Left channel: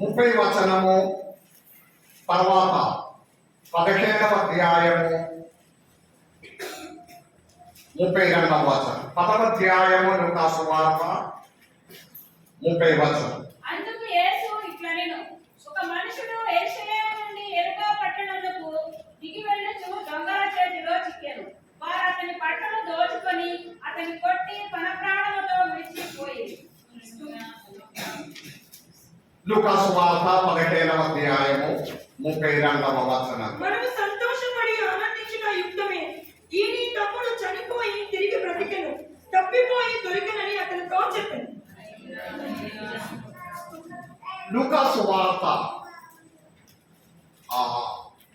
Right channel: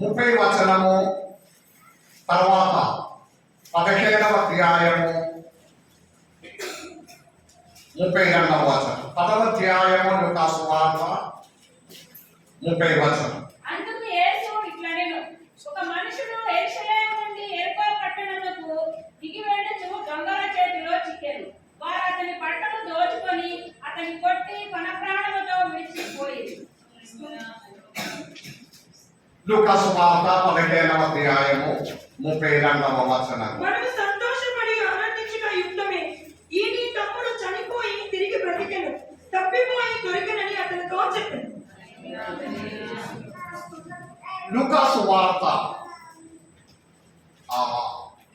30 వచనము, తర్వాత 17వ అధ్యాయము 32వ వచనం. 10వ అధ్యాయము లూకా సువార్త 30 వచనం. అందుకు యేసు ఇట్లనెను, ఒక మనుషుడు యెరూషలేము నుండి యెరికో పట్టణమునకు దిగి వెళ్ళుచు దొంగల చేతిలో చిక్కెను. వారు అతని బట్టలు దోచుకొని అతని కొట్టి తన ప్రాణముతో విడిచిపోయిరి. లూకా సువార్త 17వ అధ్యాయము 32వ వచనం. మనము సంతోషపడి ఆనందించిన యుక్తమే, ఈ నీ తమ్ముడు చనిపోయి తిరిగి బ్రతికెను, తప్పిపోయి దొరికెనని అతనితో చెప్పాను. లూకా సువార్త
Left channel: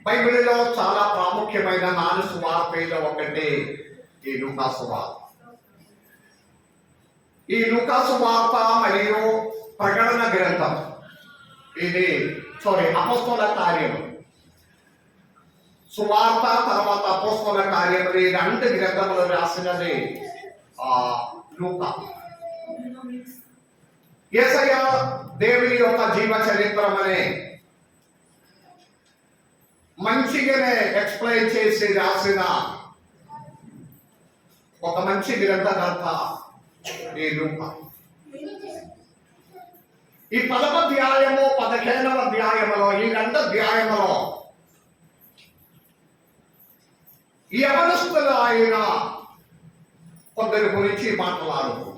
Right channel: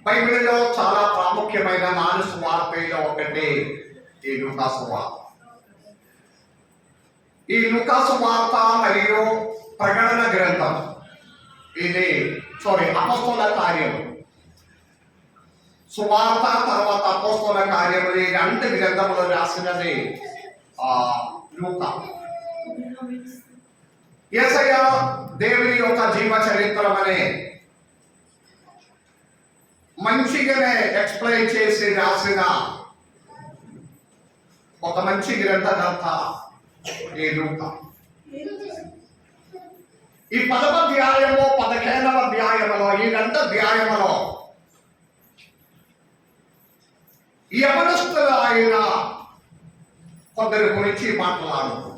బైబిల్లో చాలా ప్రాముఖ్యమైన 4 సువార్తల్లో ఒకటి ఈ లూకా సువార్త. ఈ లూకా సువార్త మరియు ప్రకటన గ్రంథం, అపొస్తలుల కార్యము, సువార్త తర్వాత అపొస్తలుల కార్యములు, ఈ 2 గ్రంథములు రాసినది లూకా. యేసయ్య దేవుని యొక్క జీవ చరిత్రం అనే మంచిగానే ఎక్స్ప్లెయిన్ చేసి రాసిన ఒక మంచి గ్రంథకర్త ఈ లూకా. ఈ 10వ అధ్యాయము 15వ అధ్యాయములో, ఈ 2 అధ్యాయములో యవనస్తులు ఆయన కొందరి గురించి మాట్లాడుతున్నారు.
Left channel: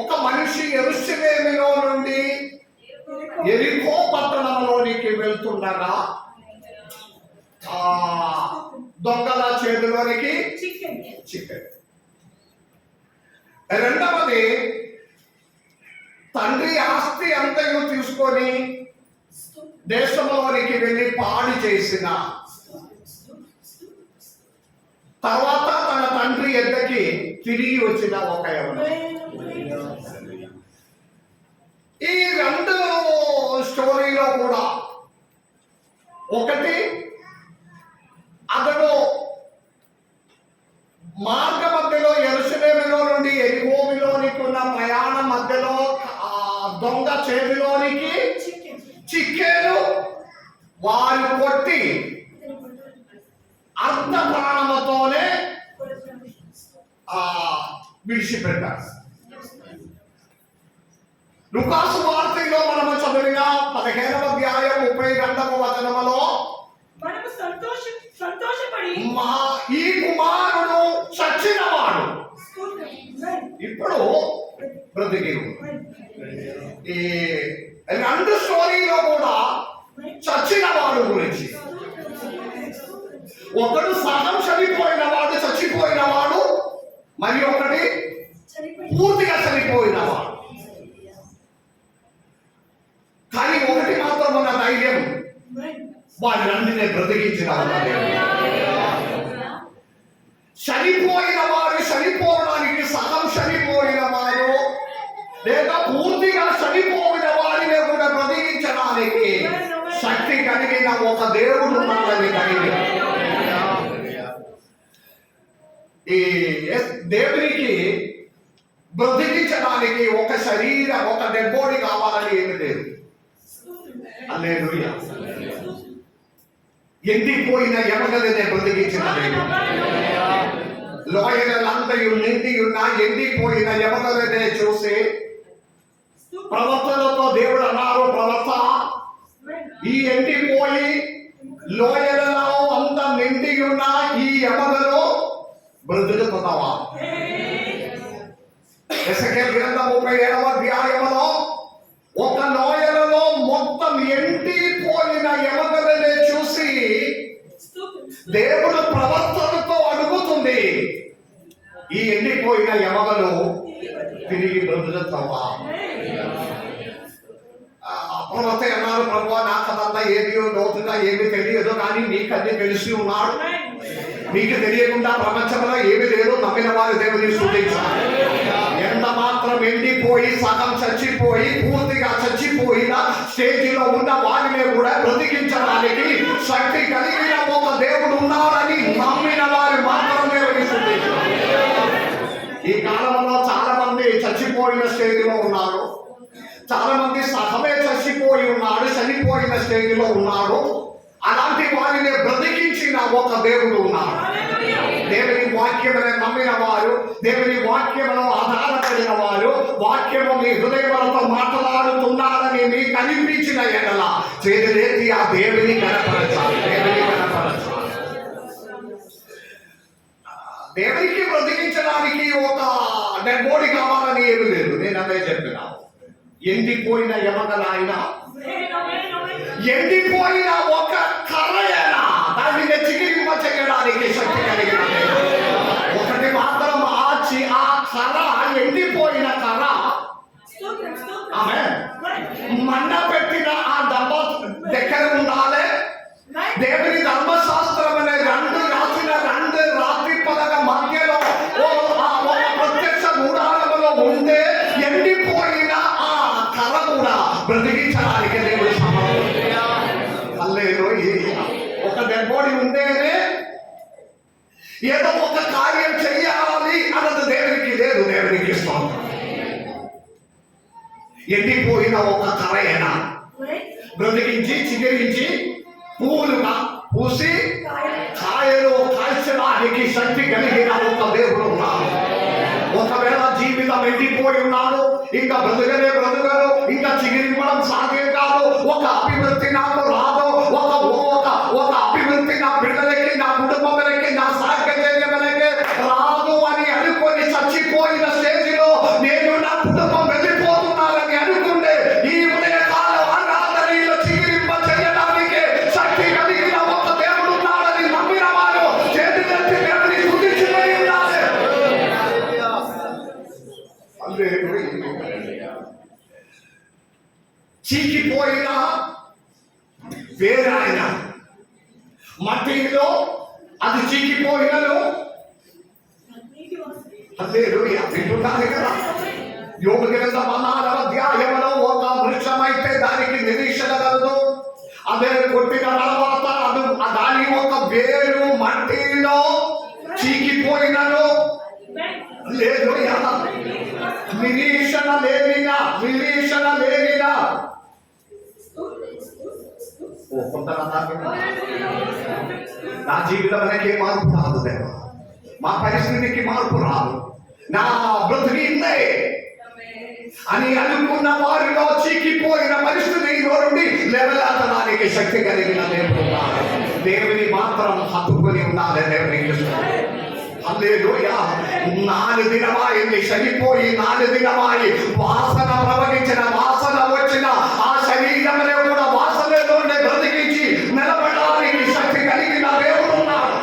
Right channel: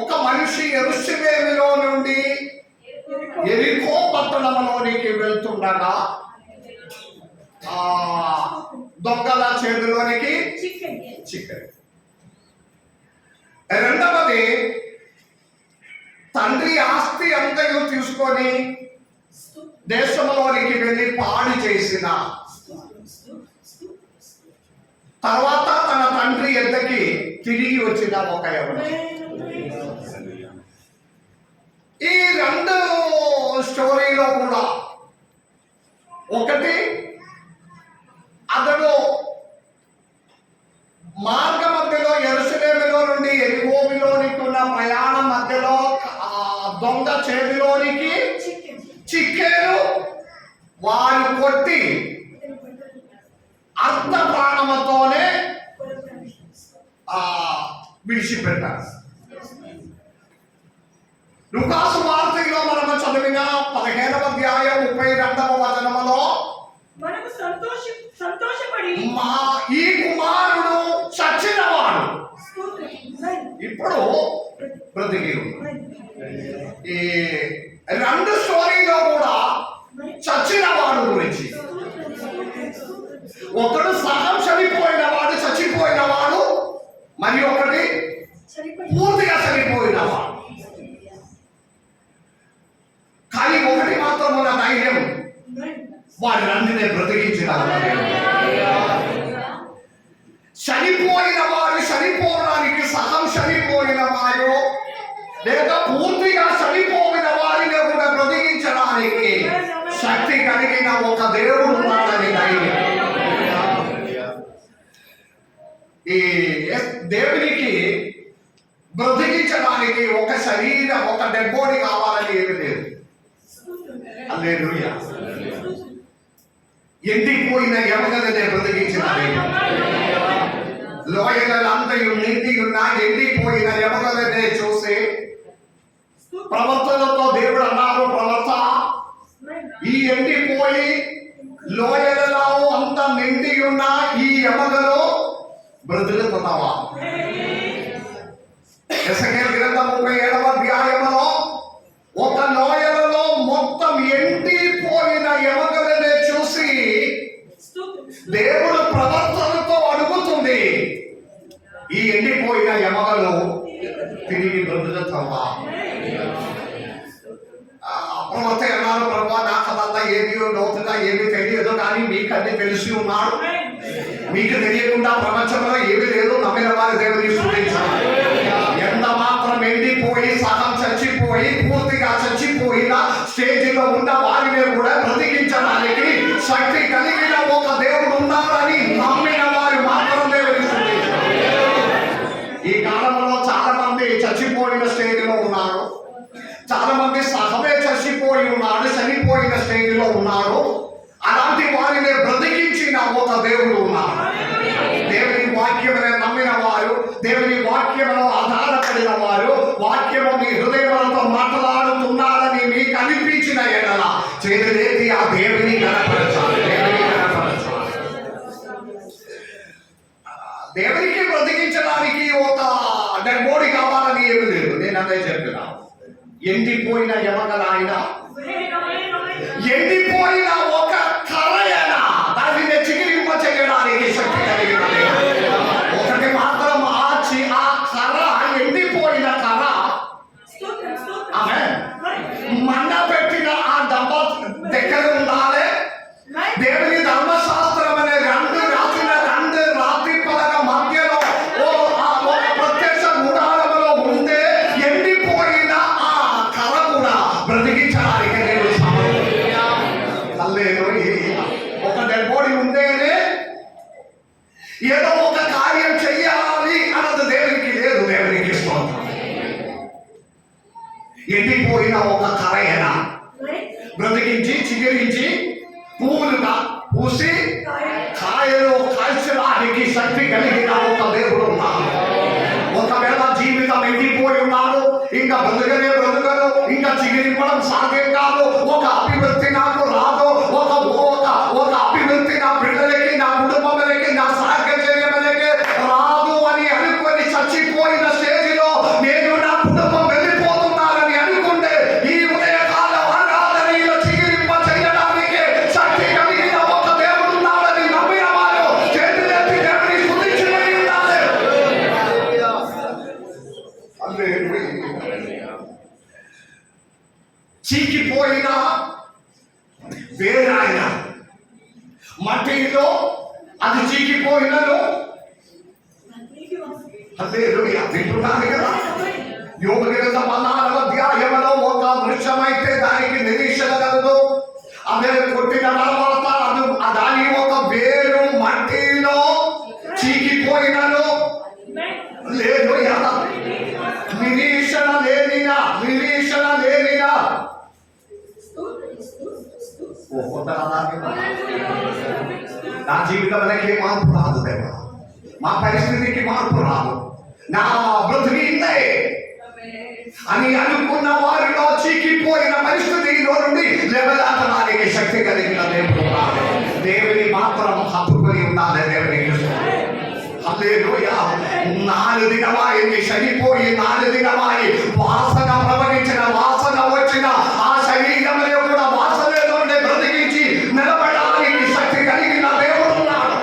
ఒక మనిషి యెరూషలేములో నుండి యెరికో పట్టణంలోనికి వెళ్తుండగా దొంగల చేతిలోనికి చిక్కాడు. రెండవది, తండ్రి ఆస్తి అంతయు తీసుకొని దేశంలోనికి వెళ్ళి పాడి చేసిన తర్వాత తన తండ్రి ఎద్దకి తిరిగి వచ్చిన ఒక యవనస్తుడు. ఈ 2 స్టోరీలో కూడా ఒకటి, అతడు మార్గ మధ్యలో యెరూషలేములో నుండి యెరికోలోనికి ఉన్న ప్రయాణం మధ్యలో దొంగ చేతిలోనికి చిక్కారు. వారు కొట్టి అర్ధ ప్రాణముతోనే విడిచిపెట్టారు. లూకా సువార్తలో మనము చదివిన 15వ అధ్యాయం 32వ వచనములో మనము సంతోషపడి ఈ కుమారుడు చచ్చినవాడు ఇప్పుడు బ్రతికి. ఈ 2 స్టోరీలో కూడా చచ్చినవాడు గురించి, ఒకడు సగం చనిపోయినవాడు, చచ్చిపోయినవాడు, మరి ఒకటి పూర్తిగా చనిపోయినవాడు. కానీ ఒకటి మాత్రం ఉన్న ధైర్యం, వాడిని బ్రతికించిన చనిపోయిన వారు, చనిపోవడానికి సగం చనిపోయిన వారు లేదా పూర్తిగా చనిపోయిన వారిని కూడా బ్రతికించడానికి శక్తి కలిగిన ఒక దేవుడు ఉన్నాడని ధైర్యం. ఈ దేవునికి బ్రతికించడానికి ఒక శరీరం, ఒక డెడ్ బాడీ కావాలని ఏమి లేదు. హల్లెలూయా. ఎండిపోయిన ఎమగలనే బ్రతికించిన దేవుడు. లోయలంతయు నిండి ఉన్న ఎండిపోయిన ఎమగలనే చూసి ప్రవక్తలతో దేవుడు అన్నారు, ప్రవక్త, ఈ ఎండిపోయి లోయలలో అంత నిండి ఉన్న ఈ ఎమగలో బ్రతుకుతున్నావా? యెషయా గ్రంథం 37వ అధ్యాయములో ఒక లోయలలో మొత్తం ఎండిపోయిన ఎమగలనే చూసి దేవుడు ప్రవక్తలతో అడుగుతుంది, ఈ ఎండిపోయిన ఎమగలు తిరిగి బ్రతుకుతావా? ప్రవక్త అన్నారు, ప్రభువా, నాకు అదంతా ఏది లోతుగా ఏమి తెలియదు, కానీ మీకు అన్ని తెలిసి ఉన్నాడు. మీకు తెలియకుండా ప్రపంచంలో ఏమి లేదు. నమ్మిన వారి దేవుని స్తుతించాలి. ఎంత మాత్రం ఎండిపోయి సగం చచ్చిపోయి పూర్తిగా చచ్చిపోయిన స్టేజిలో ఉన్న వారిని కూడా బ్రతికించడానికి శక్తి కలిగిన ఒక దేవుడు ఉన్నాడని నమ్మిన వారు మాత్రమే స్తుతించాలి. ఈ కాలంలో చాలా మంది చచ్చిపోయిన స్టేజిలో ఉన్నారు. చాలా మంది సహమే చచ్చిపోయి ఉన్నాడు, చనిపోయిన స్టేజ్లో ఉన్నాడు. అలాంటి వారిని బ్రతికించిన ఒక దేవుడు ఉన్నాడు. దేవుని వాక్యమునే నమ్మిన వారు, దేవుని వాక్యములో ఆధారపడిన వారు, వాక్యము మీ హృదయములతో మాట్లాడుతున్నారని మీకు అనిపించిన ఎడల చేతులెత్తి ఆ దేవుని కనపరచాలి. దేవునికి బ్రతికించడానికి ఒక డెడ్ బాడీ కావాలని ఏమి లేదు. నేను అదే చెప్పిన ఎండిపోయిన ఎమగలాయన, ఎండిపోయిన ఒక కర్రయన దానిని చిగిరింప చేయడానికి శక్తి కలిగిన ఒకటి మాత్రం ఆ కర్ర, ఎండిపోయిన కర్ర ఆమె మండ పెట్టిన ఆ డబ్బ దగ్గర ఉండాలి. దేవుని ధర్మశాస్త్రం అనే రెండు రాత్రి పలక మధ్యలో ప్రత్యక్ష గుడారంలో ఉంటే ఎండిపోయిన ఆ కర్ర కూడా బ్రతికించడానికి దేవుడు ఒక డెడ్ బాడీ ఉంటేనే ఏదో ఒక కార్యం చెయ్యాలి అన్నది దేవునికి లేదు. దేవునికి స్తోత్రం. ఎండిపోయిన ఒక కర్రయన బ్రతికించి చిగురించి పువ్వులుగా పూసి కాయలు కాల్చడానికి శక్తి కలిగిన ఒక దేవుడు ఉన్నాడు. ఒకవేళ జీవితం ఎండిపోయి ఉన్నాడు, ఇంకా బ్రతుకరు, ఇంకా చిగిరింపడం సాధ్యం కాదు, ఒక అభివృద్ధి నాకు రాదు, ఒక అభివృద్ధి నా బిడ్డలకి, నా కుటుంబాలకి, నా సాహచర్యములకి రాదు అని అనుకొని చచ్చిపోయిన స్టేజిలో నేను నా కుటుంబం వెళ్ళిపోతున్నారని అనుకుంటే ఈ ఉదయకాల ఆరాధనలో చిగిరింప చేయడానికి శక్తి కలిగిన ఒక దేవుడు ఉన్నాడని నమ్మిన వారు చేతులెత్తి దేవుని స్తుతించి ఉండాలి. చీకిపోయిన వేరాయన మట్టిలో అది చీకిపోయినను వింటున్నాను కదా. యోగు గ్రంథం 14వ అధ్యాయంలో ఒక వృక్షమైతే దానికి నిరీక్షణ కలదు. అదే కొట్టిన తర్వాత దాని ఒక వేరు మట్టిలో చీకిపోయినను లేదు. నిరీక్షణ లేనినా నా జీవితంలోకి మార్పు రాదు దేవా, మా పరిస్థితికి మార్పు రాదు, నా బ్రతుకు ఇంతే అని అనుకున్న వారిలో చీకిపోయిన పరిస్థితిలో నుండి లేవలేతడానికి శక్తి కలిగిన దేవుడు ఉన్నాడు. దేవుని మాత్రం హత్తుకొని ఉండాలి. దేవునికి హల్లెలూయా. 4 దినమాయింది, చనిపోయి 4 దినమాయి వాసన ప్రవహించిన, వాసన వచ్చిన ఆ శరీరంలో కూడా వాసనలో బ్రతికించి నిలబడడానికి శక్తి కలిగిన దేవుడు ఉన్నాడు.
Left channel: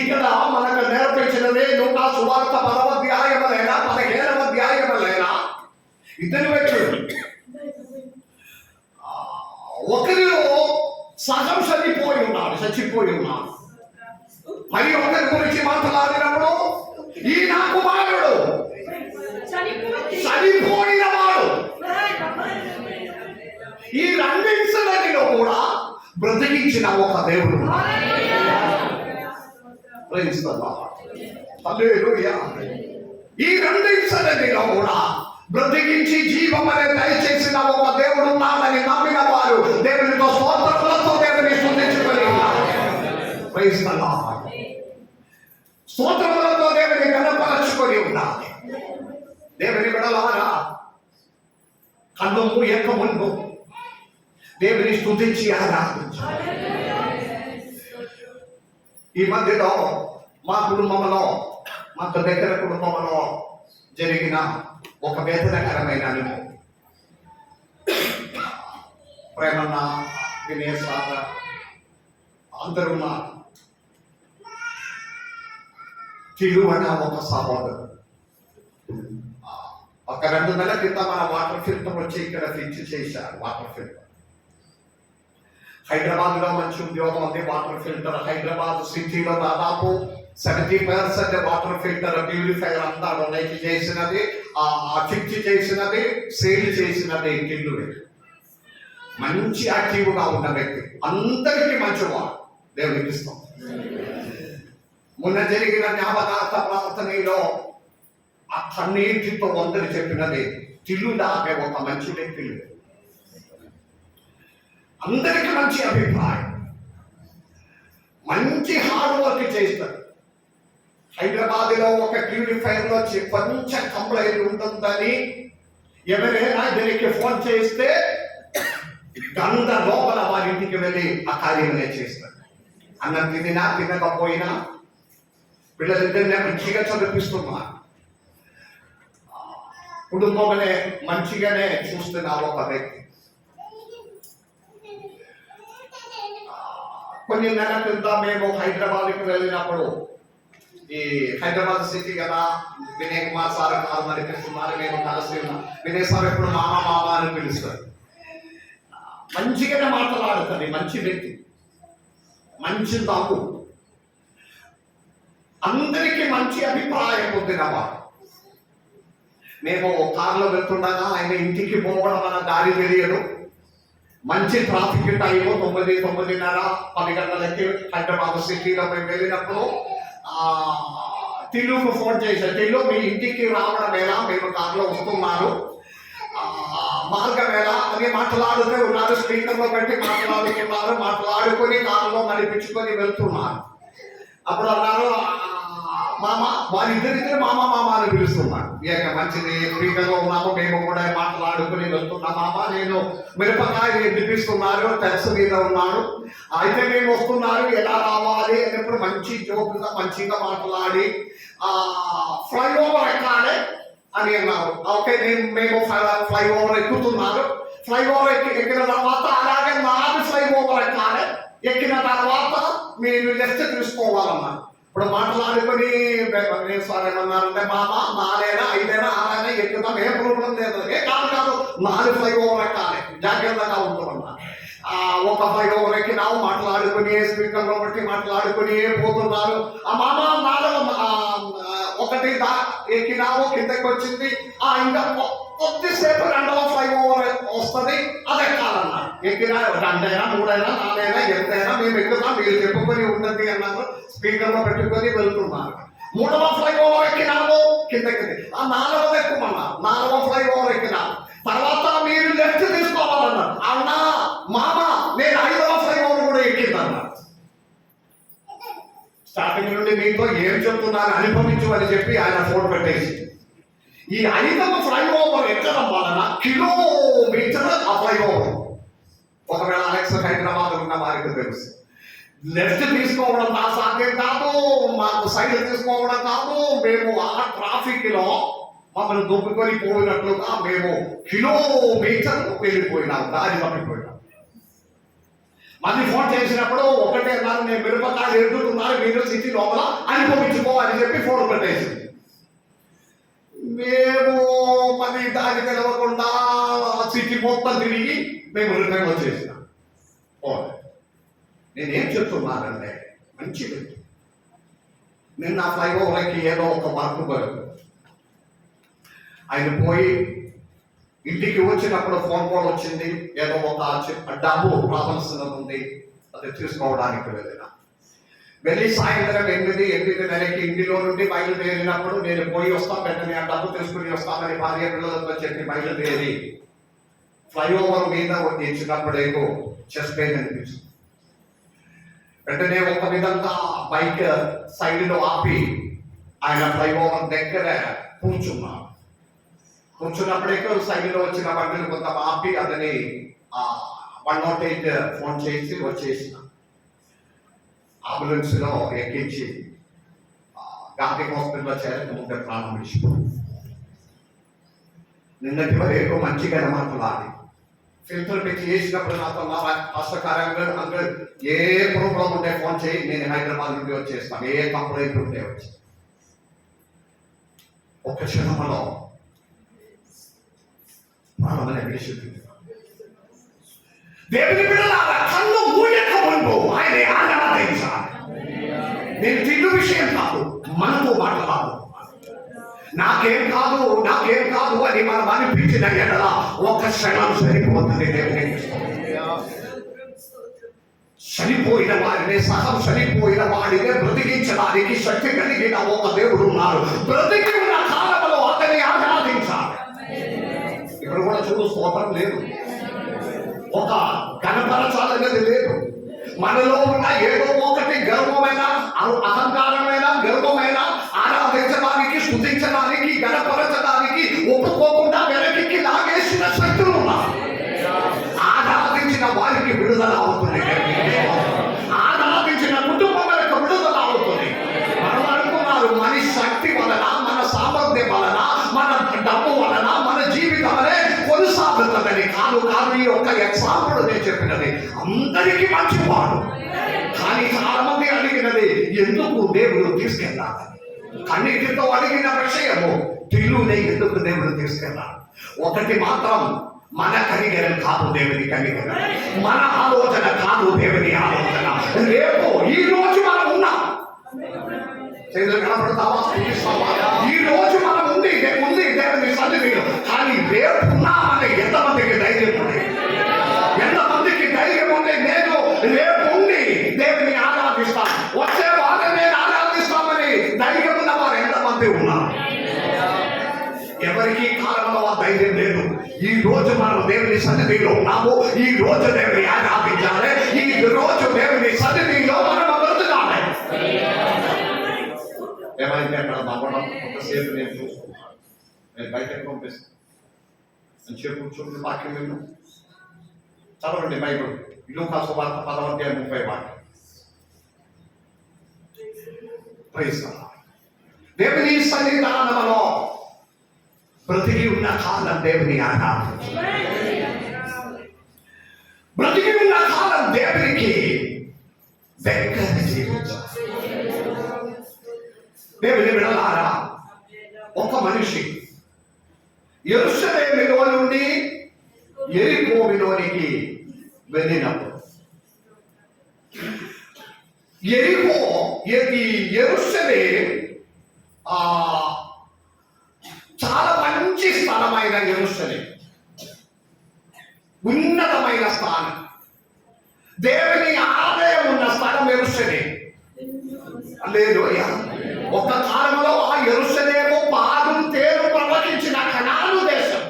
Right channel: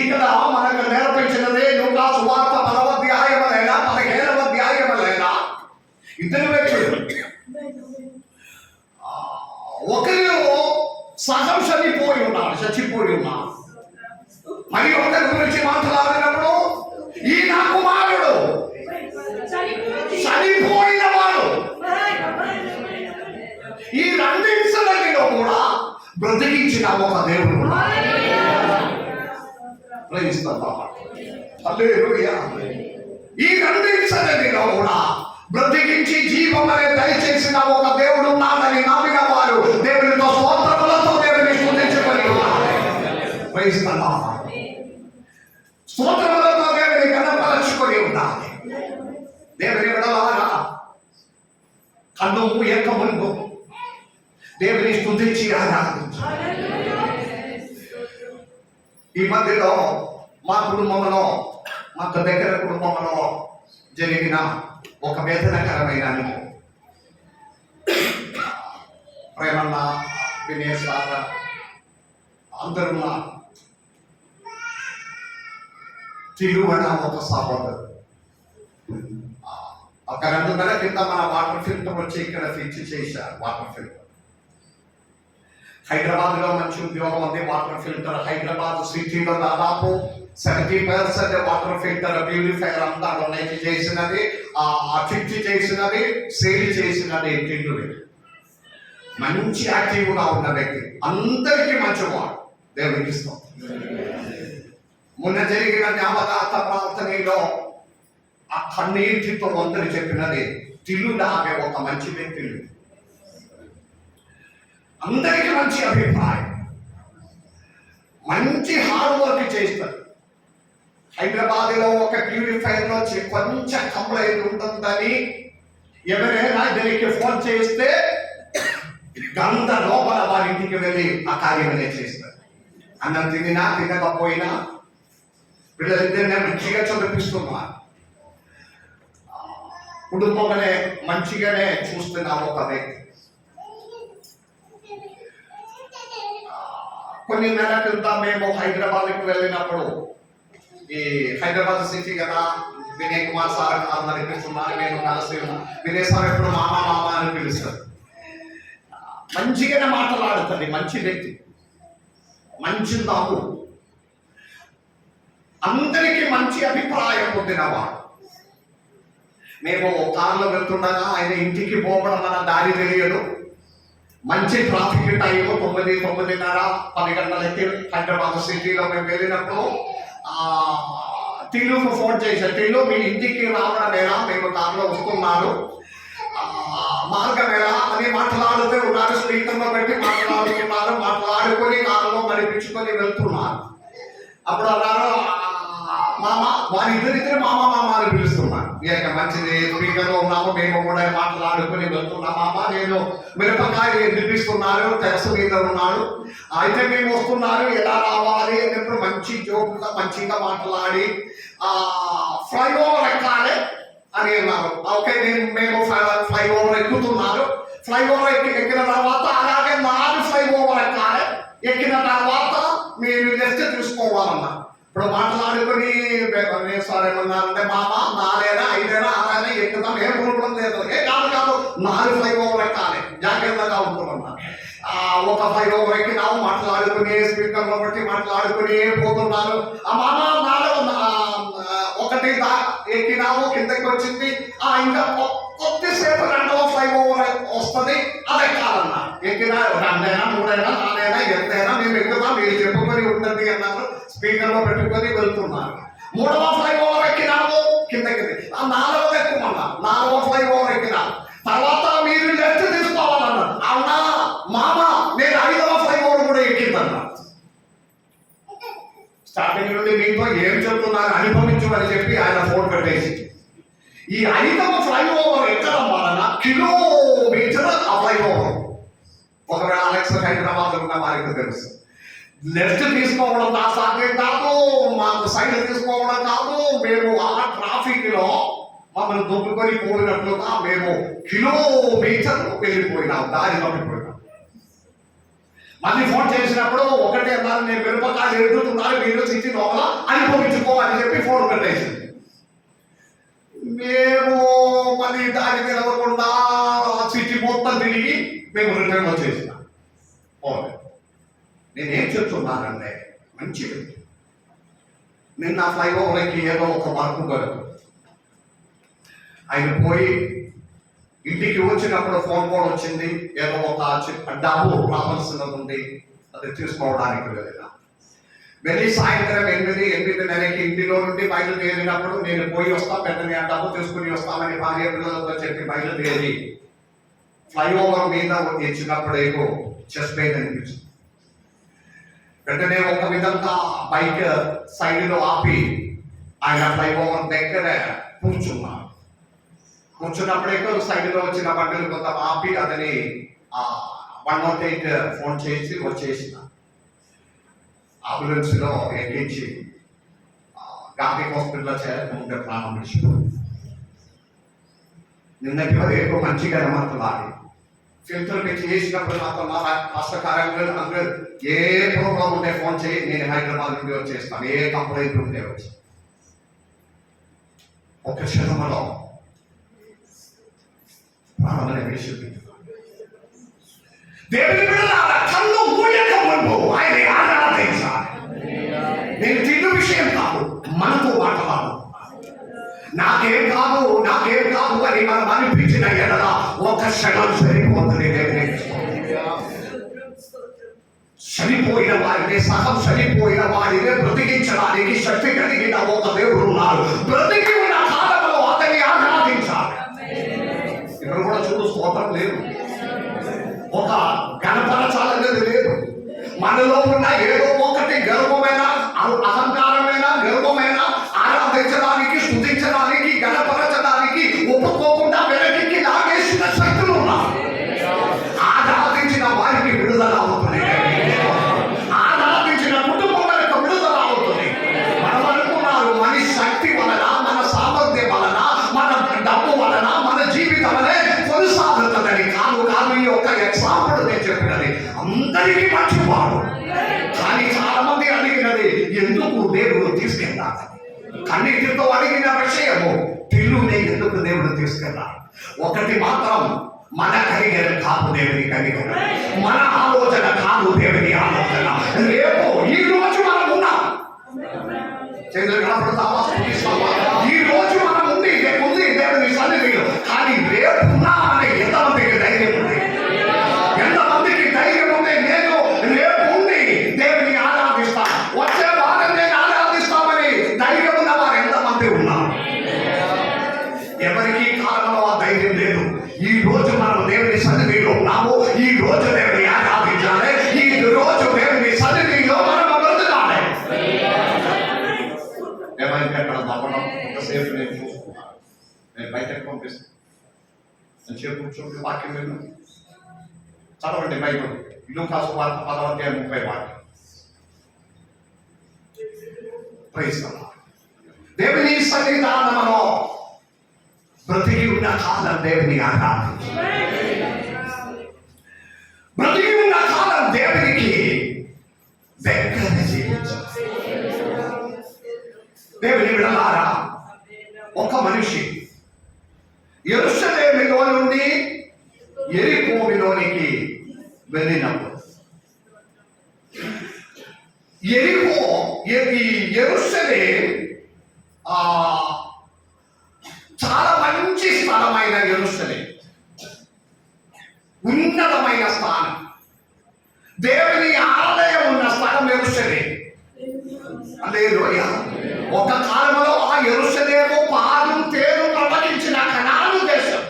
ఇక్కడ మనకు నేర్పించినదే లూకా సువార్త 10వ అధ్యాయములైనా 15వ అధ్యాయములైనా ఇద్దరు వ్యక్తులు, ఒకరు సగం చనిపోయి ఉన్నాడు. మరి ఒకరి గురించి మాట్లాడినప్పుడు ఈ నా కుమారుడు చనిపోయిన వాడు. ఈ రెండింటిలో కూడా బ్రతికించిన ఒక దేవుడు. ఈ రెండింటిలో కూడా బ్రతికించి జీవమనే దయచేసిన ఒక దేవుడు ఉన్నాడని నమ్మిన వారు దేవునితో స్తోత్రములతో దేవుని స్తుతించుకొని స్తోత్రములతో దేవుని గణపరచుకొని ఉండాలి. దేవుని విడలారా కన్ను మూయక ముందు దేవుని స్తుతించి ఆరాధించాలి. ఈ మధ్యలో మా కుటుంబంలో, మాకు దగ్గర కుటుంబంలో జరిగిన ఒక వేదనకరమైన అనుభవం. ప్రేమన్న, వినేష్ అందరున్న తిరువన ఒక సహోదరు ఒక 2 నెలల క్రితం మన వాటర్ ఫిల్టర్ వచ్చి ఇక్కడ ఫిక్స్ చేశారు. వాటర్ ఫిల్టర్ హైదరాబాద్లో మంచి ఉద్యోగం ఉంది. వాటర్ ఫిల్టర్ హైదరాబాద్ సిటీలో దాదాపు 70% వాటర్ ఫిల్టర్ ప్యూరిఫైయర్ అంతా డొనేట్ చేసినది, ఫిక్స్ చేసినది, సేల్ చేసినది టిల్లు. మంచి యాక్టివ్గా ఉన్న వ్యక్తి, అందరికీ మంచివాడు. దేవునికి ఇస్తాం. మొన్న జరిగిన జ్ఞాపకార్థ ప్రార్థనలో ఆ కన్నీటితో వంతని చెప్పినది తిల్లుడా ఆమె ఒక మంచి వ్యక్తి లేదు. అందరికీ మంచి అభిప్రాయం, మంచి హార్డ్ వర్క్ చేస్తారు. హైదరాబాద్లో ఒక ప్యూరిఫైర్లో కొంచెం కంప్లైంట్ ఉంటుందని ఎవరైనా దీనికి ఫోన్ చేస్తే గంట లోపల వారి ఇంటికి వెళ్ళి ఆ కార్యమనే చేస్తారు. అన్నం తినినా తినకపోయినా పిల్లలిద్దరినే మంచిగా చదివిస్తున్నారు, కుటుంబమనే మంచిగానే చూస్తున్నారు ఒక వ్యక్తి. కొన్ని నెలల క్రితం మేము హైదరాబాద్కి వెళ్ళినప్పుడు, ఈ హైదరాబాద్ సిటీ కదా, వినయ్ కుమార్ సార్ కాదు నడిపిస్తున్నారు, మేము కలిసి ఉన్నాం. వినయ్ సార్ ఎప్పుడు మామ మామ అని పిలుస్తారు. మంచిగానే మాట్లాడుతుంది, మంచి వ్యక్తి, మంచి నవ్వు, అందరికీ మంచి అభిప్రాయం పొందినవాడు. మేము కారులో వెళ్తుండగా ఆయన ఇంటికి పోవడం మన దారి తెలియదు. మంచి ట్రాఫిక్ టైము 9, 9:30, 10 గంటలకి హైదరాబాద్ సిటీలో మేము వెళ్ళినప్పుడు టిల్లుకు ఫోన్ చేశారు. టిల్లు మీ ఇంటికి రావడమేనా, మేము కారులో వస్తున్నారు, మార్గమేనా అని మాట్లాడుతూ ఉన్నారు. స్పీకర్లో పెట్టి మాట్లాడుతున్నారు, మాట్లాడుకొని కారులో నడిపించుకొని వెళ్తున్నారు. అప్పుడు అన్నారు మామ, వారిద్దరిద్దరు మామ మామ అని పిలుస్తున్నారు. ఇక మంచిది, స్పీకర్లో ఉన్నాము, మేము కూడా మాట్లాడుకొని వెళ్తున్నాం. మామ నేను మిరపకాయ నిలిపిస్తున్నారు, టెరస్ మీద ఉన్నాడు, అయితే మేము వస్తున్నారు, ఎలా రావాలి అన్నప్పుడు మంచి జోకుగా మంచిగా మాట్లాడి ఫ్లైఓవర్ ఎక్కాలి అని అన్నారు. ఓకే, మేము ఫ్లైఓవర్ ఎక్కుతున్నారు. ఫ్లైఓవర్ ఎక్కిన తర్వాత అలాగే 4 ఫ్లైఓవర్ ఎక్కాలి. ఎక్కిన తర్వాత మీరు లెఫ్ట్ తీసుకోవాలన్నారు. ఇప్పుడు మాట్లాడుకొని సార్ ఏమన్నారంటే మామ 4 5 6 ఎక్కుతాం, ఏం ప్రాబ్లం లేదు. కాదు 4 ఫ్లైఓవర్ ఎక్కాలి, జాగ్రత్తగా ఉంటున్నా. ఒక ఫ్లైఓవర్ ఎక్కినాము, మాట్లాడుకుని స్పీకర్లో బట్టి మాట్లాడుకుని పోతున్నారు. మామ 1 ఎక్కినాము, కిందకి వచ్చింది, ఇంకా కొద్దిసేపు 2వ ఫ్లైఓవర్ వస్తుంది, అది ఎక్కాలన్నారు. ఎక్కిన 2 అయినా 3 అయినా 4 అయినా ఎంతైనా మేము ఎక్కుతాం, మీరు చెప్పుకొని ఉంటుంది అన్నారు. స్పీకర్లో పెట్టుకొని వెళ్తున్నారు. 3వ ఫ్లైఓవర్ ఎక్కినాము, కిందకి 4వ ఎక్కుమన్నారు. 4వ ఫ్లైఓవర్ ఎక్కినాము, తర్వాత మీరు లెఫ్ట్ తీసుకోవాలన్నారు. అవునా మామ, నేను 5వ ఫ్లైఓవర్ కూడా ఎక్కిందన్నారు. స్టార్టింగ్ నుండి మీతో ఏం చెప్తున్నారు అనుభవించమని చెప్పి ఆయన ఫోన్ పెట్టేసి, ఈ 5వ ఫ్లైఓవర్ ఎక్కడం వలన కిలోమీటర్ ఆ ఫ్లైఓవర్. ఒకవేళ అలెక్స్ హైదరాబాద్ ఉన్న వారికి తెలుసు, లెఫ్ట్ తీసుకోవడం నా సాధ్యం కాదు, మాకు సైడ్ తీసుకోవడం కాదు. మేము ఆ ట్రాఫిక్ లో మమ్మల్ని దొబ్బుకొని పోయినట్లుగా మేము కిలోమీటర్లు వెళ్ళిపోయినాం, దారి తప్పిపోయినాం. మళ్ళీ ఫోన్ చేసినప్పుడు ఒకటే అన్నారు, నేను మిరపకాయలు ఎదుగుతున్నారు, మీరు సిటీ లోపల అనుభవించుకో అని చెప్పి ఫోన్ పెట్టేసింది. మేము మళ్ళీ దారి తెలవకుండా సిటీ మొత్తం తిరిగి మేము రిటర్న్ వచ్చేసినాం. నేనేం చెప్తున్నానంటే మంచిది. నిన్న ఫ్లైఓవర్కి ఏదో ఒక వర్క్ దొరకదు. ఆయన పోయి ఇంటికి వచ్చినప్పుడు ఫోన్ కాల్ వచ్చింది, ఏదో ఒక డబ్బు రావాల్సినది ఉంది, అది తీసుకోవడానికి వెళ్ళిన. వెళ్ళి సాయంత్రం 8:30కి ఇంటిలో నుండి బయలుదేరినప్పుడు నేను పోయి వస్తాం, వెంటనే ఆ డబ్బు తీసుకుని వస్తామని భార్య పిల్లలతో చెప్పి బయలుదేరి ఫ్లైఓవర్ మీద వచ్చినప్పుడేమో చెస్ట్ పెయిన్ అనిపించింది. వెంటనే ఒక విధంగా బైక్ సైడ్లో ఆపి ఆయన ఫ్లైఓవర్ దగ్గర కూర్చున్నాడు. కూర్చున్నప్పుడే సైడ్లో వచ్చిన బండిని కొంత ఆపి అతని 108 ఫోన్ చేసి వచ్చేసిన. అంబులెన్స్లో ఎక్కించి గాంధీ హాస్పిటల్లో చేరకముందే ప్రాణం విడిచిపోయింది. నిన్నటి వరకు మంచిగా మాట్లాడి ఫిల్టర్ పెట్టి చేసినప్పుడు నాతో కష్టకారంగా అందరూ ఏ ప్రోగ్రామ్ ఉంటే ఫోన్ చేయి, నేను హైదరాబాద్ నుండి వచ్చేస్తాను, ఏ కంప్లైంట్ ఉంటే వచ్చి. ఒక క్షణంలో ప్రాణాన్ని విడిచిపోయింది. దేవుని బిడ్డలారా, కళ్ళు మూయక ముందు ఆయన ఆరాధించాలి. నేను తిండి విషయం కాదు, మనతో మాట్లాడు. నాకేం కాదు అని మనం అనిపించిన ఎడల ఒక క్షణం సరిపోతుంది. చనిపోయిన వారిని సహం చనిపోయిన వారిని బ్రతికించడానికి శక్తి కలిగిన ఒక దేవుడు ఉన్నారు. బ్రతికి ఉన్న కాలంలో తీసుకెళ్ళాలి. ఒకటి మాత్రం, మన కనికరం కాదు దేవుని కనికరం, మన ఆలోచన కాదు దేవుని ఆలోచన. రేపు ఈ రోజు మనం ఉన్నాం, చేతులు కనపడతావా? ఈ రోజు మనం ఉంది దేవుని సన్నిధిలో, కానీ రేపు ఉన్నామని ఎంతమందికి ధైర్యం ఉంది? ఎంతమందికి ధైర్యం ఉంది? నేను రేపు ఉండి దేవుని ఆరాధిస్తాను, వచ్చే వారం నేను ఆరాధిస్తామని ధైర్యం ఉన్న వారు ఎంతమంది ఉన్నారు? ఎవరికి కాలంలో ఆ ధైర్యం లేదు. ఈ రోజు మనం దేవుని సన్నిధిలో ఉన్నాము, ఈ రోజు దేవుని ఆరాధించాలి, ఈ రోజు దేవుని సన్నిధిలో మనం బ్రతకాలి. ఏమైంది అక్కడ నవ్వడం? ఎంతసేపు నేను చూసుకున్నాను, నేను బయటకు పంపిస్తాను అని చెప్పి కూర్చోండి. వాక్యం నేను చదవండి బైబిల్, లూకాసు వార్త 10:30 వాక్యం. Praise the lord. దేవుని సన్నిధానంలో బ్రతికి ఉన్న కాలం దేవుని ఆరాధించు. బ్రతికి ఉన్న కాలం దేవునికి దగ్గర జీవించాలి. దేవుని బిడ్డలారా, ఒక మనిషి యెరూషలేములో నుండి యెరికోలోనికి వెళ్ళినప్పుడు, యెరూషలేం చాలా మంచి స్థలమైన యెరూషలేం, ఉన్నతమైన స్థానం, దేవుని ఆలయం ఉన్న స్థలం యెరూషలేం. హల్లెలూయా. ఒక కాలంలో ఆ యెరూషలేము పాలు తేనె ప్రవహించిన కనాను దేశం.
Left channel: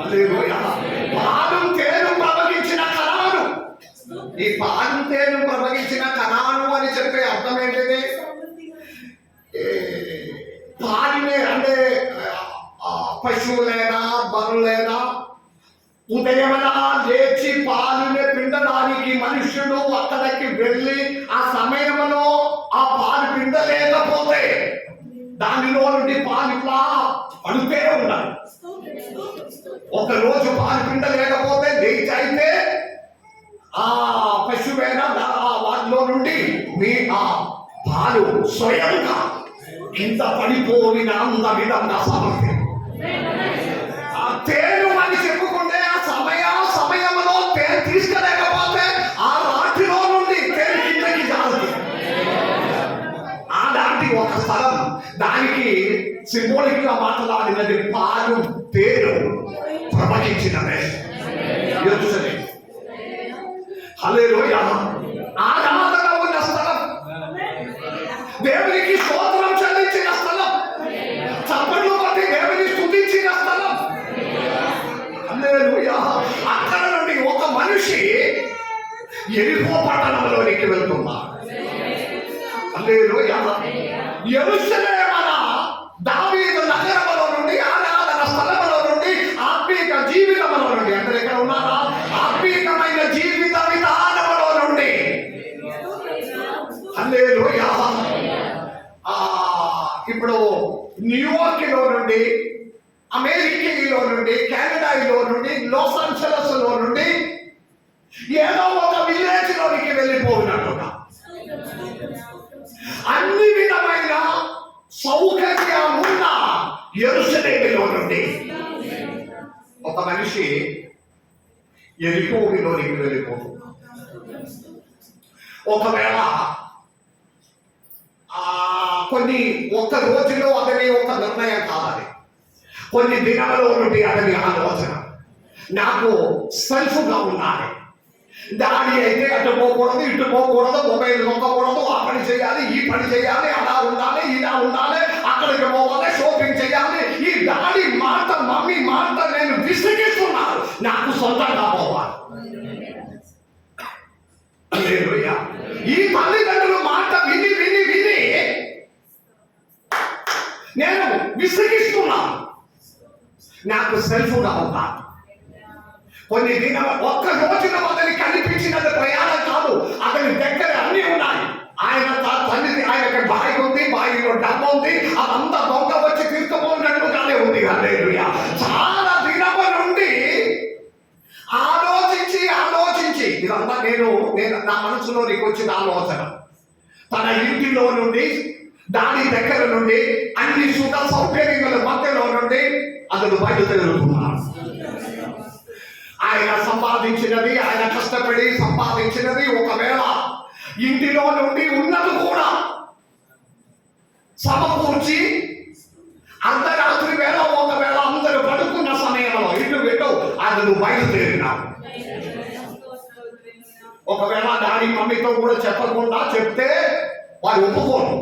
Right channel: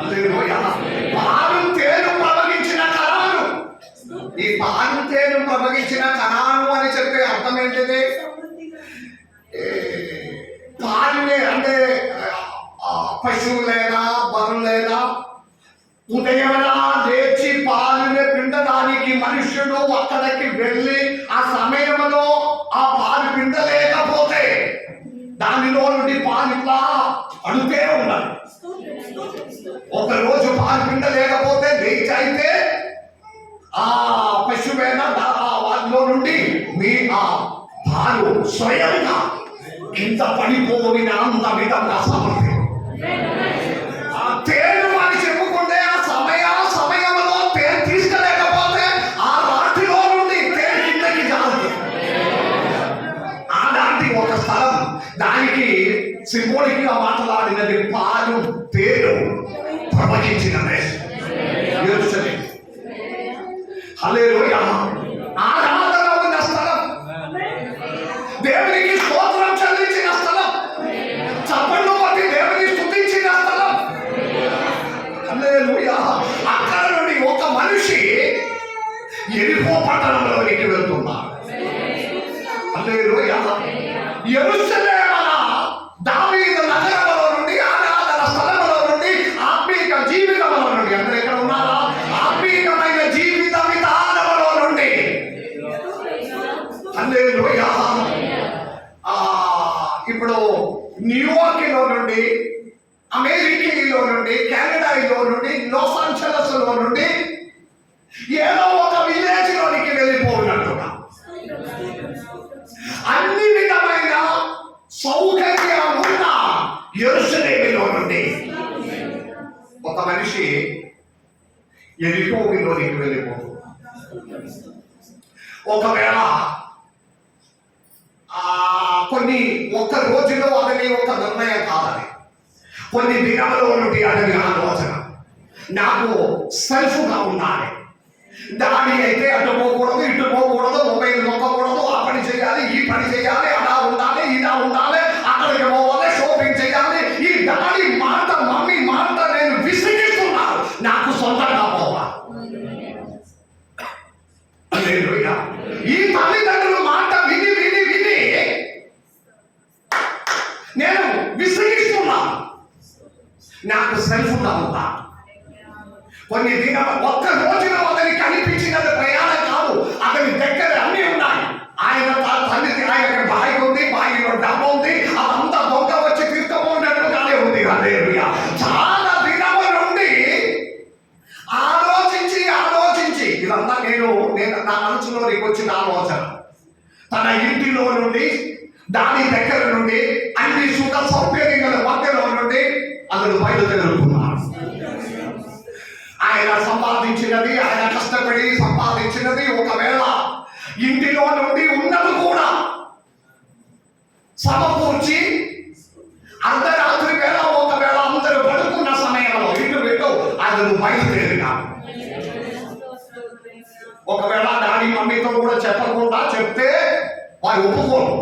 హల్లెలూయా. పాలు తేనె ప్రవహించిన కనాను. ఈ పాలు తేనె ప్రవహించిన కనాను అని చెప్పే అర్థం ఏంటిది? పాలునే అంటే పశువులైనా బరువులైనా ఉదయమన లేచి పాలునే పిండడానికి మనుష్యుడు అక్కడికి వెళ్ళి ఆ సమయంలో ఆ పాలు పిండలేకపోతే దానిలో నుండి పాలు ఇట్లా అడుగుతే ఉండాలి. ఒక రోజు పాలు పిండలేకపోతే లేచి అయితే ఆ పశువైనా వాటిలో నుండి మీ ఆ పాలు స్వయంగా కింద పడిపోయిన అంత విధంగా సమర్థం. ఆ తేను అని చెప్పుకుంటే ఆ సమయంలో తేను తీసుకెళ్ళకపోతే ఆ రాటిలో నుండి తేను కిందకి జారుతుంది. అలాంటి ఒక స్థలం, దానికి సింబోలిక్ గా మాట్లాడినది పాలు తేను ప్రవహించిన దేశం యెరూషలేం. హల్లెలూయా. ఆరాధన ఉన్న స్థలం, దేవునికి స్తోత్రం చెల్లించిన స్థలం, చప్పట్లు కొట్టి దేవుని స్తుతించిన స్థలం. హల్లెలూయా. అక్కడ నుండి ఒక మనిషి యెరికో పట్టణంలోనికి వెళ్తున్నాడు. హల్లెలూయా. యెరూషలేం అన దావీదు నగరంలో నుండి, ఆరాధన స్థలంలో నుండి, ఆత్మీయ జీవితంలో నుండి, అందరూ ఎక్కడ ఉన్నారా? ఆత్మీయమైన జీవిత విధానంలో నుండి. హల్లెలూయా. ఇప్పుడు న్యూయార్క్లో నుండి, అమెరికాలో నుండి, కెనడాలో నుండి, లాస్ ఏంజలస్ లో నుండి ఏదో ఒక విలేజ్ లోనికి వెళ్ళిపోయినట్టుగా అన్ని విధమైన సౌకర్యాలున్న యెరూషలేములో నుండి ఒక మనిషి యెరికోలోనికి వెళ్ళిపోతున్నాడు. ఒకవేళ కొన్ని ఒక్క రోజులో అతని ఒక నిర్ణయం కాదని, కొన్ని దినాలలో నుండి అతని ఆలోచన, నాకు సెల్ఫ్గా ఉండాలి, దాడి అయితే అటు పోకూడదు, ఇటు పోకూడదు, మొబైల్ నొక్కకూడదు, ఆ పని చేయాలి, ఈ పని చేయాలి, అలా ఉండాలి, ఇలా ఉండాలి, అక్కడికి పోవాలి, షాపింగ్ చేయాలి. ఈ దాడి మాట, మమ్మీ మాట నేను విసిగిస్తున్నాను, నాకు సొంతంగా పోవాలి. ఈ తల్లిదండ్రుల మాట విని విని విని నేను విసిగిస్తున్నాను, నాకు సెల్ఫ్గా ఉందా. కొన్ని దినాలు ఒక్క రోజున అతని కనిపించినది ప్రయాణం కాదు, అతని దగ్గర అన్ని ఉన్నాయి. ఆయన తల్లిది, ఆయనకి బాయి ఉంది, బాయిలో డబ్బు ఉంది, అదంతా దొంగ వచ్చి తీసుకుపోయినట్టుగానే ఉంది. హల్లెలూయా. చాలా దినముల నుండి ఆలోచించి ఆలోచించి, ఇదంతా నేను నా మనసులోనికి వచ్చిన ఆలోచన. తన ఇంటిలో నుండి, దాని దగ్గర నుండి, అన్ని సుఖ సౌకర్యముల మధ్యలో నుండి అతడు బయలుదేరుతున్నాడు. ఆయన సంపాదించినది, ఆయన కష్టపడి సంపాదించినది ఒకవేళ ఇంటిలో నుండి ఉన్నది కూడా సమకూర్చి అర్ధరాత్రి వేళ ఒకవేళ అందరూ పడుకున్న సమయంలో ఇటు అతడు బయలుదేరినాడు. ఒకవేళ డాడీ మమ్మీతో కూడా చెప్పకుండా చెప్తే వారు ఒప్పుకోరు.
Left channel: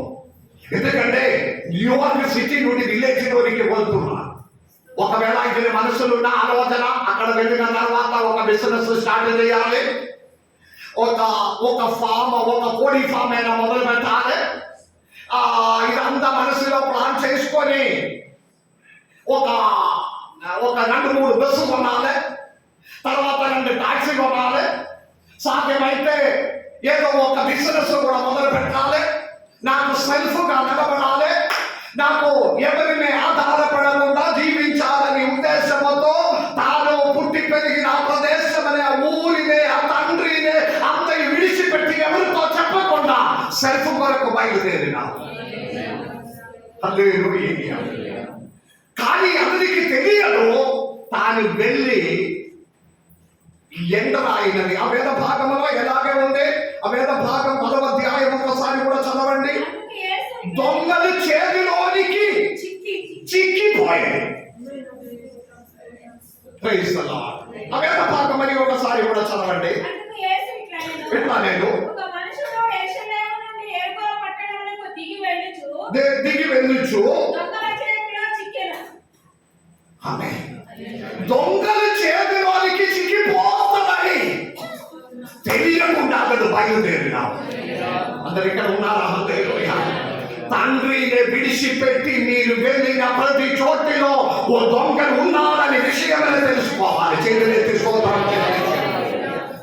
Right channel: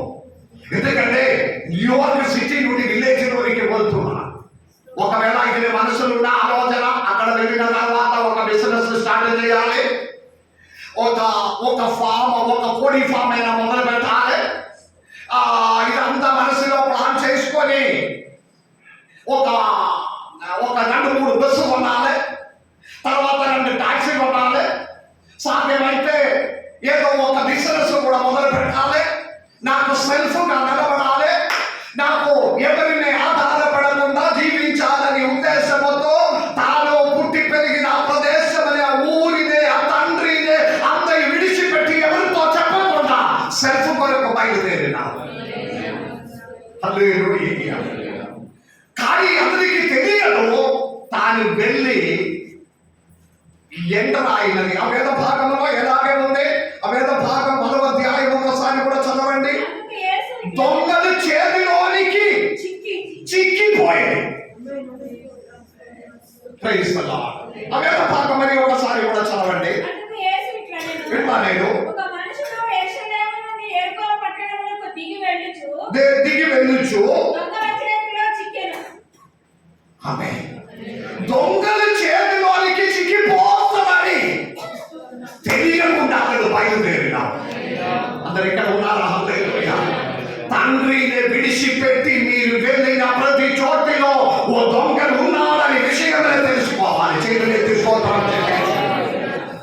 ఎందుకంటే న్యూయార్క్ సిటీ నుండి విలేజ్ లోనికి వెళ్తున్నా. ఒకవేళ ఇది మనసులో ఉన్న ఆలోచన అక్కడ వెళ్ళిన తర్వాత ఒక బిజినెస్ స్టార్ట్ చేయాలి, ఒక ఫామ్, ఒక కోడి ఫామ్ అయినా మొదలు పెట్టాలి. ఇదంతా మనసులో ప్లాన్ చేసుకొని ఒక 2-3 బస్సు కొనాలి, తర్వాత 2 టాక్సీ కొనాలి, సాధ్యమైతే ఏదో ఒక బిజినెస్ కూడా మొదలు పెట్టాలి, నాకు సెల్ఫ్ గా నిలబడాలి, నాకు ఎవరిని ఆధారపడకుండా జీవించాలని ఉద్దేశంతో తాను పుట్టి పెరిగిన ప్రదేశమనే ఆ ఊరినే ఆ తండ్రినే అందరి విడిచిపెట్టి ఎవరితో చెప్పకుండా సెల్ఫ్ కొరకు బయలుదేరినాడు. హల్లెలూయా. కానీ అతనికి తెలియదు తాను వెళ్ళి ఎంటర్ అయినది. ఆ వేద భాగంలో ఎలాగే ఉంది? ఆ వేద భాగం 10వ అధ్యాయం ఒకసారి కూడా చదవండి. దొంగల చేతిలోనికి చిక్కిపోయింది. Praise the Lord. ఆ వేద భాగం మరి ఒకసారి కూడా చదవండి. విన్నా నేను దిగి వెళ్ళుచు ఆమేన్. దొంగల చేతిలోనికి చిక్కిపోతుందని తెలియకుండా అతడు బయలుదేరినాడు. అందరు ఇక్కడ ఉన్నారా? హల్లెలూయా. తండ్రిని విడిచిపెట్టి మీరు వెళ్ళిన ప్రతి చోటిలో ఓ దొంగలు ఉన్నారని విషయమే తెలుసుకోవాలి. చేతులే తీసుకోవాలి.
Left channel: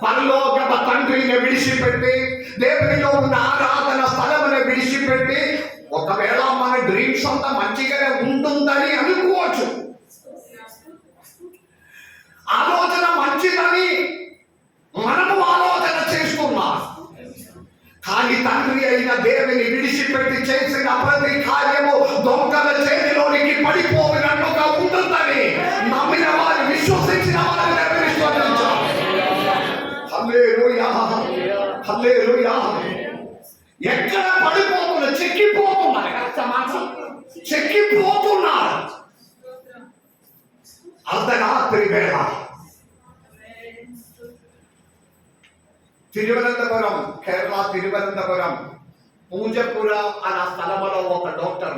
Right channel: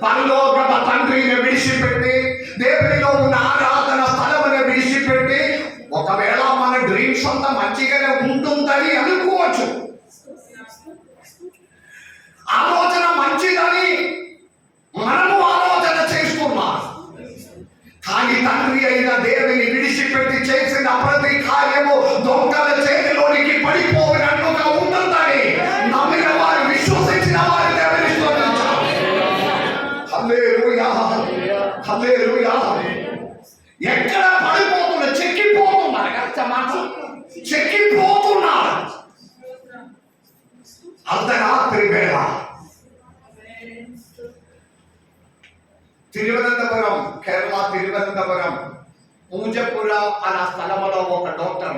పరలోకమ తండ్రిని విడిచిపెట్టి దేవునిలో ఉన్న ఆరాధన స్థలముని విడిచిపెట్టి ఒకవేళ మన డ్రీమ్స్ అంతా మంచిగానే ఉంటుందని అనుకోవచ్చు, ఆలోచన మంచిదని మనము ఆలోచన చేస్తున్నాం. కానీ తండ్రి అయిన దేవుని విడిచిపెట్టి చేసిన ప్రతి కార్యము దొంగల చేతిలోనికి పడిపోయినట్లుగా ఉంటుందని నమ్మిన వారు, విశ్వసించిన వారు దేవుని స్తుతించాలి. హల్లెలూయా, హల్లెలూయా. ఎక్కడ పడిపోతున్నా, చెక్కిపోతున్నారు, చెక్కిపోతున్నారు. అర్ధరాత్రి వేళ తిరువనంతపురం, కేరళ తిరువనంతపురం పూజపుర అన్న స్థలంలో ఒక డాక్టర్,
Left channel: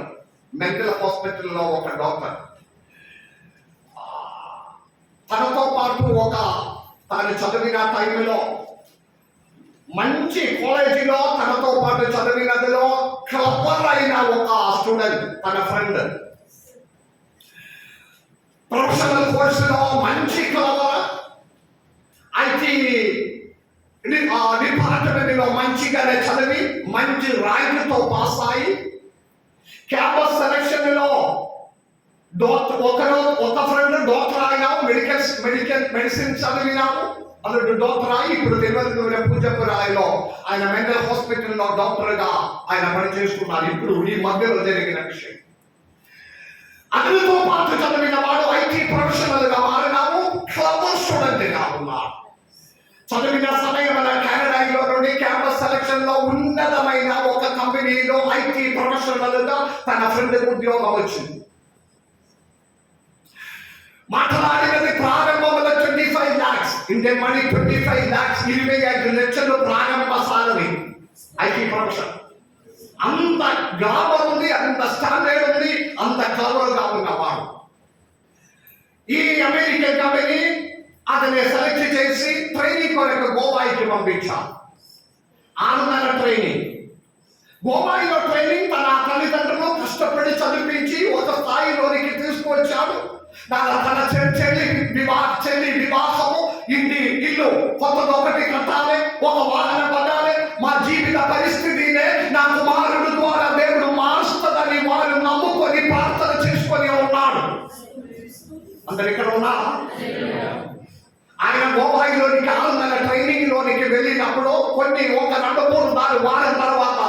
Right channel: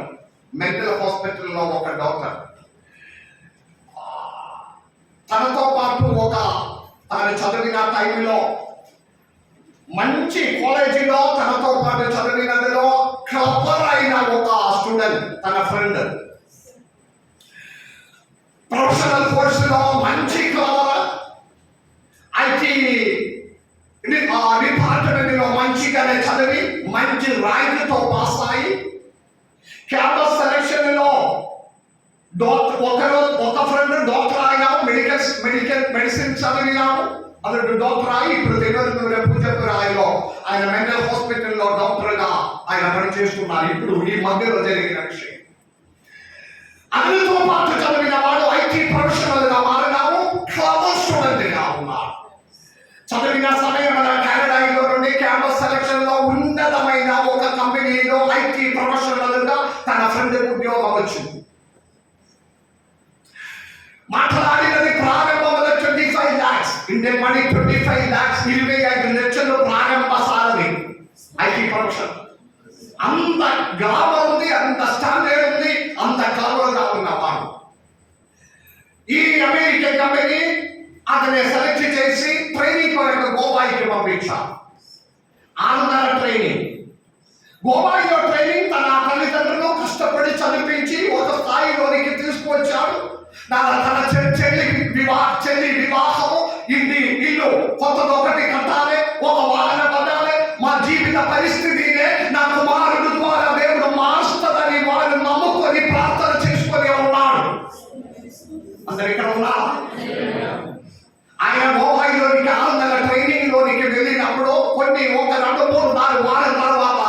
మెంటల్ హాస్పిటల్లో ఒక డాక్టర్, తనతో పాటు తాను చదివిన టైంలో మంచి కాలేజీలో తనతో పాటు చదివినదిలో క్లవర్ అయిన ఒక స్టూడెంట్, తన ఫ్రెండ్, ప్రొఫెషనల్ కోర్సులో మంచి క్లవర్, ఐటీ డిపార్ట్మెంట్ లో మంచిగానే చదివి మంచి ర్యాంకుతో పాస్ అయ్యి క్యాంపస్ సెలక్షన్ లో ఒక ఫ్రెండ్ డాక్టర్ అయినాము, మెడిసిన్ చదివినాము, అతడు డాక్టర్ అయి ఇప్పుడు తిరువనంతపురం పూజపురాయిలో ఆయన మెంటల్ హాస్పిటల్లో డాక్టర్ గా ఆయన పనిచేస్తున్నారు. ఇప్పుడు ఈ మధ్యలో జరిగిన విషయం. అతనితో పాటు చదివిన వాడు ఐటీ ప్రొఫెషనల్ గా మారినాము, క్లవర్ స్టూడెంట్ గా ఉన్నాడు. చదివిన సమయంలో కెనడాలో నుండి క్యాంపస్ సెలక్షన్ లో ఉన్నతమైన ఒక కంపెనీలో ఐటీ ప్రొఫెషనల్ గా తన ఫ్రెండ్ ఉద్యోగం వచ్చింది. మాట్లాడినది ప్రారంభంలో 25 lakhs ఇండియన్ మనీ, 25 lakhs, 25 లక్షలు ప్రారంభ సాలరీ ఐటీ ప్రొఫెషన్. అంత గ్లామర్ ఉంది, అంత స్టాండర్డ్ ఉంది, అంత క్లవర్ గా ఉన్నవాడు. ఈ అమెరికన్ కంపెనీ అతన్ని సెలెక్ట్ చేసి ట్రైనింగ్ కొరకు గోవాకి పంపించారు. 6 నెలల ట్రైనింగ్. గోవాలో ట్రైనింగ్ తన తల్లిదండ్రులు కష్టపడి చదివించి ఒక స్థాయిలోనికి తీసుకొచ్చాడు. తన చెల్లి వివాహము, ఇల్లు కొత్తదొకటి కట్టాలి, ఒక వాహనం కొనాలి, మా జీవిత పరిస్థితినే నా కుమారుడు ద్వారా దేవుడు మారుస్తుందని వారు నమ్ముకొని ప్రార్థన చేసుకొని ఉన్నాడు. అందరు ఇక్కడ ఉన్నారా? ఆయన గోవాలోనికి 6 నెలల ట్రైనింగ్ లోనికి వెళ్ళినప్పుడు ఒక 2-3 వారం తర్వాత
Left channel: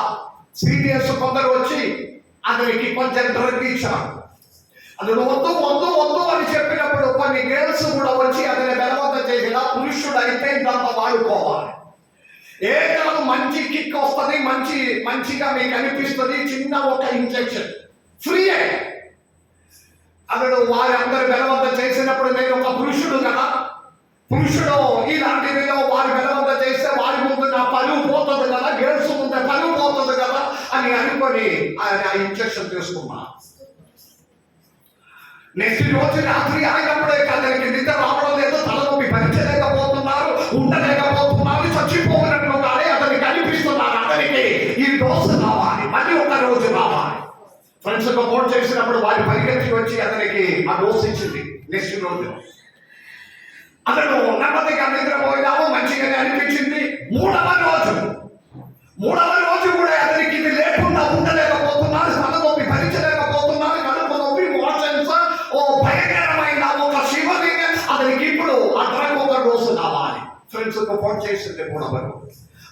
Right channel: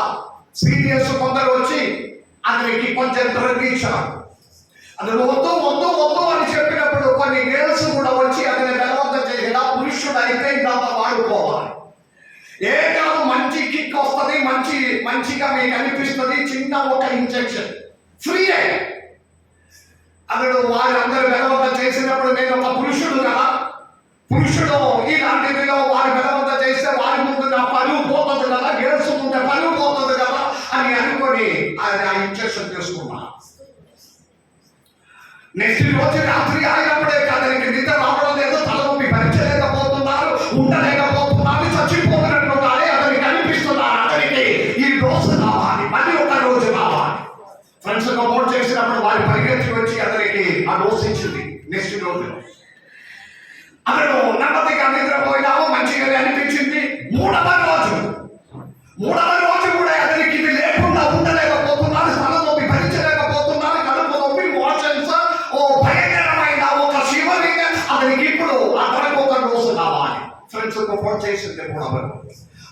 సీనియర్స్ కొందరు వచ్చి అతనికి కొంచెం డ్రగ్ ఇచ్చారు. అతను వద్దు వద్దు వద్దు అని చెప్పినప్పుడు కొన్ని గర్ల్స్ కూడా వచ్చి అతని బలవంతం చేసిన పురుషుడు అయితే ఇదంతా వాడుకోవాలి. ఏ కాదు మంచి కిక్ వస్తుంది, మంచిగా మీకు అనిపిస్తుంది, చిన్న ఒక ఇంజెక్షన్ ఫ్రీయే. అతడు వారందరూ బలవంతం చేసినప్పుడు నేను ఒక పురుషుడు కదా, పురుషుడు ఇలాంటిదిలో వారి బలవంతం చేస్తే వారి ముందు నా పరువు పోతుంది కదా, గర్ల్స్ ముందు పరువు పోతుంది కదా అని అనుకొని ఆయన ఇంజెక్షన్ తీసుకున్నా. నెక్స్ట్ రోజు రాత్రి అయినప్పుడే అతనికి నిద్ర రావడం లేదు, తలనొప్పి భరించలేకపోతున్నారు, ఉండలేకపోతున్నారు, చచ్చిపోతున్నట్లుగానే అతనికి అనిపిస్తున్నారు. అతనికి ఈ రోజు రావాలి, మళ్ళీ ఒక రోజు రావాలి. ఫ్రెండ్స్ ఫోన్ చేసినప్పుడు వారి పరిగెత్తి వచ్చి అతనికి ఆ డోస్ ఇచ్చింది. నెక్స్ట్ రోజు అతను నెమ్మదిగా నిద్రపోయినాము, మంచిగా అనిపించింది. మూడవ రోజు కూడా అతనికి ఇది లేకుండా ఉండలేకపోతున్నారు, తలనొప్పి భరించలేకపోతున్నారు, కడుపు నొప్పి, మోషన్స్, ఓ భయంకరమైన ఒక శివరింగ్. అతనికి ఇప్పుడు అతనికి ఒక డోసు కావాలి. ఫ్రెండ్స్ ఫోన్ చేసింది మూడవ,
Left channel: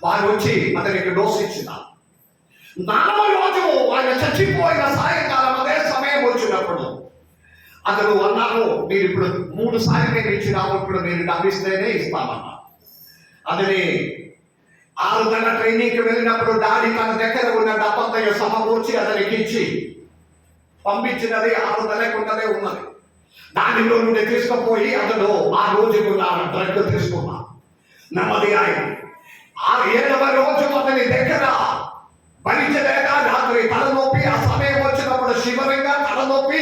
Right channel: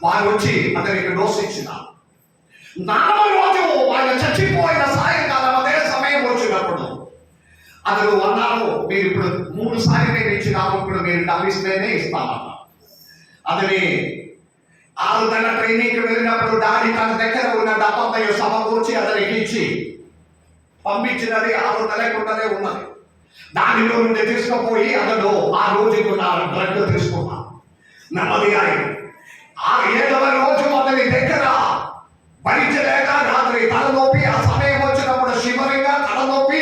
వారు వచ్చి అతనికి డోస్ ఇచ్చిన. 4వ రోజు ఆయన చచ్చిపోయిన సాయంకాలం అదే సమయం వచ్చినప్పుడు అతడు అన్నారు, మీరు ఇప్పుడు 3 సార్లు నేను ఇచ్చినాము, ఇప్పుడు మీరు డబ్బిస్తేనే ఇస్తామన్నా. అతని 6 నెలల ట్రైనింగ్కి వెళ్ళినప్పుడు డాడీ తన దగ్గర ఉన్న డబ్బంతయ్య సమకూర్చి అతనికి ఇచ్చి పంపించినది 6 నెలలకుండానే ఉన్నది. దానిలో నుండి తీసుకుపోయి అతడు ఆ రోజుకు డ్రగ్ తీసుకున్నా. నెమ్మది అయింది. 7వ రోజు అతని దగ్గర భరించలేక రాత్రి తలనొప్పి, ఆ సమయం వచ్చినప్పుడు శివరింగా తలనొప్పి,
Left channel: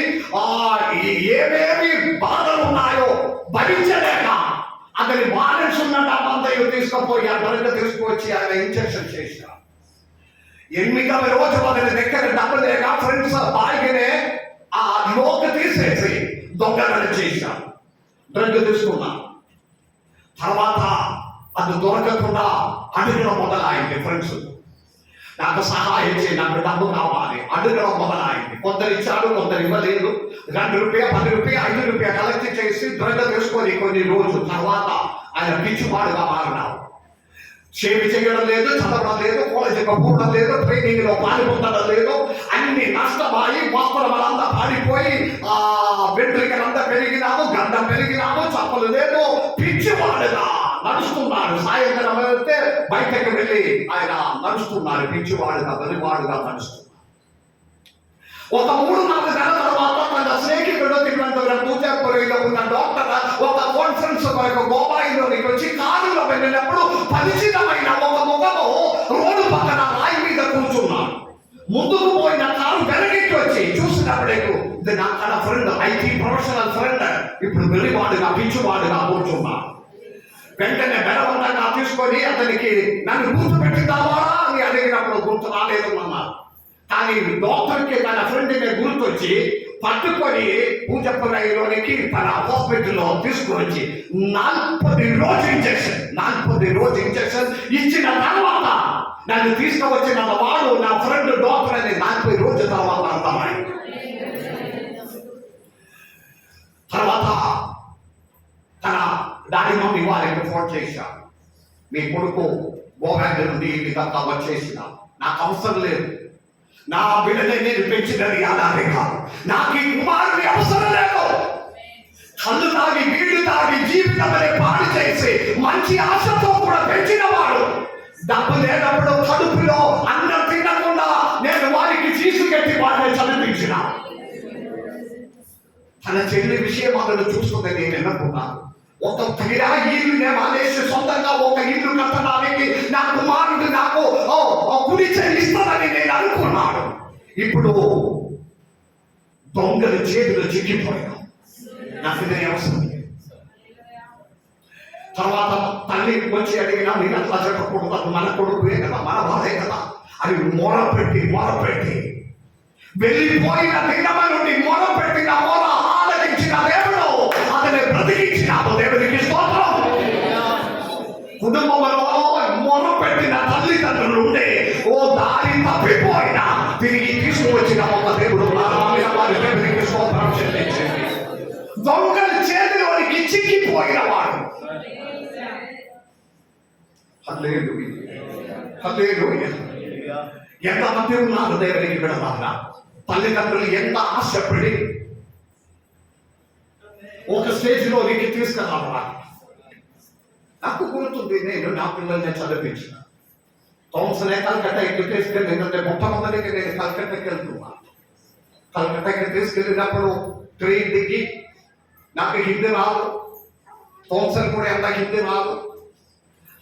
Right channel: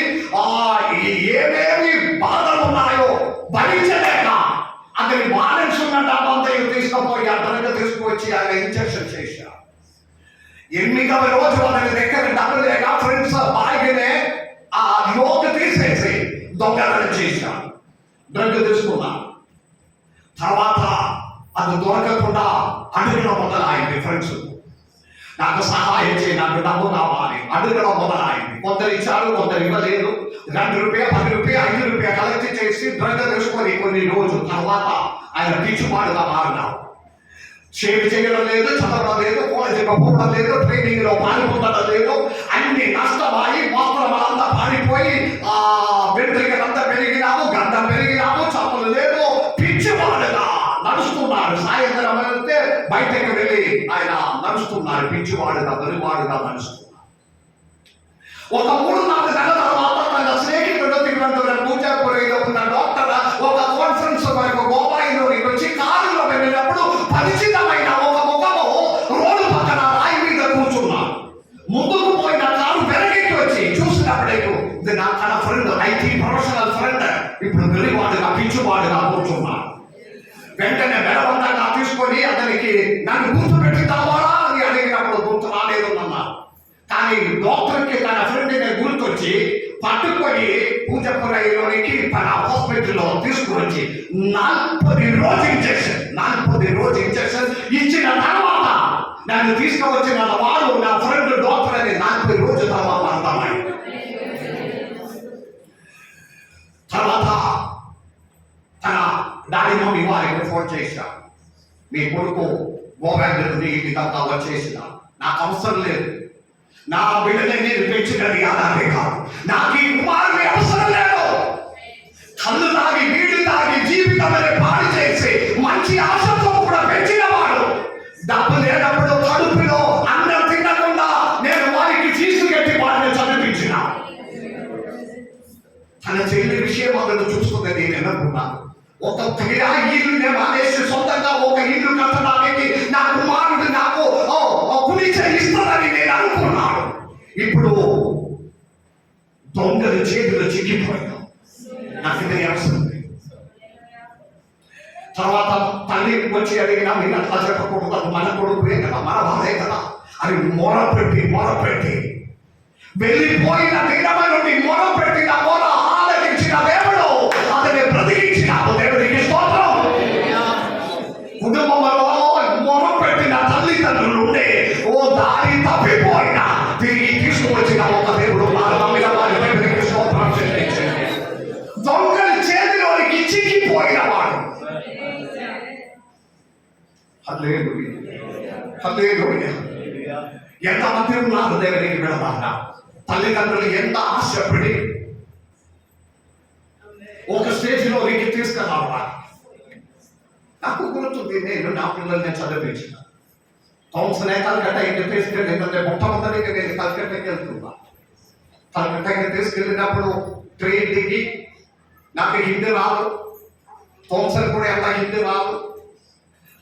ఏమేమి బాధలు ఉన్నాయో భరించలేక అతని బ్యాలెన్స్ ఉన్న డబ్బంతయ్య తీసుకుపోయి ఆ డ్రగ్ తీసుకువచ్చి ఆయన ఇంజెక్షన్ చేశారు. 8వ రోజు అతని దగ్గర డబ్బు లేక ఫ్రెండ్స్ బాగినే ఆ లోకి తీసేసి దొంగతనం చేశారు, డ్రగ్ తీసుకున్నాం. తర్వాత అది దొరకకుండా అడగడం మొదలైంది. ఫ్రెండ్స్ నాకు సహాయం చేయి, నాకు డబ్బు కావాలి అడగడం మొదలైంది. కొందరు ఇచ్చారు, కొందరు ఇవ్వలేదు. 2 రూపాయలు, 10 రూపాయలు, 5 రూపాయలు కలెక్ట్ చేసి డ్రగ్ తీసుకొని కొన్ని రోజుల తర్వాత ఆయన పిచ్చివాడుగా మారినారు. షేవ్ చేయడం లేదు, చదవడం లేదు, కాలేజీకి పోవడం లేదు, ట్రైనింగ్ లో పాల్గొనడం లేదు. అన్ని నష్టമായി, వస్త్రమంతా పాడిపోయి, వెంట్రుకలంతా పెరిగినాము, గంధం పెరిగినాము, చప్పలు లేదు, పిచ్చివాడుగా నడుస్తున్నారు. సాయంత్రం వెళ్తే బయటకు వెళ్ళి ఆయన నడుస్తున్నారు, పిచ్చివాడుగా వెలువాడుగా నడుస్తున్నారు. ఒక 3-4 నెలల తర్వాత తన స్నేహితుడు తిరువనంతపురం పూజాపురంలో ఉన్న డాక్టర్ ఒక కాన్ఫరెన్స్ వరకు గోవాయిలోకి వచ్చి కారులో వెళ్ళినప్పుడు పరిచితమైన ఒక ముఖము రోడ్డు పక్కన రాయి మీద కూర్చున్నాడు. ముందుకు పోయిన కారు వెనక్కి వచ్చి చూసినప్పుడే ఇది నా తన ఫ్రెండ్, ఐటీ ప్రొఫెషనల్ ఫ్రెండ్, ఇప్పుడు వెలివాడుగా పిచ్చివాడుగా కూర్చున్నాడు. వెంటనే బలవంతంగా తీసుకొని అతనికి నన్ను గుర్తుపెట్టుతావా అని అడిగినప్పుడు గుర్తు రాలేదు అన్నారు. కానీ డాక్టర్కి తన ఫ్రెండ్ని గుర్తొచ్చి పట్టుకొని పూజపురంలోనికి తన హాస్పిటల్లో తీసుకువచ్చి 40 రోజు ఇంజెక్షన్ ఇచ్చిన తర్వాత నన్ను తీసుకువచ్చిన వాడు నా ఫ్రెండ్ డాక్టర్ అని 40 రోజుల తర్వాత అర్థమైంది. తర్వాత తన డాడీ మమ్మీ వారికి ఫోన్ చేశాను, మీ కొడుకు గోవాంగ్ నుండి ఈ విధంగా వచ్చేసిన, నాకు అవసరం లేదు, నా బిడ్డని నేను పెంచినది అలాగే కాదు, నాకు ఈ కుమారుని అవసరం లేదు. కళ్ళు తాగి నీళ్లు తాగి జీవితం పాడు చేసి మంచి ఆశతో కూడా పెంచిన వాడు డబ్బు లేనప్పుడు కడుపులో అన్నం తినకుండా నేను వారికి తీసుకెట్టి వారిని చదివించిన. తన చెల్లి విషయం అతడు చూసుకున్నది నేను అనుకున్నాను. ఒక ఇల్లునే మానేసి సొంతంగా ఒక ఇల్లు కట్టడానికి నా కుమారుడు నాకు కుడి చేయిస్తానని నేను అనుకున్నాను. ఇప్పుడు దొంగల చేతులు చిక్కిపోయినా నాకు ఇది అవసరం లేదు. తర్వాత తల్లి వచ్చి అడిగినా మీరు అట్లా చెప్పకూడదు, అది మన కొడుకునే కదా, మన బాధే కదా అని మొరపెట్టి వెళ్ళిపోయిన దినమ నుండి మొరపెట్టిన మొర ఆలకించిన దేవుడు అతన్ని బ్రతికించినాడు. దేవుడికి స్తోత్రం. కుటుంబంలో మొరపెట్టిన తల్లిదండ్రులు ఉండే ఓ దారి తప్పిపోయినా తిరిగి తీసుకువచ్చిన ఒక దేవుడు దేవుడికి స్తోత్రం చెల్లించండి. దొంగల చేతిలోనికి చిక్కిపోయిన వాడు ఎంతమంది ఉన్నారు దేవునికి విడదారా? తల్లిదండ్రులు ఎంత ఆశపడి ఒక స్టేజ్లోనికి తీసుకురావడానికి. నాకు గుర్తుంది, నేను నా పిల్లల్ని చదివించిన థామ్సన్ కలకట్టాకి తీసుకెళ్ళిందంటే మొట్టమొదటిగా నేను కలకట్టాకి వెళ్తున్నా. కలకట్టాకి తీసుకెళ్ళినప్పుడు ట్రైన్ దిగి, నాకు హిందీ రాదు, థామ్సన్ కూడా ఎంత హిందీ రాదు.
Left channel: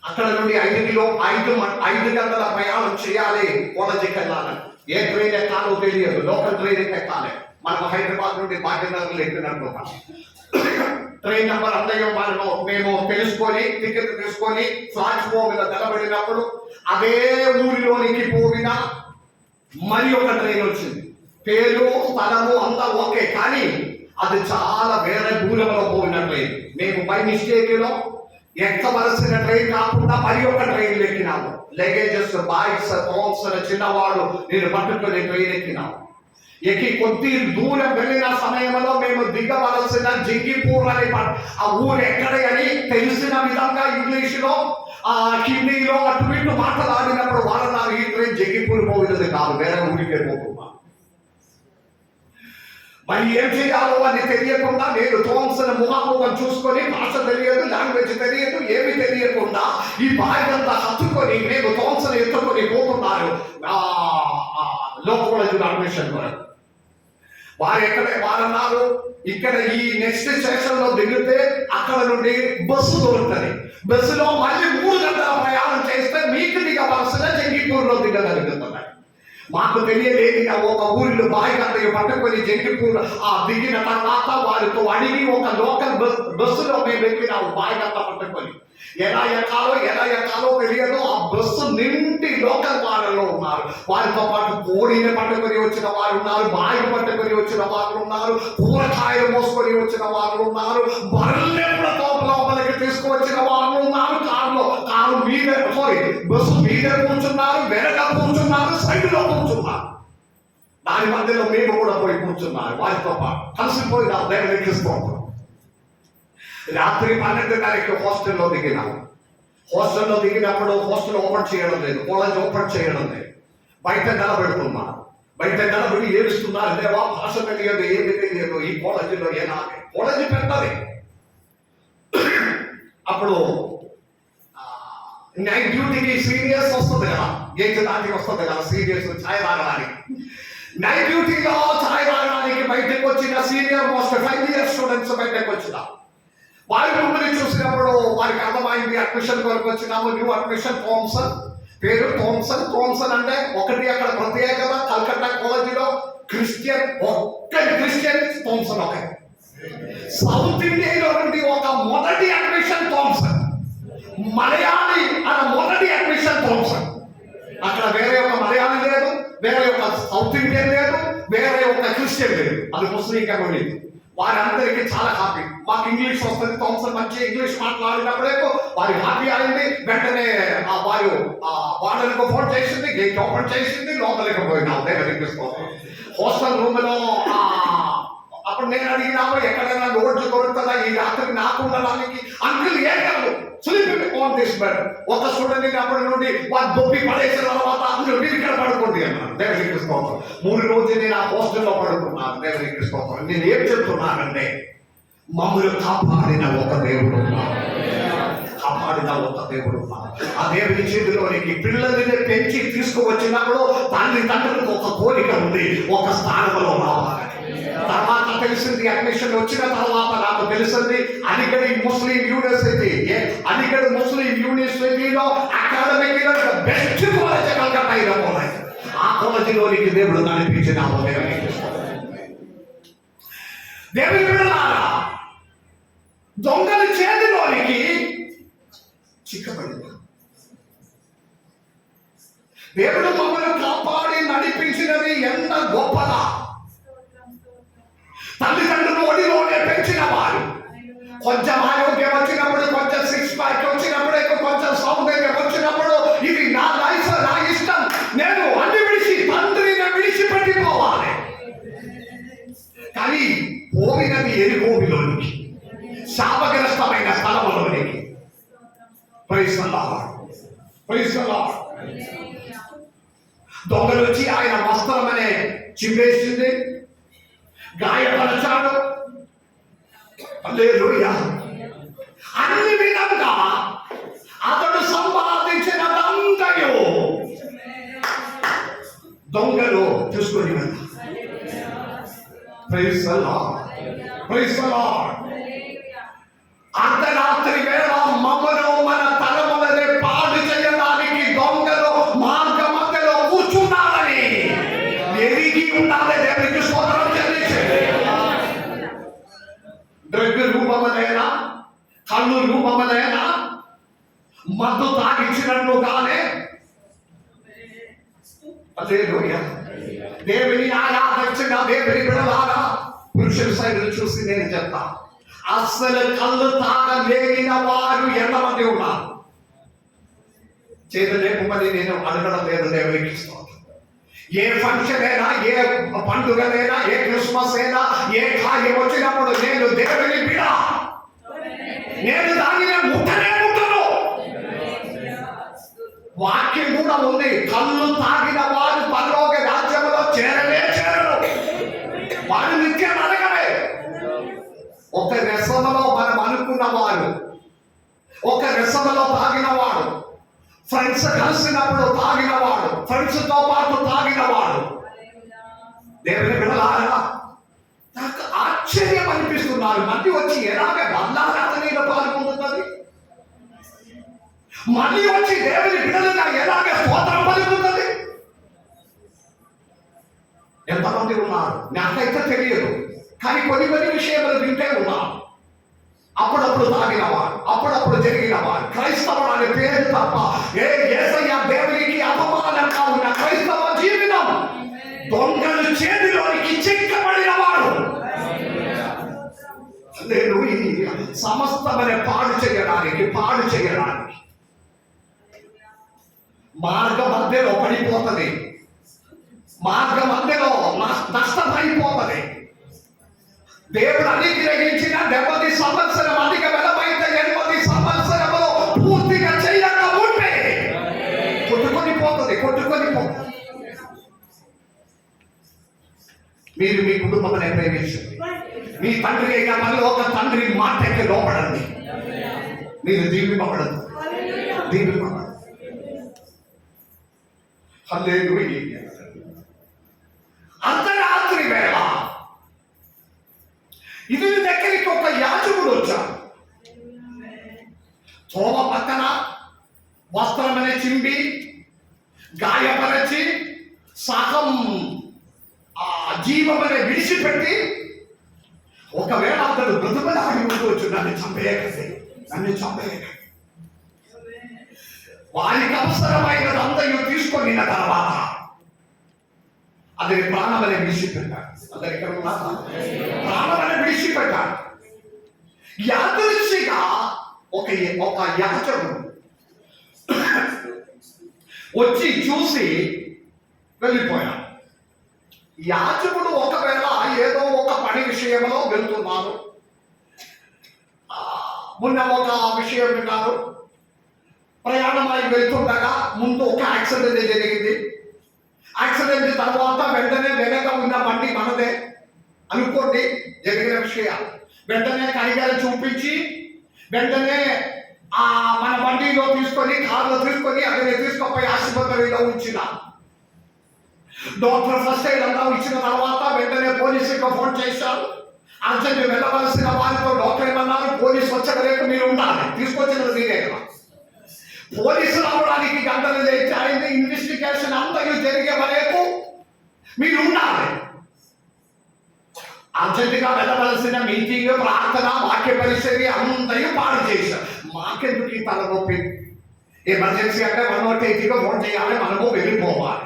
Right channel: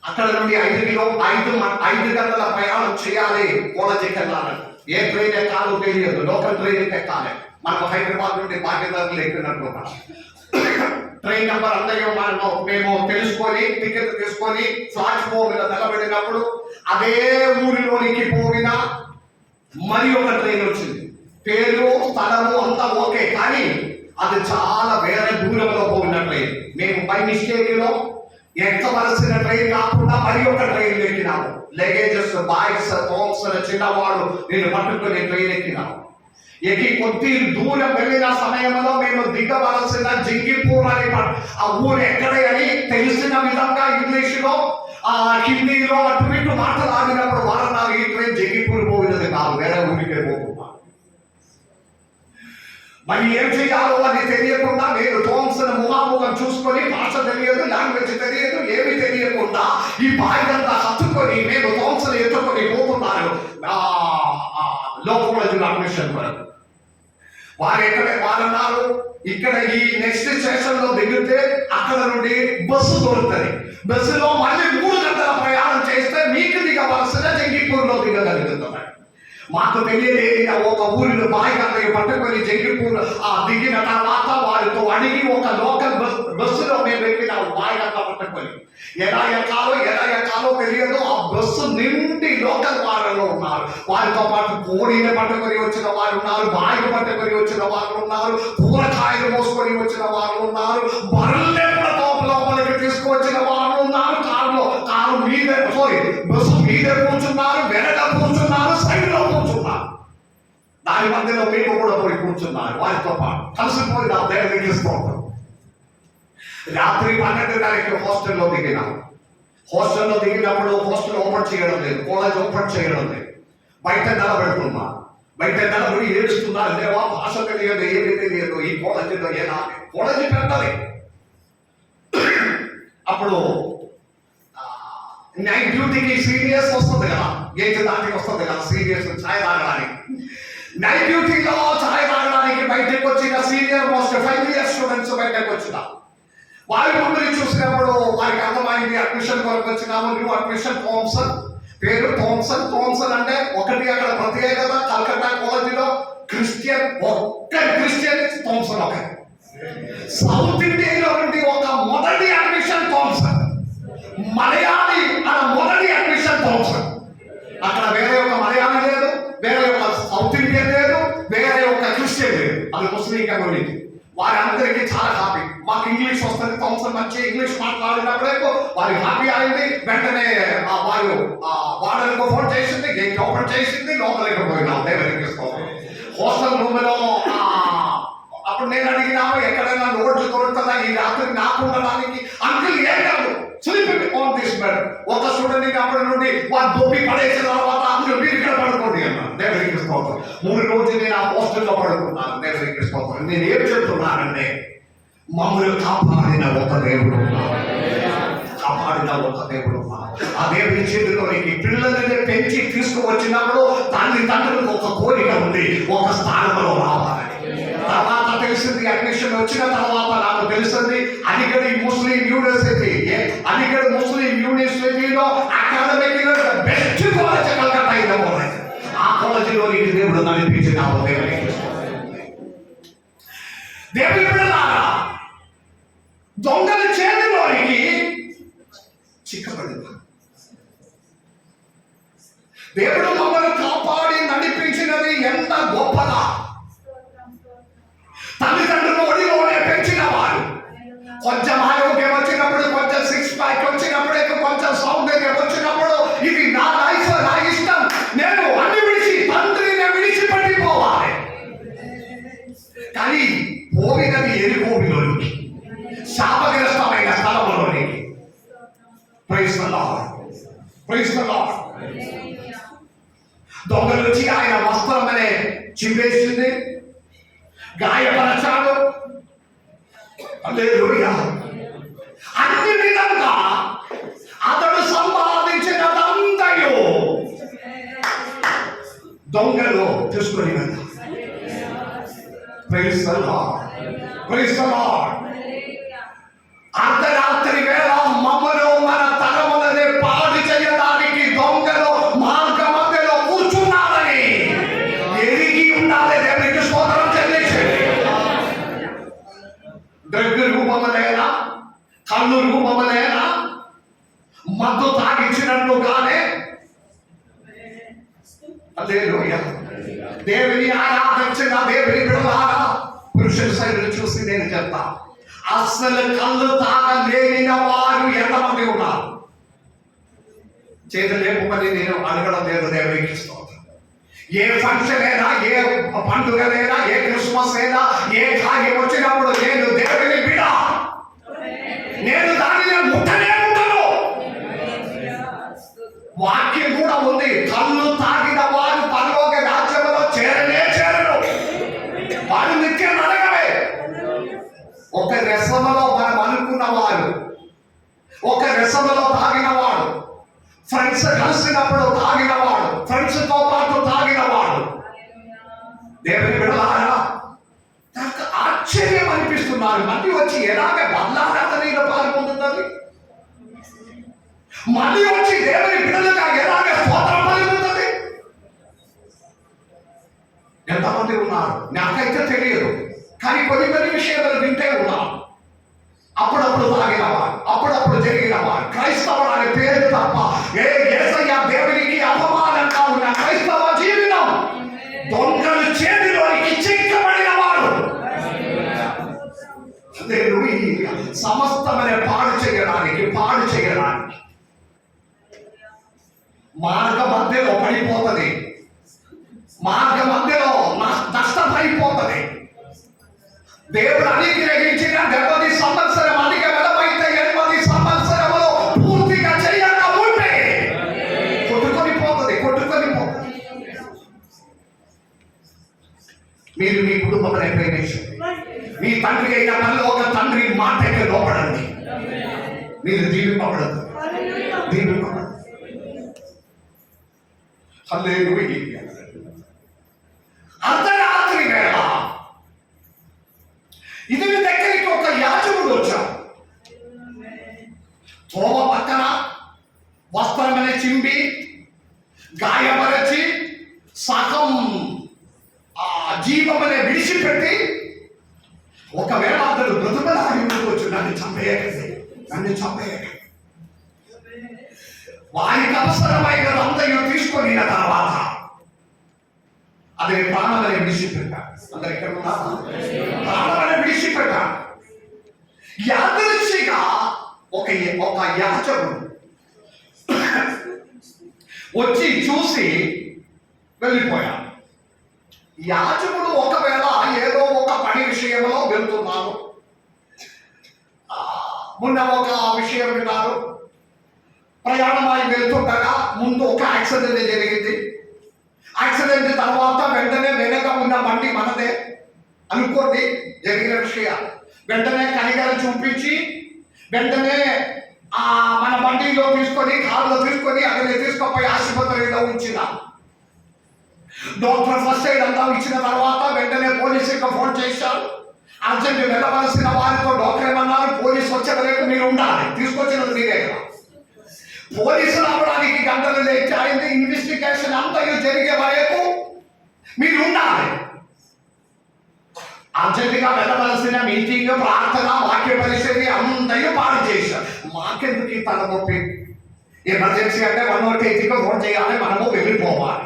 అక్కడ నుండి 5 గంటల ప్రయాణం చేయాలి కాలేజీకి వెళ్ళాలని. ఏ ట్రైన్ ఎక్కాలో తెలియదు, లోకల్ ట్రైన్ ఎక్కాలి. మనకు హైదరాబాద్ నుండి భాగ్యనగర్లు ఎక్కినట్లుగా ట్రైన్ నెంబర్ అన్నయ్య మేము తెలుసుకొని టికెట్ తీసుకొని ప్లాట్ఫామ్ మీద నిలబడినప్పుడు అదే ఊరిలోనికి పోయిన మరి ఒక ట్రైన్ వచ్చింది. పేరు స్థలము అంతా ఓకే, కానీ అది చాలా వేరే దూరంలో పోయిన ట్రైన్. మేము బై మిస్టేక్ లో ఎక్కవలసిన ట్రైన్ కాకుండా మరి ఒక ట్రైన్ ఎక్కినాము. లగేజెస్, బాగ్స్, థామ్సన్ చిన్నవాడు నేను పట్టుకుని ట్రైన్ ఎక్కినాము. ఎక్కి కొద్ది దూరం వెళ్ళిన సమయంలో మేము దిగవలసిన జింగిపూర్ అని ఆ ఊరు ఎక్కడ అని తెలిసిన విధంగా ఇంగ్లీషులో హిందీలో అటు ఇటు మాట్లాడినప్పుడు వాళ్ళన్నారు ఈ ట్రైన్ జింగిపూర్ పోయినది కాదు, వేరే ఊరికే పోతున్నా. మరి ఏం చేయాలో అని తెలియకుండా నేను థామ్సన్ ముఖాముఖం చూసుకొని, భాష తెలియదు, లాంగ్వేజ్ తెలియదు, ఏమి తెలియకుండా ఈ బాధ్యత హత్తుకొని మేము థామ్సన్ ఎత్తుకొని పోతున్నారు లోకల్ అడ్మిషన్ వరకు. వారన్నారు ఇక్కడ ఈ నెక్స్ట్ స్టేషన్ లో దిగితే అక్కడ నుండి బస్సు దొరుకుతుంది. బస్సులో మళ్ళీ 3 గంటల ప్రయాణం చేస్తే మీకు దిగవలసిన జంగిపూర్ లో దిగగలుగుతున్నాయి. మాకు తెలియలేదు, ఒక ఊరిలో బాయిగారి పట్టుకొని జంగిపూర్ దిగిన తర్వాత వారితో అడిగి ఒక లోకల్ బస్సులో మేము ఎక్కినాము. బాయిగంట పట్టుకొని ఎలా ఎక్కాలో తెలియదు. ఆ బస్సు నిండి లోకల్ వాళ్ళలో ఉన్నారు. వారితో పాటు కోడిని పట్టుకొని వచ్చిన వారు ఉన్నారు, బాయిని పట్టుకొని వచ్చిన వారు ఉన్నారు, కూరగాయలు మోసుకొని వచ్చిన వారు ఉన్నారు, బర్రెల్ని లోపలికి తీసుకువచ్చిన వారు ఉన్నారు. కారు మీద బస్సు మీద కూర్చున్నారు, వెనక కూర్చున్నారు, సైడ్ లో కూర్చున్నారు. దాని మధ్యలో మేము కూడా పోయి కూర్చున్నారు వారితో పాటు కలిసిపోయి నా దగ్గర తీసుకుంటాం. రాత్రి 12:30కి హాస్టల్లో దిగినాం. హాస్టల్లో దిగినప్పుడు హాస్టల్ ఓపెన్ చేయడం లేదు, కాలేజ్ ఓపెన్ చేయడం లేదు. బయట నిలబెడుతున్నా, బయట నిలబడి ఏడుస్తున్నారు. దేవా, భాష తెలియదు, ఏమి తెలియదు, ఈ కాలేజీలో ఏనాలి, కాలేజీ పెట్టాలి. అప్పుడు నైట్ డ్యూటీకి సీరియస్ వస్తుంది కదా, గేట్ దాటికి వస్తుంది కదా సీరియస్ ఛాయ్ తాగడానికి. నైట్ డ్యూటీలో ఛాయ్ తాగడానికి బయటకు వచ్చిన సీనియర్ మోస్ట్ 5 ఇయర్స్ స్టూడెంట్స్ బయటకు వచ్చిన వారి మమ్మల్ని చూసినప్పుడు వారికి అర్థమైంది, అడ్మిషన్ కొరకు వచ్చినాము. న్యూ అడ్మిషన్ థామ్సన్, పేరు థామ్సన్ అంటే ఒకటి అక్కడ ప్రత్యేకత. కల్కట్టా కాలేజీలో క్రిస్టియన్ థామ్సన్ ఒక సౌత్ ఇండియాలో నుండి ఒక మొదటి అడ్మిషన్ థామ్సన్, మలయాళీ మొదటి అడ్మిషన్ థామ్సన్. అక్కడ వేరే ఒక మలయాళీ లేదు, వేరే ఒక సౌత్ ఇండియన్ లేదు, వేరే ఒక క్రిస్టియన్ లేదు, అది ముస్లిం కమ్యూనిటీ. వారందరికీ చాలా హ్యాపీ. మాకు ఇంగ్లీష్ వస్తుంది, థామ్సన్ మంచి ఇంగ్లీష్ మాట్లాడినప్పుడే వారి హ్యాపీ అయింది. వెంటనే వారు వాడలకు ఫోన్ చేసింది, గేట్ ఓపెన్ చేసింది, లోపలికి పోయినాం. హాస్టల్ రూమ్ లో అప్పుడు నేను అడిగినాము, ఎక్కడైనా లోడ్లు దొరుకుతుందా ఈ రాత్రి నాకు ఉండడానికి? అంకుల్ ఏం కాదు, స్లీపింగ్ ఆన్ దిస్ బెడ్. ఒక స్టూడెంట్ అప్పటి నుండి వారు దొప్పి పడేసిన తర్వాత అంకుల్ మీరు ఇక్కడ పడుకోండి అన్నాను. దేవునికి స్తోత్రం. 3 రోజులు నేను ఆ హాస్టల్లో పడుకున్నాను. దేవునికి స్తోత్రం. నేను ఏం చెప్తున్నానంటే, మమ్మల్ని కాపాడిన ఒక దేవుడు ఉన్నారు, కాపాడిన ఒక దేవుడు ఉన్నారు. ఆ దేవుని చేతిలోనికి పిల్లల్ని పెంచి తీసుకువచ్చినప్పుడు తల్లిదండ్రులకు ఒక కోరిక ఉంది, ఒక స్థానంలో రావాలి. తర్వాత తెలిసింది, అడ్మిషన్ వచ్చిన తర్వాత నాకు తెలిసింది, అలీగఢ్ ముస్లిం యూనివర్సిటీలో అకాడమిక్ బెస్ట్ కాలేజ్ కలకత్తా అయిన కాలేజ్. ఆ కాలేజీలోనికి దేవుడు నడిపించిన దేవుని పిల్లలారా, దొంగల చేతిలోనికి చిక్కబడింది. దేవుడు మమ్మల్ని కాపాడి నడిపించినది ఎంత గొప్పదా! తల్లిదండ్రులు ఒడిలోనే పెంచిన వారు, కొంచెం ఆరోగ్యం వచ్చినప్పుడు, కొంచెం 6 ప్యాక్ వచ్చినప్పుడే, కొంచెం సౌందర్యం వచ్చినప్పుడు, ఇది నా లైఫ్, నా ఇష్టం, నేను అన్ని విడిచి తండ్రిని విడిచిపెట్టిపోవాలి. కానీ పోయినది ఎరుకోవిలోనికి, శాపగ్రస్తమైన స్థలంలోనికి. Praise the lord, praise the Lord. దొంగలు వచ్చి ఆయన వస్త్రం అనే చింపేసింది, గాయపరచాడు. హల్లెలూయా. అన్ని విధంగా అతడు సంపాదించినదంతయు దొంగలు తీసుకొని వెళ్ళారు. Praise the lord. Praise the lord. అర్ధరాత్రి వేళ మమ్మను మన తరములనే పాడు చేయడానికి దొంగలు మార్గ మధ్యలో కూర్చున్నారని ఎరిగి ఉండాలి. దేవునికి స్తోత్రం చెల్లించండి. డ్రగ్ రూపములేనా, కళ్ళు రూపములేనా, మద్దు తాగించినట్లుగానే హల్లెలూయా. దేవుని ఆరాధించిన దేవుని బిడ్డలారా, పురుషుల సైడ్ చూసి నేను చెప్తా, అసలు కళ్ళు తాగలేని వారు ఎంతమంది ఉన్నారు? చేతులు లేపమని నేను అడగడం లేదు. దేవునికి స్తోత్రం. ఏ ఫంక్షన్ అయినా, ఏ పండుగలైనా, ఏ క్రిస్మస్ అయినా, ఏ కార్యం వచ్చినప్పుడు నేను దేవుని బిడ్డ, నేను దానిని ముట్టనే ముట్టను. వాక్యం కూడా ఉంది, కళ్ళు తాగిన వారు పరలోక రాజ్యంలో చేరనే చేరరు, వారు నిత్య నరకమే. ఒక రసములో మనం అనుకున్న వారు, ఒక రసములో తాగినవాడు, ఫ్రెండ్స్ కలిసినప్పుడు తాగినవాడు, ఫ్రెండ్స్ తో పాటు తాగినవాడు, దేవుని బిడ్డలారా, నాకు ఆశ్చర్యం అనిపిస్తున్నారు. మళ్ళీ వచ్చి ఎలాగ బంధారాధనలో పాల్గొంటుంది, మళ్ళీ వచ్చి దేవుని బిడ్డలుగా ఎలాగ స్తోత్రం పలుకుతుంది. ఎంతమంది ఉన్నారు నాకైతే తెలియదు, కానీ కొన్ని విషయాలు వింటే ఉన్నాం. అప్పుడప్పుడు తాగినవాడు, అప్పుడప్పుడు జరిగినవాడు, క్రైస్తవుడు అనే పేరు తప్ప యేసయ్య దేవునికి అపమానంగా ఉన్న క్రైస్తవ జీవితం దొంగల చేతిలోనికి చిక్కబడిన వాడు. హల్లెలూయా. సమస్తమనే పాడు చేయడానికి మార్గ మధ్యలో పడిపోతుంది, మార్గ మధ్యలో నష్టమైపోతుంది. దేవుడు అనుగ్రహించిన 70 సంవత్సరం అధిక వెలమైతే 80 సంవత్సరములు పూర్తిగా చేయక ఉంటే కొట్టుకొని పోతుంది. మీరు మీ కుటుంబాన్ని ప్రేమించండి. మీ తండ్రి అయిన పరలోక తండ్రి మాటకి లోపడండి. మీరు దీవింపబడదు. హల్లెలూయా. అర్ధరాత్రి వేళ ఇతని దగ్గరికి ఒక యాజకుడు వచ్చాడు. తోమ పక్కన వస్త్రమనే చింపి గాయపరచి సగం జీవమనే విడిచిపెట్టి, ఒకవేళ అతడు బ్రతుకులాగి ఉండవచ్చు, నన్ను చంపేయకండి, వారికి అవసరమైన అందరూ తీసుకొని తర్వాత అతని ప్రాణమనే విడిచిపెట్టాడు. అందరు ఎక్కడ ఉన్నారు? ప్రాణమనే విడిచిపెట్టాడు. యాదృచ్ఛిగా ఒక యాజకుడు వచ్చి చూసి వెళ్ళిపోయాడు. యాజకుడు ఒకవేళ ఏదో ఒక పని విషయంలో వెళ్తున్నారు. మొన్న ఒక విషయం విన్నారు. ప్రయాణమై వెళ్తుండగా ముందు ఒక యాక్సిడెంట్ జరిగింది. యాక్సిడెంట్ తర్వాత వెంటనే వెనక ఉన్న బండి మనదే అనుకోండి. జరిగిన విషయాలు వెంటనే కనికరం చూపించి వెంటనే మన బండిలో తీసుకొని, కారులో తీసుకొని అతన్ని తీసుకుపోయి ఆసుపత్రిలో ఉంచిన డాక్టర్ ఫస్ట్ ఎయిడ్ అంతా ఇచ్చిన తర్వాత వెంటనే పోలీసుకి ఫోన్ చేశారు. అర్జెంట్ వెళ్ళవలసిన వారితో డాక్టర్ ఏమన్నారు, పోలీసు వచ్చే వరకు మీరు ఉండాలి, తీసుకొచ్చినది మీరే కదా. పోలీసులు రావడానికి గంటలు లేట్ అయింది. ఇన్వెస్టిగేషన్ అంతా జరిగే వరకు మీరు ఉండాలి. అర్జెంటుగా వెళ్ళవలసిన మీటింగ్, ప్రార్థన, వాక్య పరిచర్య అందరూ పాడు చేశారు. మాకెందుకు ఈ తలనొప్పి? ఎమర్జెన్సీ అంటే 108కి ఫోన్ చేయాలి, మనము వెళ్ళిపోవాలి.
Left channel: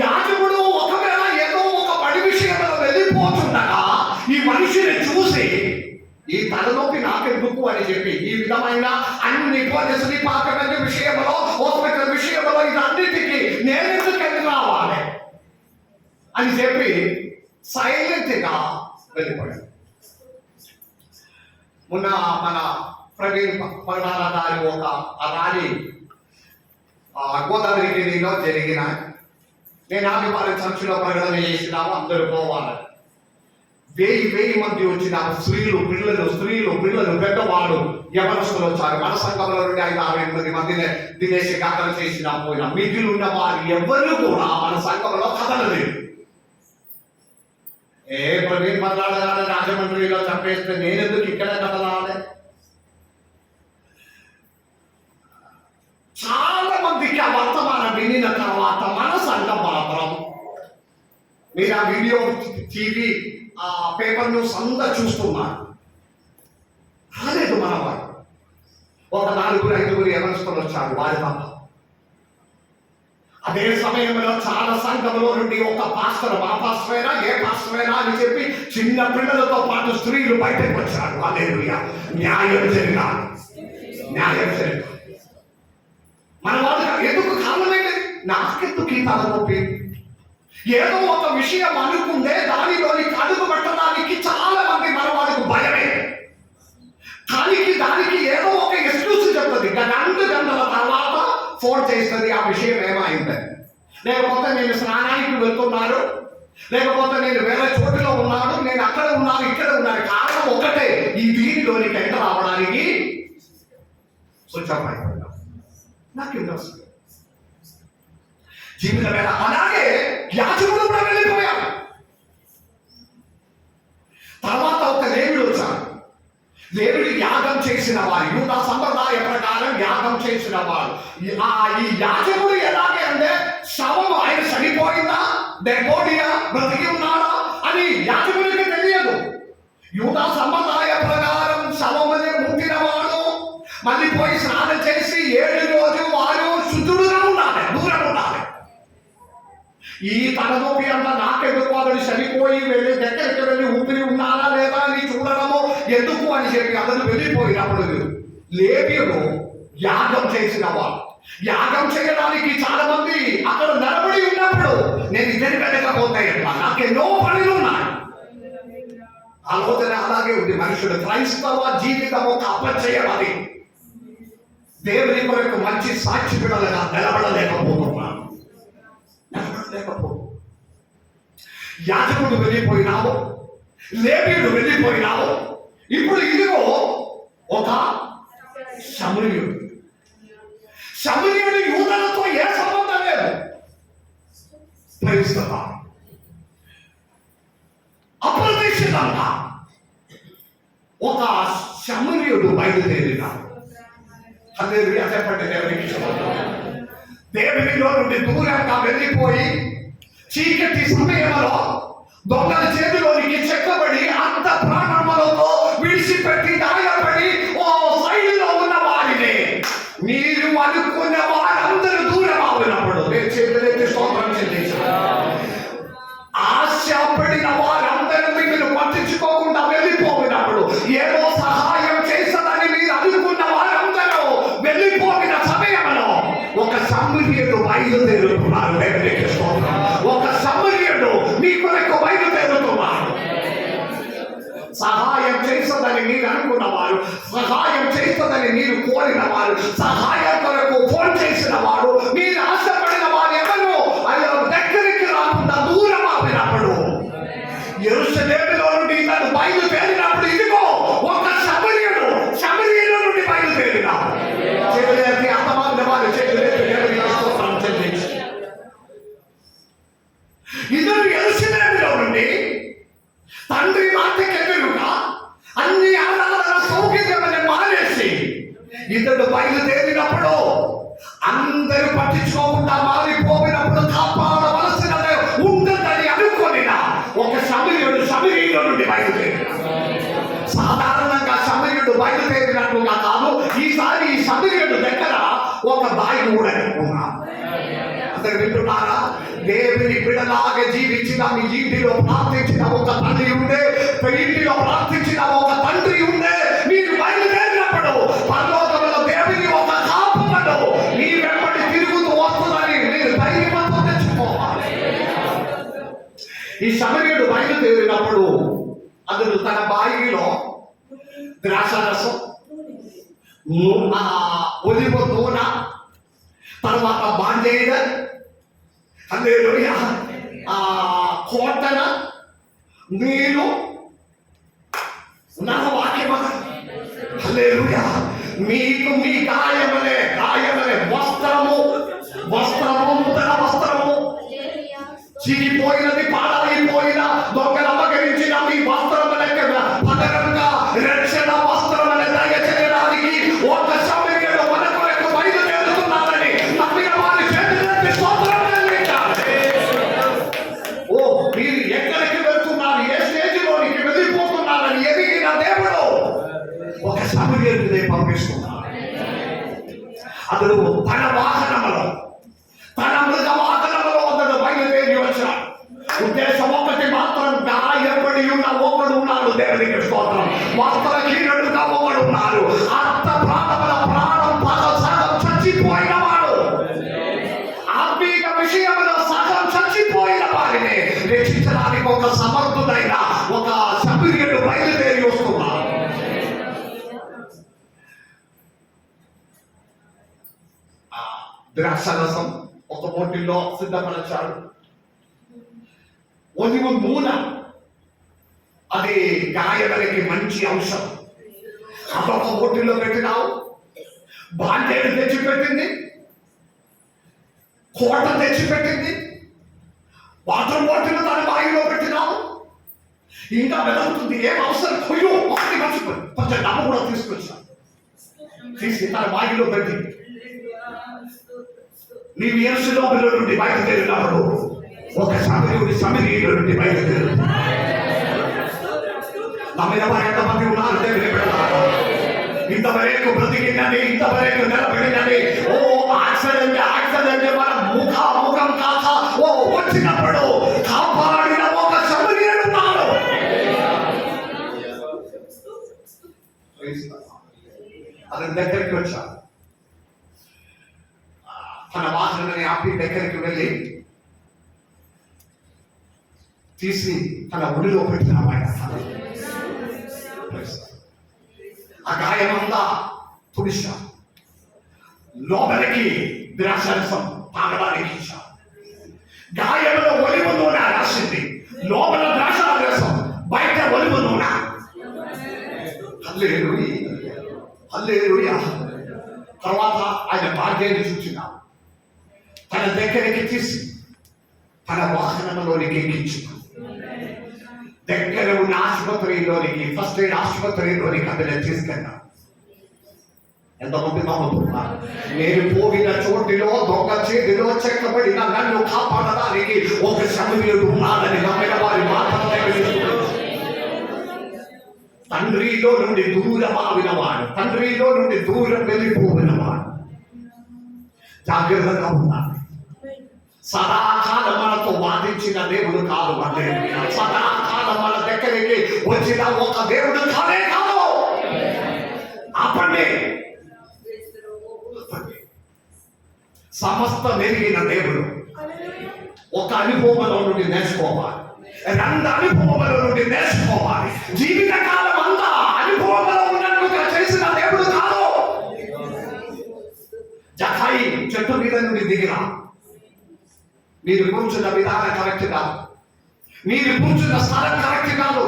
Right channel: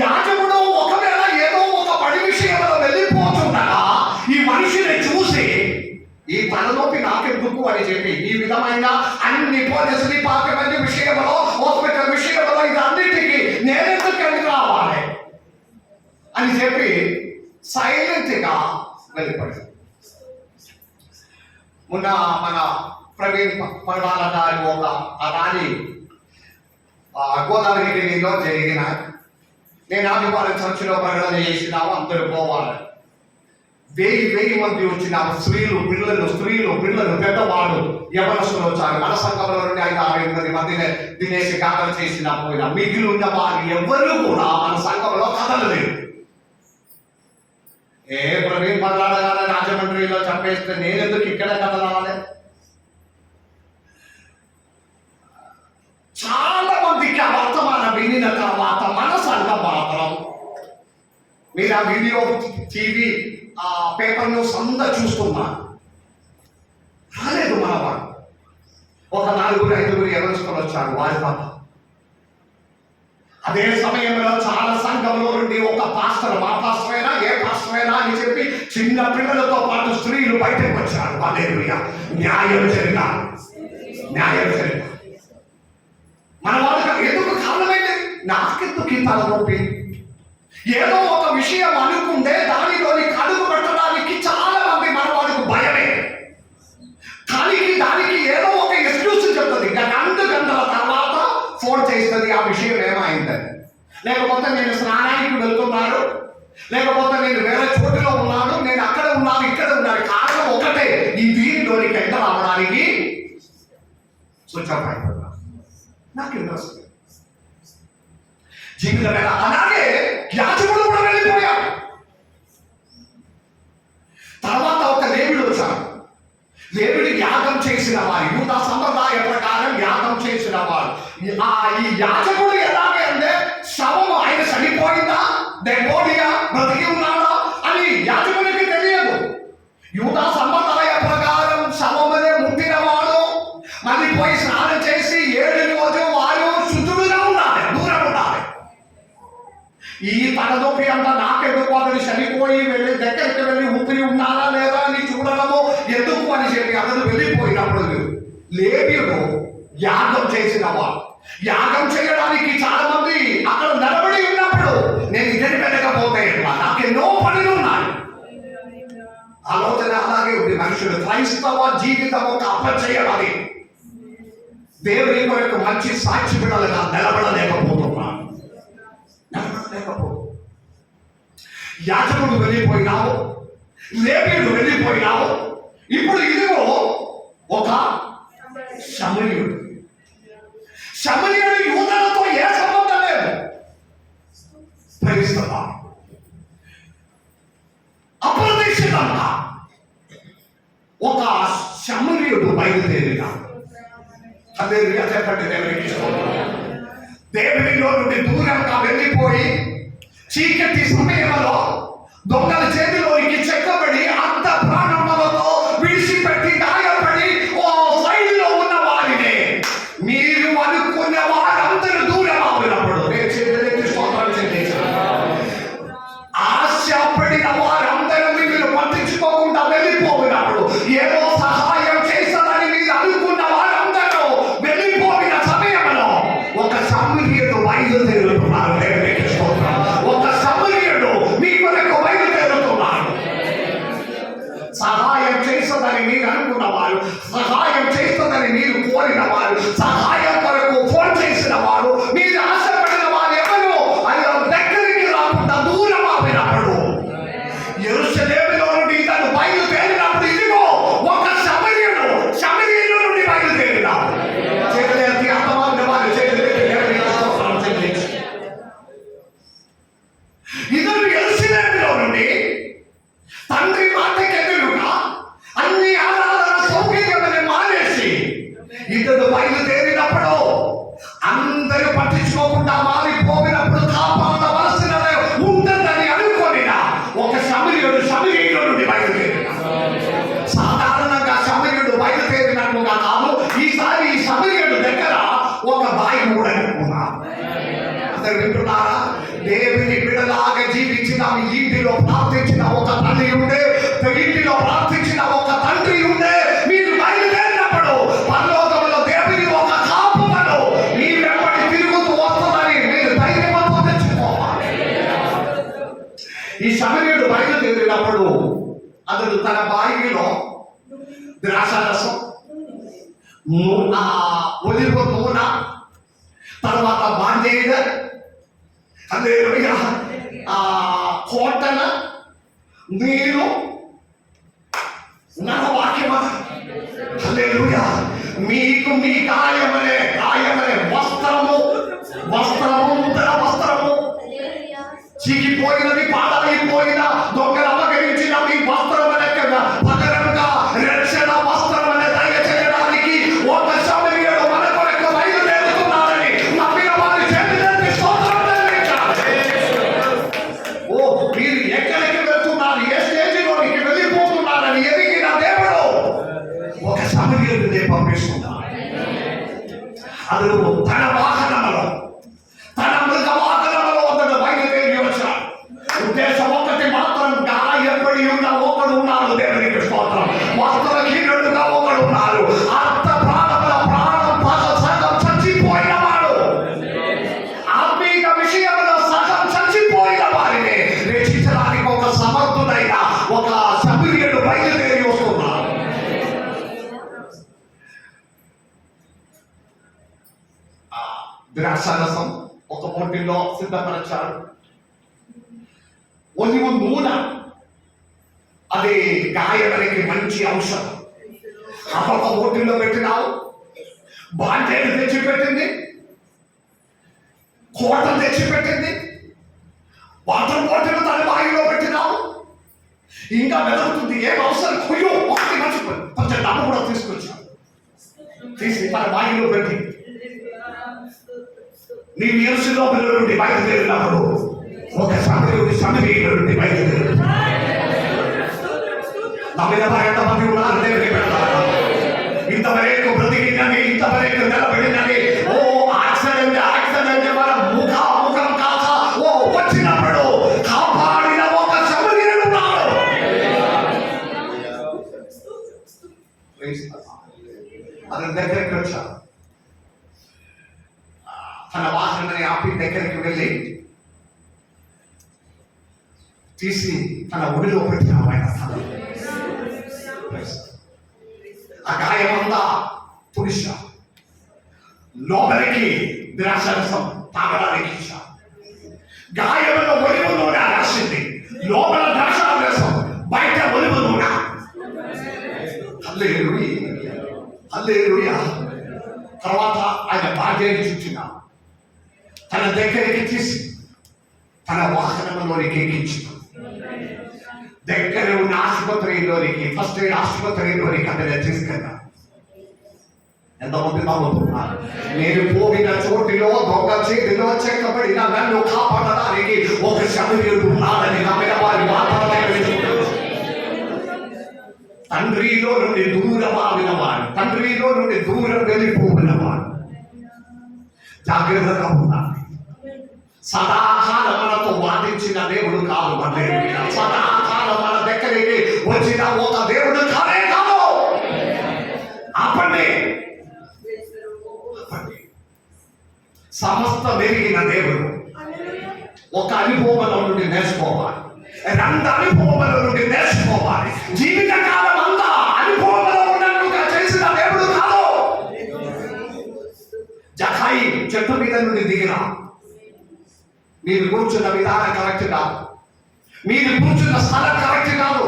యాజకుడు ఒకవేళ ఏదో ఒక పని విషయంలో వెళ్ళిపోతుండగా ఈ మనిషిని చూసి ఈ తలనొప్పి నాకెందుకు అని చెప్పి ఈ విధమైన అన్ని పోలీసు డిపార్ట్మెంట్ విషయంలో, హాస్పిటల్ విషయంలో ఇదన్నిటికీ నేనెందుకు రావాలి అని చెప్పి సైలెంట్ గా వెళ్ళిపోయాడు. మొన్న మన ప్రవీణ్ పరడాల గారి ఒక ర్యాలీ గోదావరిలో జరిగిన, నేను ఆదివారం చర్చిలో ప్రకటన చేసినాము, అందరూ పోవాలి. వెయ్యి మంది వచ్చిన స్త్రీలు పిల్లలు పెద్దవాళ్ళు యవనస్తులు వచ్చారు. మన సంఘంలో నుండి 5-6 మందిని దినేసి గాథ చేసిన పోయిన మిగిలి ఉన్న వారు ఎవరు కూడా మన సంఘంలో కదలలేదు. ప్రవీణ్ పదలాడగానే రాజమండ్రిలో చంపేస్తే నేనెందుకు ఇక్కడ కదలాలి? చాలా మందికి ఆ వర్తమానం వినిన తర్వాత మన సంఘం మాత్రం, మీరు ఆ వీడియో టీవీ ఆ పేపర్ న్యూస్ అంతా చూస్తున్నారు, రాలేదు మనవాడు. ఒక 4-5 యవనస్తులు వచ్చారు వారి తప్ప. అదే సమయంలో చాలా సంఘంలో నుండి ఒక పాస్టర్, మా పాస్టరేనా ఏ పాస్టరేనా అని చెప్పి చిన్న పిల్లలతో పాటు స్త్రీలు బయటకు వచ్చారు. హల్లెలూయా. న్యాయం జరిగారు. మన వాళ్ళకి ఎందుకు కారణమైంది? నాకెందుకు ఈ తలనొప్పి? ఏదో ఒక విషయం అనుకుంటే దానిలోని కడుగు పెట్టడానికి చాలా మంది మన వాళ్ళకు భయమే. దానికి ఏదో ఒక ఎక్స్క్యూజ్ చెప్తుంది. 2 గంటల తర్వాత ఫోన్ చేస్తుంది, ఆ విషయం ఏమైందని. లేకపోతే నేను స్నానానికి వెళ్తున్నాను, లేకపోతే నేను వేరే చోటులో ఉన్నాను, నేను అక్కడ ఉన్నాను, ఇక్కడ ఉన్నాను. కారణం ఒకటే, ఈ దీనిలోని గంట రావడానికి స్విచ్ ఆఫ్ అయిపోయింది. నాకు ఇంట్రెస్ట్ జీవితం మీద. అలాగే యాజకుడు కూడా వెళ్ళిపోయాడు. తర్వాత ఒక లేవీడు వచ్చాడు. లేవీడు యాగం చేసిన వారు, యూదా సంప్రదాయ ప్రకారం యాగం చేసిన వారు. ఈ యాజకుడు ఎలాగే అంటే శవం, ఆయన చనిపోయిందా, డెడ్ బాడీయా, బ్రతికి ఉన్నాడా అని యాజకుడికి తెలియదు. యూదా సంప్రదాయ ప్రకారం శవమనే ముట్టిన వాడు మళ్ళీ పోయి స్నానం చేసి 7 రోజులు వారు శుద్ధుడుగా ఉండాలి, దూరం ఉండాలి. ఈ తలనొప్పి అంతా నాకెందుకు, అతడు చనిపోయి వెళ్ళి దగ్గరికి వెళ్ళి ఊపిరి ఉన్నారా లేదా అని చూడడము ఎందుకు అని చెప్పి అతను వెళ్ళిపోయినప్పుడు లేవీయుడు యాగం చేసిన వాడు. యాగం చేయడానికి చాలా మంది అక్కడ నిలబడి ఉన్నప్పుడు నేను ఇద్దరి వెళ్ళకపోతే నాకెన్నో పనులు ఉన్నాయి. ఆలోచన అలాగే ఉంది. మనుషుడు క్రైస్తవ జీవితం ఒక అపచయమని దేవుని కొరకు మంచి సాక్షి బిడ్డలుగా నిలబడలేకపోతున్నాను. యాజకుడు వెళ్ళిపోయినావు, లేవీయుడు వెళ్ళిపోయినావు. ఇప్పుడు ఇదిగో ఒక సమరయుడు. యూదులతో ఏ సంబంధం లేదు. అప్రతిష్ఠితంగా ఒక సమరయుడు బయలుదేరినాడు. హల్లెలూయా చెప్పండి. దేవునిలో నుండి దూరంగా వెళ్ళిపోయి చీకటి సమయంలో దొంగల చేతిలోనికి చెక్కబడి అంత ప్రాణములతో విడిచిపెట్టి గాయపడి ఓ సైడ్లో ఉన్న వారిని మీరు అనుకున్న వారందరూ దూరం అవునప్పుడు నేను చేతులెత్తి స్తోత్రం చెల్లించాను. ఆశపడిన వారందరూ మీరు పట్టించుకోకుండా వెళ్ళిపోయినప్పుడు, ఏదో సహాయం చేస్తారని మీరు అనుకున్న వారందరూ వెళ్ళిపోయిన సమయంలో ఒక సమరయుడు బయలుదేరుతున్నారు. దేవునికి స్తోత్రం. ఒక సమరయుడు మీ కొరకు బయలుదేరుతున్నారు. సహాయం చేస్తుందని మీరు అనుకున్నవారు, సహాయం చేస్తుందని మీరు కోరిన వారు, సహాయం కొరకు ఫోన్ చేసిన వారు, మీరు ఆశపడిన వారు ఎవరు ఆయన దగ్గరికి రాకుండా దూరం ఆపినప్పుడు, యెరూషలేములో నుండి ఇతను బయలుదేరినప్పుడు ఇదిగో ఒక సమరయుడు సమరయులో నుండి బయలుదేరినాడు. చేతులెత్తి అర్థమైన వారు చేతులెత్తి దేవునికి స్తోత్రం చెల్లించి, ఇతను యెరూషలేములో నుండి తండ్రి మాటకి ఎదురుగా అన్ని ఆరాధన సౌకర్యాలను మానేసి ఇతడు బయలుదేరినప్పుడు అందరూ పట్టించుకోకుండా మారిపోయినప్పుడు కాపాడవలసినది ఉంటుందని అనుకోని ఒక సమరయులో నుండి బయలుదేరిన. సాధారణంగా సమరయుడు బయలుదేరినట్లుగా కాదు, ఈసారి ఈ సమరయుడు దగ్గర ఒక బాయి కూడా అనుకున్నాడు. అందరు వింటున్నారా? దేవుని బిడ్డలాగా జీవించిన మీ ఇంటిలో ప్రార్థించిన ఒక తల్లి ఉండే, ఇంటిలో ప్రార్థించిన ఒక తండ్రి ఉండే, మీరు బయలుదేరినప్పుడు పరలోకంలో దేవుని ఒక కాపుదలు మీ వెంబడి తిరుగుతూ వస్తుందని మీరు ధైర్యంతో తెచ్చుకోవాలి. ఈ సమరయుడు బయలుదేరినప్పుడు అతడు తన బాయిలో ద్రాక్షారసం, ఒలివ నూనె, తర్వాత బాండేడ్, హల్లెలూయా, కోటన, నీరు, మీకు మీ గాయమలే వస్త్రము నూతన వస్త్రము చిగిపోయినది పాడైపోయిన దొంగలు అపహరించిన మీ వస్త్రము లెక్క పగరంగా రక్షణ వస్త్రమును దయచేయడానికి ఒక సమయంలో మన కొరకు బయలుదేరుతున్నారని నమ్మిన వారి చేతులెత్తి స్తోత్రం చెల్లించాలి. ఓ మీరు ఎక్కడికి వెళ్తున్నారు, ఏ స్టేజిలోనికి వెళ్ళిపోతున్నారని ఎదిగిన దేవుడు ఒక సమయంలో పంపిస్తున్నారు. అతడు తన వాహనములో తన మృగ వాహనములో అతడు బయలుదేరి వచ్చాడు. ఉద్దేశం ఒకటి మాత్రం, గాయపడి ఉన్న ఒకడు ఉన్నాడు. దేవునికి స్తోత్రం. వస్త్రహీనుడుగా ఒకడు ఉన్నారు. అర్థ ప్రాణముల ప్రాణం సగం చచ్చిపోయిన వాడు, ఆత్మీయ విషయంలో సగం చచ్చిపోయిన వారిని రక్షించడానికి ఒక సమర్థుడైన ఒక సభ్యుడు బయలుదేరి వస్తున్నాడు. ద్రాక్షారసం ఒక బాటిల్లో సిద్ధపరచాడు. ఒలివ నూనె, అది గాయలకి మంచి ఔషధం, అదొక బాటిల్లో పెట్టినావు. బాండేలు తెచ్చిపెట్టింది, కోట తెచ్చిపెట్టింది, వాటర్ బాటిల్ తన బాయిలో పెట్టినావు. ఇంకా వెతుకుతుంది, ఏం అవసరం కొయ్యో ఒకటి మర్చిపోయి కొంచెం డబ్బు కూడా తీసుకొచ్చావు. తీసి తన బాయిలో పెట్టి నీవు యెరూషలేములో నుండి బయలుదేరినప్పుడు ఒక సమరీయుల నుండి బయలుదేరు. నమ్మిన వారు ఎంతమంది ఉన్నారు దేవుని పెడతారు. ఇంతవరకు బ్రతికిందని, ఇంతవరకు నిలబడినని, ఓ యాక్సిడెంట్ మన ముఖం కాక ఓ వచ్చినప్పుడు కాపాడిన ఒక సమరీయుడు ఉన్నాడు. అతని దగ్గరికి వచ్చాడు. తన వాహనాన్ని ఆపి దగ్గరికి వెళ్ళి తీసి తన ఒడిలో పెట్టిన ఆయన ఆ గాయమంతా తుడిశా, లోపలికి ద్రాక్షరసం తాగడానికి ఇచ్చా. గాయంలో ఒలివ నూనె రాసింది, లోపల ద్రాక్షరసం, బయట ఒలివ నూనె. హల్లెలూయా. తర్వాత ఆయన భార్యని చూచినా తన దగ్గరికి తీసి తన వాహనంలోనికి ఎక్కించిన. దగ్గర ఉన్న ఆసుపత్రిలోనికి, ఫస్ట్ ఎయిడ్ ఆసుపత్రిలోనికి అతను తీసుకెళ్ళా. ఎంతమంది నమ్ముతున్నారు? నేను పోయిన చోటిలో దొంగ చేతిలో చెక్కబడిన నన్ను కాపాడడానికి ఒక సమీరుడు ఉన్నాడని నమ్మిన వారి మాత్రమే వెళ్తున్నారు. తండ్రిలో నుండి దూరమావిన వాడు, తండ్రిలో నుండి దూరం వెళ్ళిపోయిన వాడు జాగ్రత్తగా ఉన్నారు. సదాకాలం మనతో వాదించిన దేవుడు కాదు. సదాకాలం మన దగ్గరికి వచ్చిన ఒక దేవుడు కానే కాదు. ఆపండి. సమస్త మెరిగిన దేవుడు ఒక అనుభవంలో నుండి నేర్చుకోవాలి, రెండు అనుభవంలో నుండి నేర్చుకోవాలి. జీవిత కాలం అంతా అనుభవంలో ఉన్నట్టుగా చేసిన దేవుడు కాదు. జకాయి చెట్టు మీద నుండి దిగిరా. మీరు కూర్చున్న విధానం కరెక్ట్ కాదు, మీరు కూర్చున్న స్థలం కరెక్ట్ కాదు.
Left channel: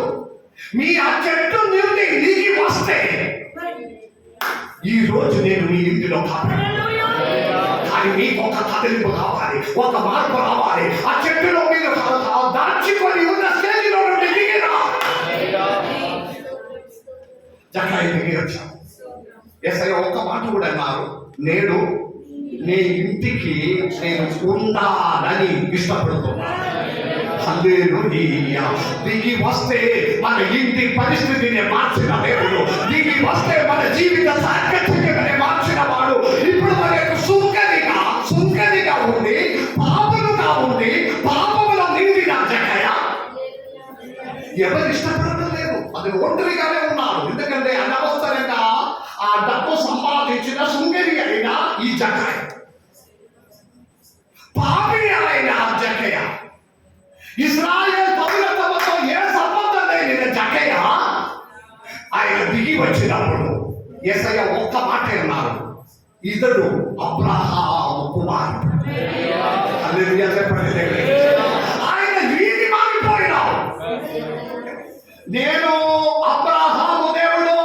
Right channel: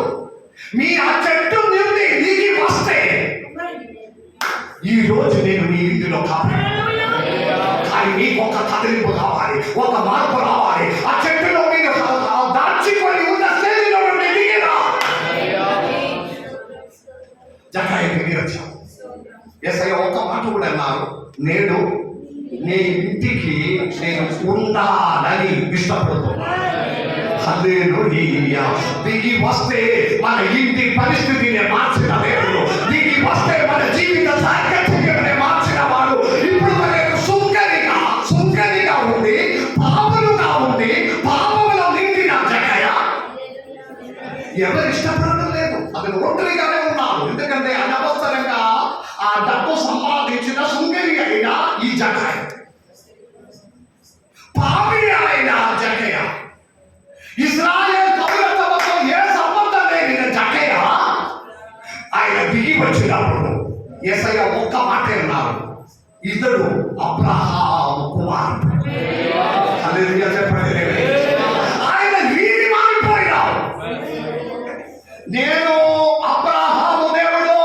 మీ ఆ చెట్టు నుండి దిగి వస్తే ఈ రోజు నేను మీ ఇంటిలో కాపాడు. కానీ మీకు ఒక కదిలింపు కావాలి, ఒక మార్పు రావాలి. ఆ చెట్టులో మీరు దాచుకొని ఉన్న స్టేజిలో నుండి దిగిరా. జకాయి దిగి వచ్చాను. యేసయ్య ఒక్క మాట కూడా అన్నారు, నేడు నీ ఇంటికి నేను ఉండాలని ఇష్టపడుతున్నాను. హల్లెలూయా. దిగి వస్తే మన ఇంటి పరిస్థితిని మార్చిన దేవుడు, దిగి వస్తే మన జీవిత సాంకేతికతని మార్చిన వాడు. ఇప్పుడు మనకు సుంకరిగా ఉండి, పాపలుగా ఉండి, పాపములో నిండిన జకయ ఎవరు ఇష్టపడడం లేదు. అతను ఒంటరిగానే ఉన్నాడు. ఎందుకంటే అనవసరంగా ఆ డబ్బు సంపాదించిన సుంకరి అయిన ఈ జకయ, పాపి అయిన జకయ, ఇశ్రాయేల్ పౌరత్వంతో ఏ సంబంధం లేని జకయ ఆయన దిగి వచ్చినప్పుడు యేసయ్య ఒక్క మాట అన్నారు, ఇతడు అబ్రహాము కుమారుడు. హల్లెలూయా చెప్పండి. ఆయన వీధి మారిపోయినాడు. నేను అబ్రహాము దేవుడు,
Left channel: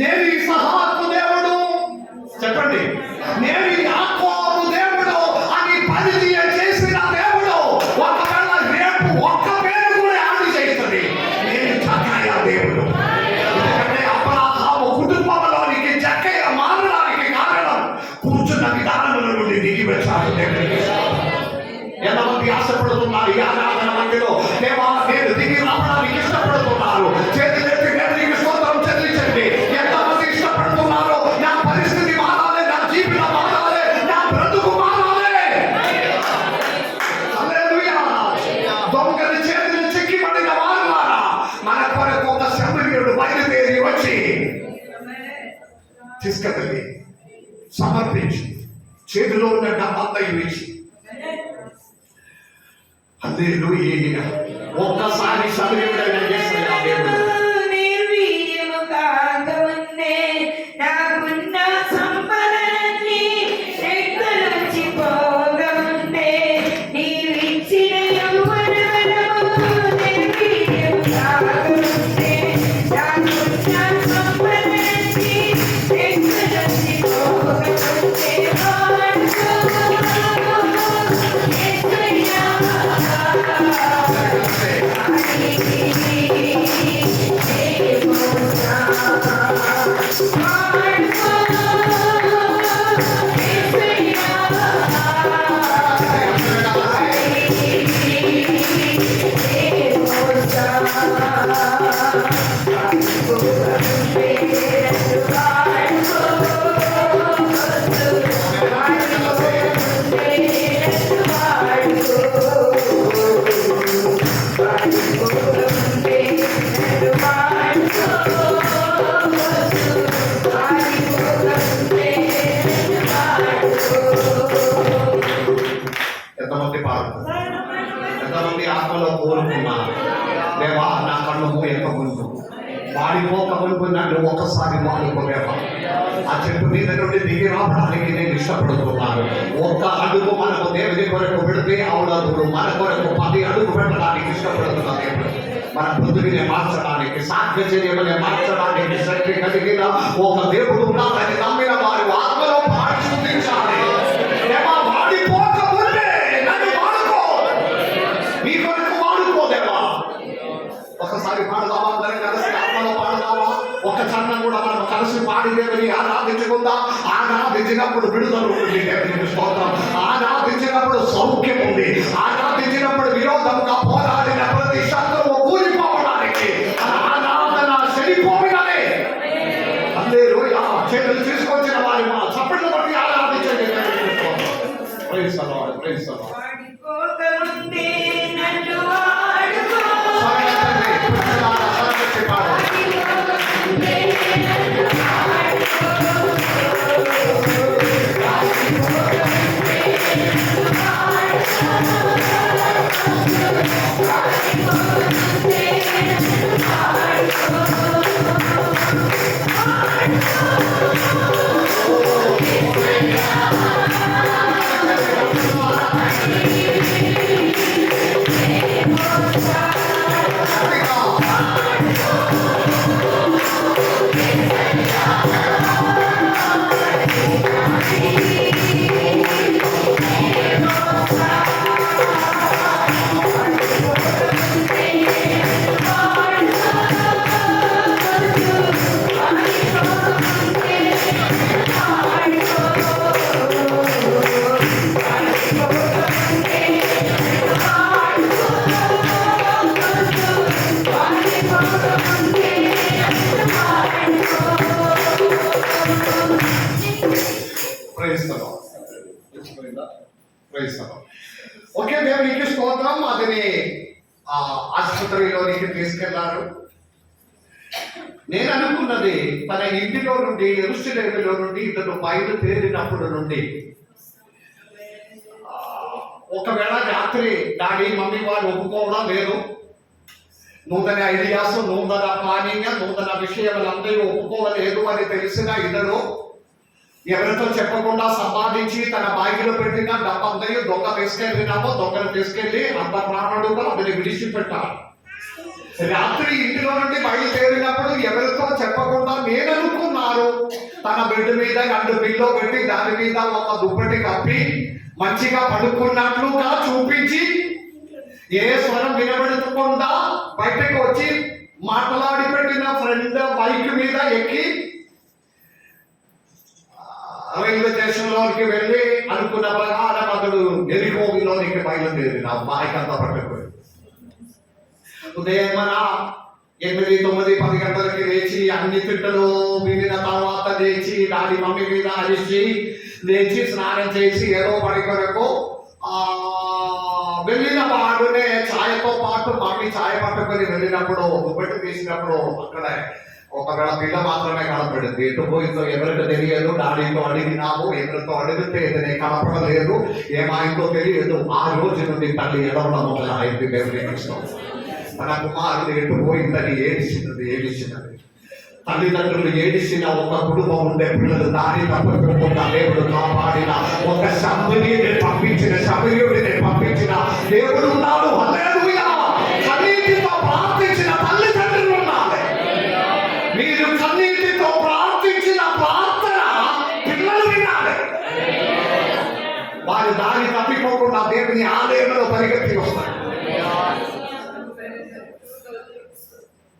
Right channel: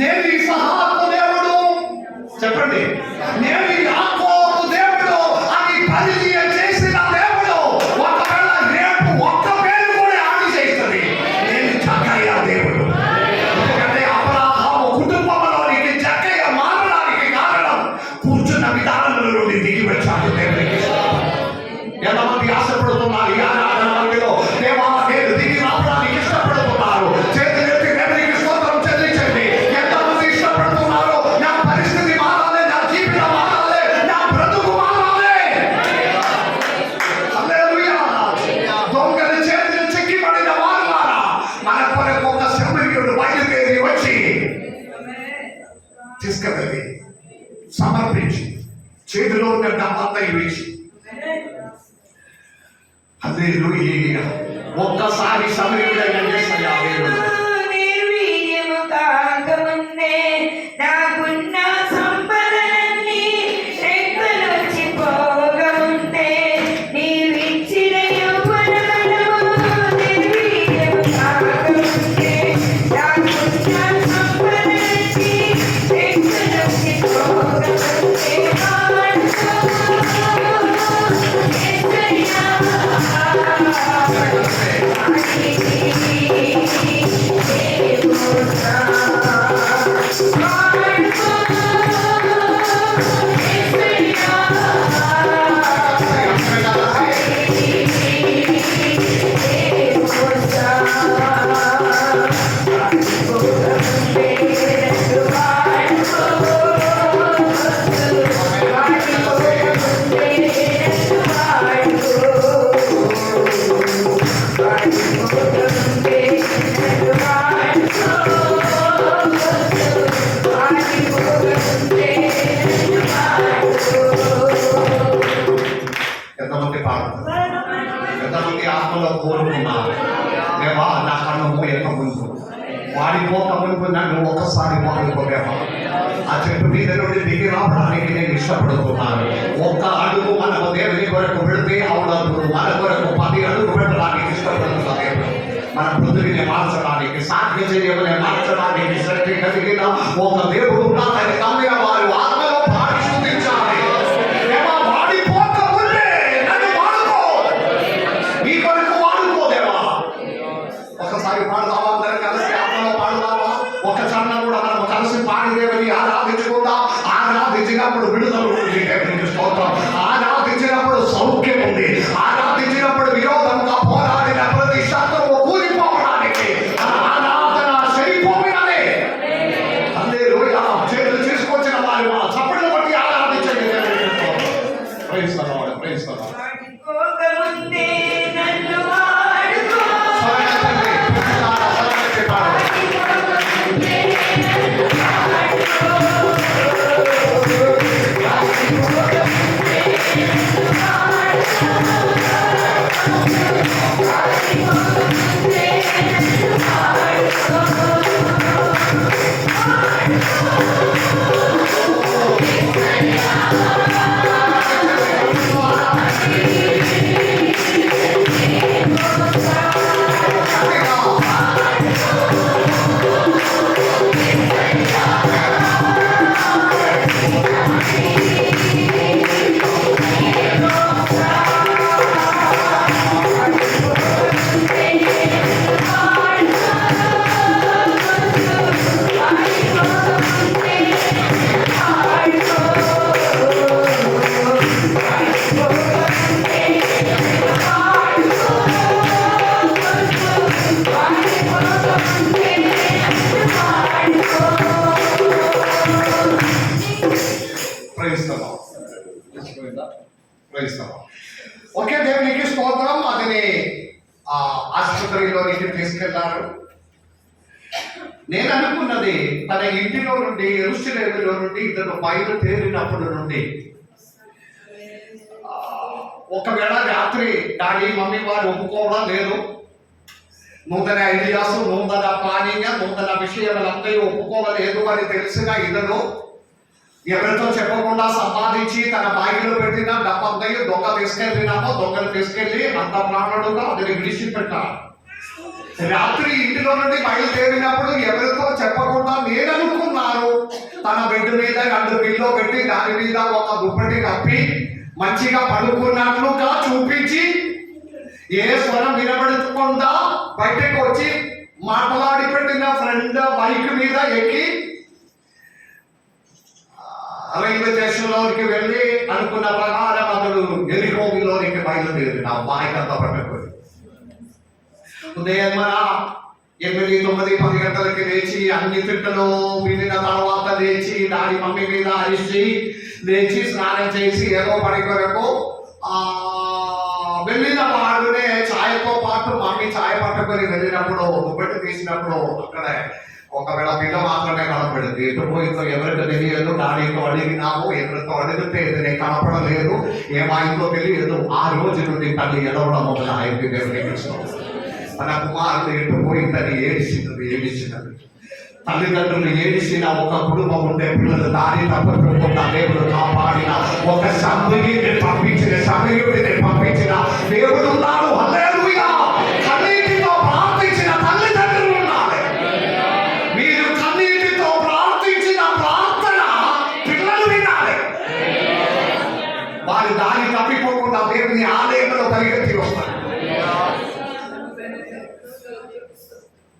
నేను ఇస్హాకు దేవుడు, తీసుకెళ్ళి సమర్పించి చేతిలో ఉన్న డబ్బంతా ఇవ్వేసి హల్లెలూయా. ఒక్కసారి సమర్పించండి. నిర్వీర్యము కాకముందే నాకున్న సంపదలన్నీ రెక్కలొచ్చి పోగముందే నీవిచ్చిన యౌవనబలము నిర్వీర్యము కాకముందే నాకున్న సంపదలన్నీ రెక్కలొచ్చి పోగముందే ఎంతమంది పాడుతున్నారు? ఎంతమంది ఆత్మలో కోరుకున్నారు? దేవా నా కళ్ళు పోయక ముందు వాడిపోక ముందు నన్ను ఒకసారి వాడుకోవేవా. ఆ చెట్టు మీద నుండి దిగి రావడానికి నేను ఇష్టపడుతున్నాను. ఒక్క అడుగు మనకు దేవుని కొరకు పెడితే అవునప్పుడు మన కొరకు 10 అడుగు పెట్టడానికి ఇష్టపడుతున్నా దేవుడు. మన బుద్ధిని మార్చడానికి, సాధ్యతని మార్చడానికి శక్తి కలిగిన ఒక దేవుడు ఉన్నాడని నమ్మిన వారు ఆత్మలో పాడి చూపించాలి. దేవా వాడిపోక ముందే నన్ను వాడుకో, నీ కొరకు వాడుకో దేవా. ఒకసారి పాడదామా? అందరం కలిసి ఆత్మలో పాడదామా? ఒక చరణం కూడా మనం కలిసి పాడి దేవుని ఆరాధించుకుందాం. ఆరాధించినప్పుడు విడుదల ఉంది దేవునికి స్తోత్రం. ఆరాధించినప్పుడు సౌఖ్యం ఉంది. ఆరాధించినప్పుడు విరోధంగా పోరాడిన ప్రతి శత్రువు కూలిపోవడానికి ఆరాధన సరిపోయినదే. హల్లెలూయా. చేతులు తీసుకొచ్చిన వారి చప్పట్లు కొట్టి ఆరాధించండి. Praise the lord, praise the Lord. వాడుకోకముందే నన్ను వాడుకో. ఓకే, దేవునికి స్తోత్రం. అతని ఆసుపత్రిలోనికి తీసుకెళ్లారు. నేను అనుకున్నది తన ఇంటిలో నుండి యెరూషలేములో నుండి ఇతను బయలుదేరినప్పుడు నుండి ఒకవేళ రాత్రి డాడీ మమ్మీ వారు ఒప్పుకోవడం లేదు, నూతన ఐడియాస్, నూతన ప్లానింగ్, నూతన విషయములందరూ ఒప్పుకోవలేదు అని తెలిసిన ఇతను ఎవరితో చెప్పకుండా సంపాదించి తన బాగిలో పెట్టిన డబ్బందయ్య దొంగలు తీసుకెళ్లి అంత ప్రాణుడుగా అతని విడిచిపెట్టారు. రాత్రి ఇంటిలో నుండి బయలుదేరినప్పుడు ఎవరితో చెప్పకుండా నేను అనుకున్నాను తన బెడ్ మీద 2 పిల్లో పెట్టి దాని మీద ఒక దుప్పటి కప్పి మంచిగా పడుకున్నట్లుగా చూపించి ఏ స్వరం వినబడకుండా బయటకు వచ్చి మాట్లాడి పెట్టిన ఫ్రెండ్ బైక్ మీద ఎక్కి రైల్వే స్టేషన్లోనికి వెళ్ళి అనుకున్న ప్రకారం అతడు ఎరికోవిలోనికి బయలుదేరిన బైక్ అంతా పట్టుకొని ఉదయం మన 8, 9, 10 గంటలకి లేచి అన్ని తిట్టలు వినిన తర్వాత లేచి డాడీ మమ్మీ మీద అరిచి లేచి స్నానం చేసి ఏదో పడి కొరకు వెళ్ళిన వాడునే ఛాయ్తో పాటు మమ్మీ ఛాయ్ పట్టుకొని వెళ్ళినప్పుడు దుప్పటి తీసినప్పుడు అక్కడ ఒకవేళ పిల్ల మాత్రమే కనపడింది, ఎటు పోయిందో ఎవరికి తెలియదు. డాడీతో అడిగినాము, ఎవరితో అడిగితే ఏదైనా కనపడలేదు, ఏమైందో తెలియదు. ఆ రోజు నుండి తల్లి ఎడవడం మొదలైంది. దేవుని తన కుమారుడు ఎటు పోయిందని ఏడిచినది. తల్లిదండ్రులు ఏడిసిన ఒక కుటుంబం ఉండే, పిల్లలు దారి తప్పకుండా దేవుడు కాపాడిన ఒక సమరీని పంపించిన దేవుడు ఉన్నాడు. హల్లెలూయా. కన్నీటితో ప్రార్థించిన తల్లిదండ్రులు ఉన్నారు. మీరు కన్నీటితో ప్రార్థించిన ప్రార్థన పిల్లలు వినాలి. వారి దారి తప్పిపోకుండా దేవుని ఆలయంలో పరిగెత్తి వస్తారు.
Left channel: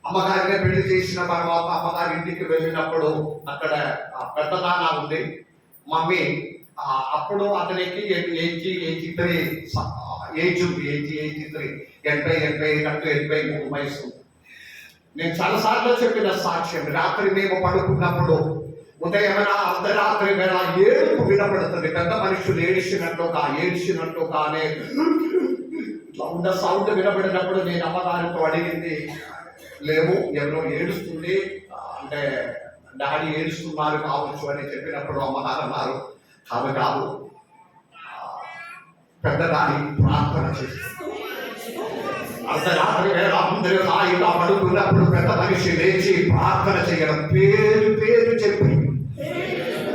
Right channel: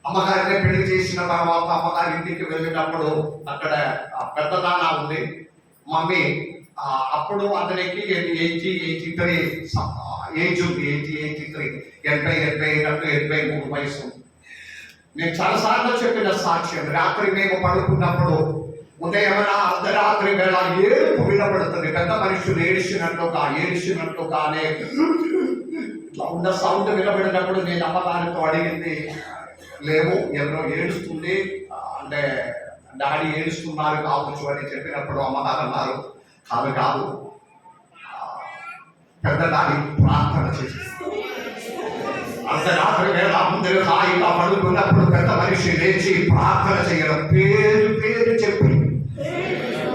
అమ్మగారిని పెళ్లి చేసిన తర్వాత అమ్మగారి ఇంటికి వెళ్ళినప్పుడు అక్కడ పెద్దదానా ఉంది మమ్మీ. అప్పుడు అతనికి 83 ఏజ్ ఉంది. 83 వయసు. నేను చాలాసార్లు చెప్పిన సాక్ష్యం, రాత్రి మేము పడుకున్నప్పుడు ఉదయమైన అర్ధరాత్రి వేళ ఏడుపు వినపడుతుంది. పెద్ద మనుషులు ఏడిచినట్టుగానే ఇట్లా ఉన్న సౌండ్ వినబడినప్పుడు నేను అమ్మగారితో అడిగింది, లేవు ఎవరో ఏడుస్తుంది అంటే డాడీ ఏడుస్తున్నారు కావచ్చు అని చెప్పినప్పుడు అమ్మగారు అన్నారు, కాదు పెద్ద డాడీ ప్రార్థన చేస్తుంది. అర్ధరాత్రి వేళ అందరూ హాయిగా పడుకున్నప్పుడు పెద్ద మనిషి లేచి ప్రార్థన చేయడం, పేరు చెప్పి,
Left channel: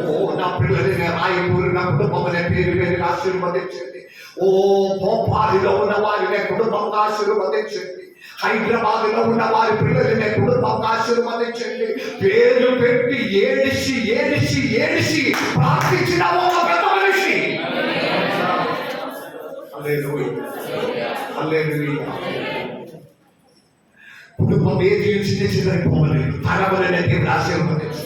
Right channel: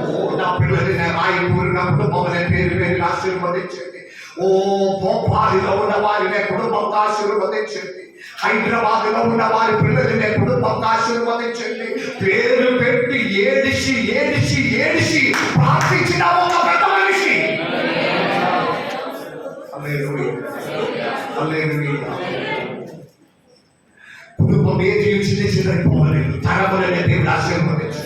ఓ నా పిల్లల్ని నేను రాయి కూరినప్పుడు మొదలై పేరు ఆశీర్వదించింది. ఓ భోపాలిలో ఉన్న వారిని కుటుంబంగా ఆశీర్వదించింది. హైదరాబాద్ లో ఉన్న వారి పిల్లల్ని కుటుంబంగా ఆశీర్వదించండి. పేరు పెట్టి ఏడిచి ప్రార్థించిన ఒక పెద్ద మనిషి. కుటుంబం ఏది చిన్నపోలేదు, తరములనే దేవుడు ఆశీర్వదించు.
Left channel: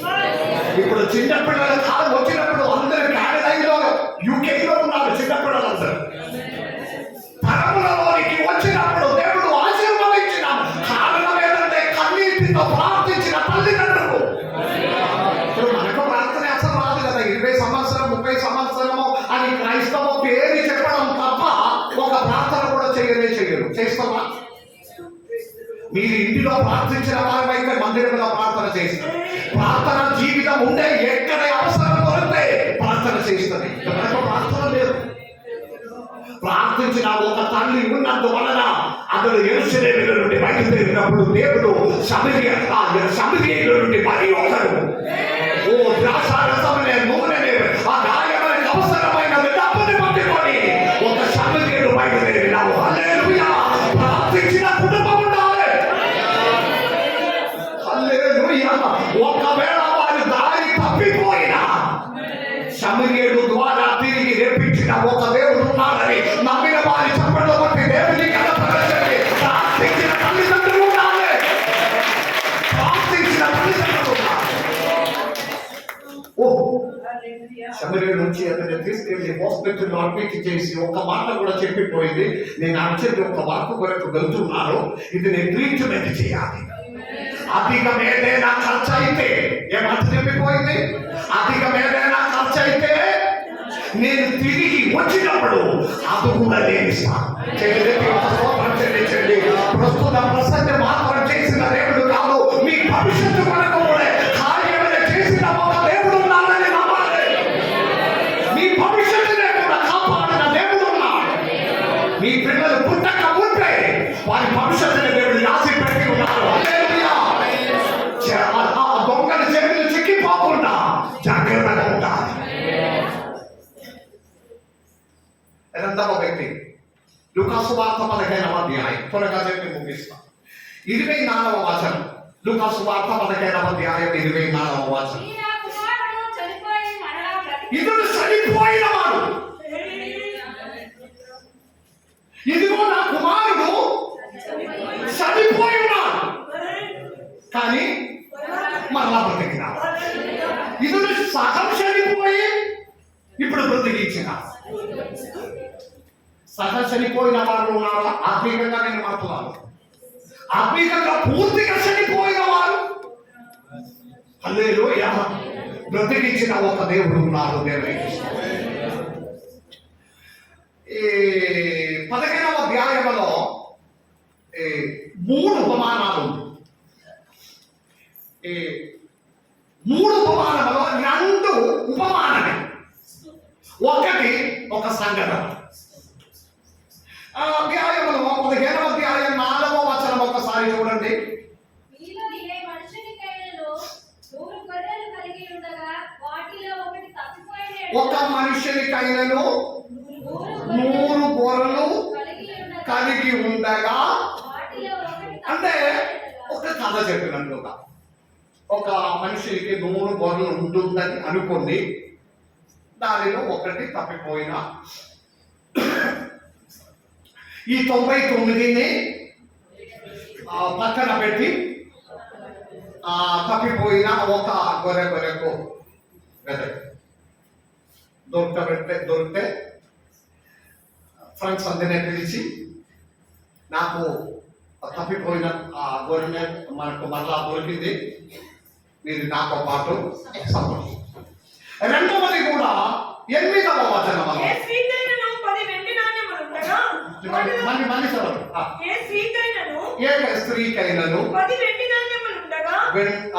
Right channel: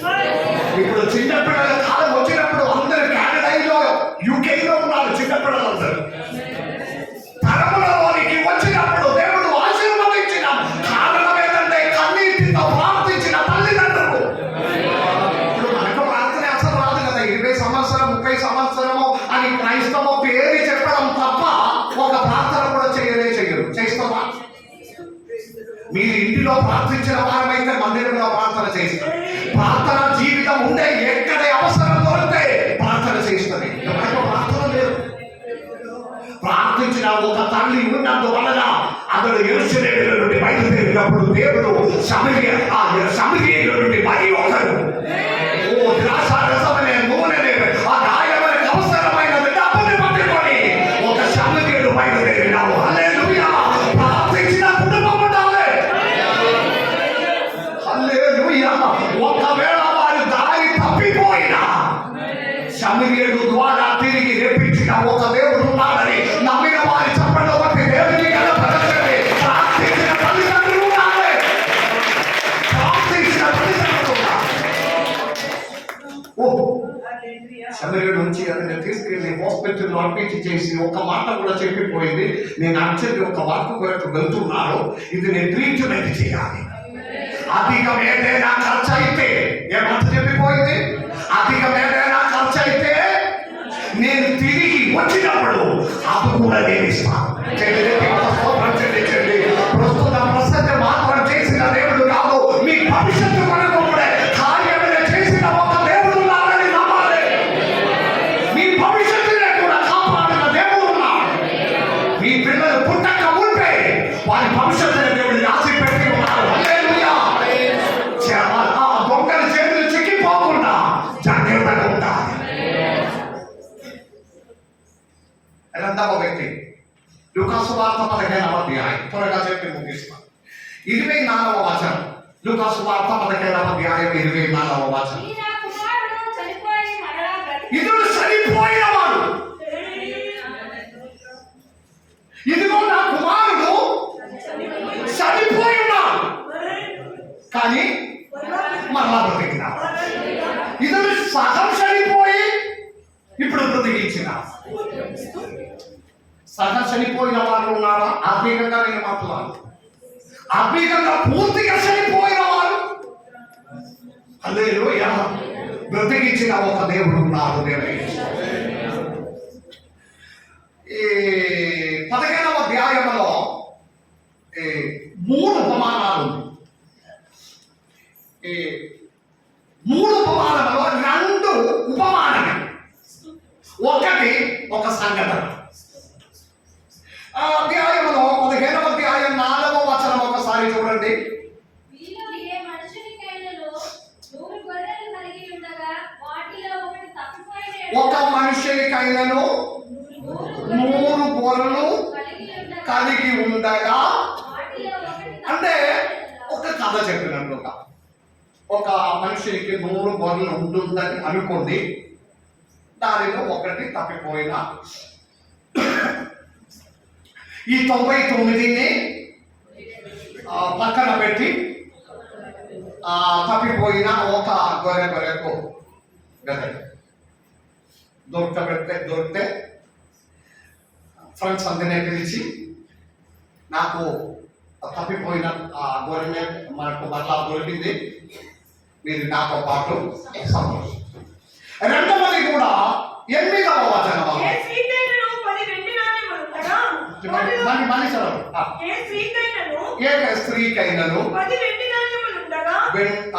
ఇప్పుడు చిన్నపిల్లల కాలం వచ్చినప్పుడు అందరూ కెనడాలో యూకేలో ఉన్నారు. చిన్నపిల్లలందరూ తరములలోనికి వచ్చినప్పుడు దేవుడు ఆశీర్వదించిన కారణం ఏంటంటే కన్నీటితో ప్రార్థించిన తల్లిదండ్రులు. ఇప్పుడు మనకు ప్రార్థన అసలు రాదు కదా. 20 సంవత్సరం 30 సంవత్సరము అని క్రైస్తవ పేరు చెప్పడం తప్ప ఒక ప్రార్థన కూడా చేయరు. చేస్తావా? మీరు ఇంటిలో ప్రార్థించిన వారమైతే మందిరంలో ప్రార్థన చేస్తారు. ప్రార్థన జీవితం ఉండే, ఎక్కడ అవసరం దొరికితే ప్రార్థన చేస్తుంది. మనకు ప్రార్థన లేదు. ప్రార్థించిన ఒక తల్లి ఉన్నందువలన అతడు యెరూషలేములో నుండి బయలుదేరినప్పుడు దేవుడు సమరియలో నుండి మరి ఒకరు ద్రాక్షారసమనే నూనెనే ఆ గాయములకు అవసరమైనది డబ్బుని పట్టుకొని ఒక సమరియలు బయలుదేరినాడు. హల్లెలూయా. ప్రార్థించిన కుటుంబం ఉండాలి. హల్లెలూయా. ఒకవేళ వారి దారి తప్పిపోయినా సమరియలు ద్వారా తిరిగి రేపించిన ఒక దేవుడు ఉన్నాడని నమ్మిన వారి చెప్పడం బట్టి దేవుని కనపరచండి. ప్రార్థించిన తల్లిదండ్రులు ఉండాలి. సమరియలు నుంచి అతన్ని తీసుకెళ్లి హాస్పిటల్లో అడ్మిట్ చేసి ఒక మాట కూడా చెప్పిపోయింది, నేను అర్జెంట్ ఒక వర్క్ కొరకు వెళ్తున్నాను, ఇది నేను ట్రీట్మెంట్ చేయాలి. అధికం ఏదైనా ఖర్చు అయితే ఏమంత చెప్పిపోయింది, అధికం ఏదైనా ఖర్చు అయితే నేను తిరిగి వచ్చినప్పుడు అది కూడా నేను ఇస్తాను. ప్రస్తుతం ప్రసంగం మాత్రం చేసిన దేవుడు కాదు, మీ భవిష్యత్తు కొరకు కూడా కార్యములు చేసిన ఒక దేవుడు ఉన్నాడని నమ్మాలి. మీ భవిష్యత్తునే కూడా కాపాడిన దేవుడు ఉన్నాడు. మీ పిల్లలు పుట్టక ఉంటే వారి భవిష్యత్తుని దేవుడు రాసి పెట్టి ఉన్నాడు. దొంగల చేతులు చిక్కిపోకుండా జాగ్రత్తగా ఉంటారు. రెండవ వ్యక్తి లూకాసు వార్త 15వ అధ్యాయం, త్వరగా చెప్పి ముగిస్తాను. 24వ వచనం. లూకాసు వార్త 15వ అధ్యాయం 24వ వచనం. ఇతడు చనిపోయినవాడు, ఇదిగో నా కుమారుడు చనిపోయి ఉన్నాడు కానీ మరలా బ్రతికినాడు. ఇతడు సగం చనిపోయి ఇప్పుడు బ్రతికించిన. సగం చనిపోయిన వారు ఉన్నారా? ఆత్మీయంగా నేను మాట్లాడు. ఆత్మీయంగా పూర్తిగా చనిపోయిన వారు హల్లెలూయా బ్రతికించిన ఒక దేవుడు ఉన్నాడు. ఈ 15వ అధ్యాయంలో 3 ఉపమానాలు. ఈ 3 ఉపమానములో 2 ఉపమానమే, ఒకటి ఒక సంఘటన. అధ్యాయంలో 15వ అధ్యాయం 4వ వచనం ఒకసారి చూడండి. మీలో ఏ మనుషునికైనను 100 గొర్రెలు కలిగి ఉండగా వాటిలో ఒకటి తప్పిపోయిన ఒక మనుషునికైనను 100 గొర్రెలు కలిగి ఉండగా, వాటిలో ఒకటి అంటే ఒక కథ చెప్పినట్లుగా ఒక మనిషికి 100 గొర్రెలు ఉంటుందని అనుకోండి, దానిలో ఒకటి తప్పిపోయిన ఈ 99ని పక్కన పెట్టి తప్పిపోయిన ఒక గొర్రెకు దొరికితే ఫ్రెండ్స్ అందరినీ పిలిచి, నాకు తప్పిపోయిన ఆ గొర్రెనే మనకు మరలా దొరికింది, మీరు నాతో పాటు సంతోషం. రెండవది కూడా 8వ వచనం. ఏ స్త్రీకైనను 10 వెండి నాణెములుండగా మళ్ళీ చదవండి. ఏ స్త్రీకైనను ఏ స్త్రీకైనను 10 వెండి నాణెములుండగా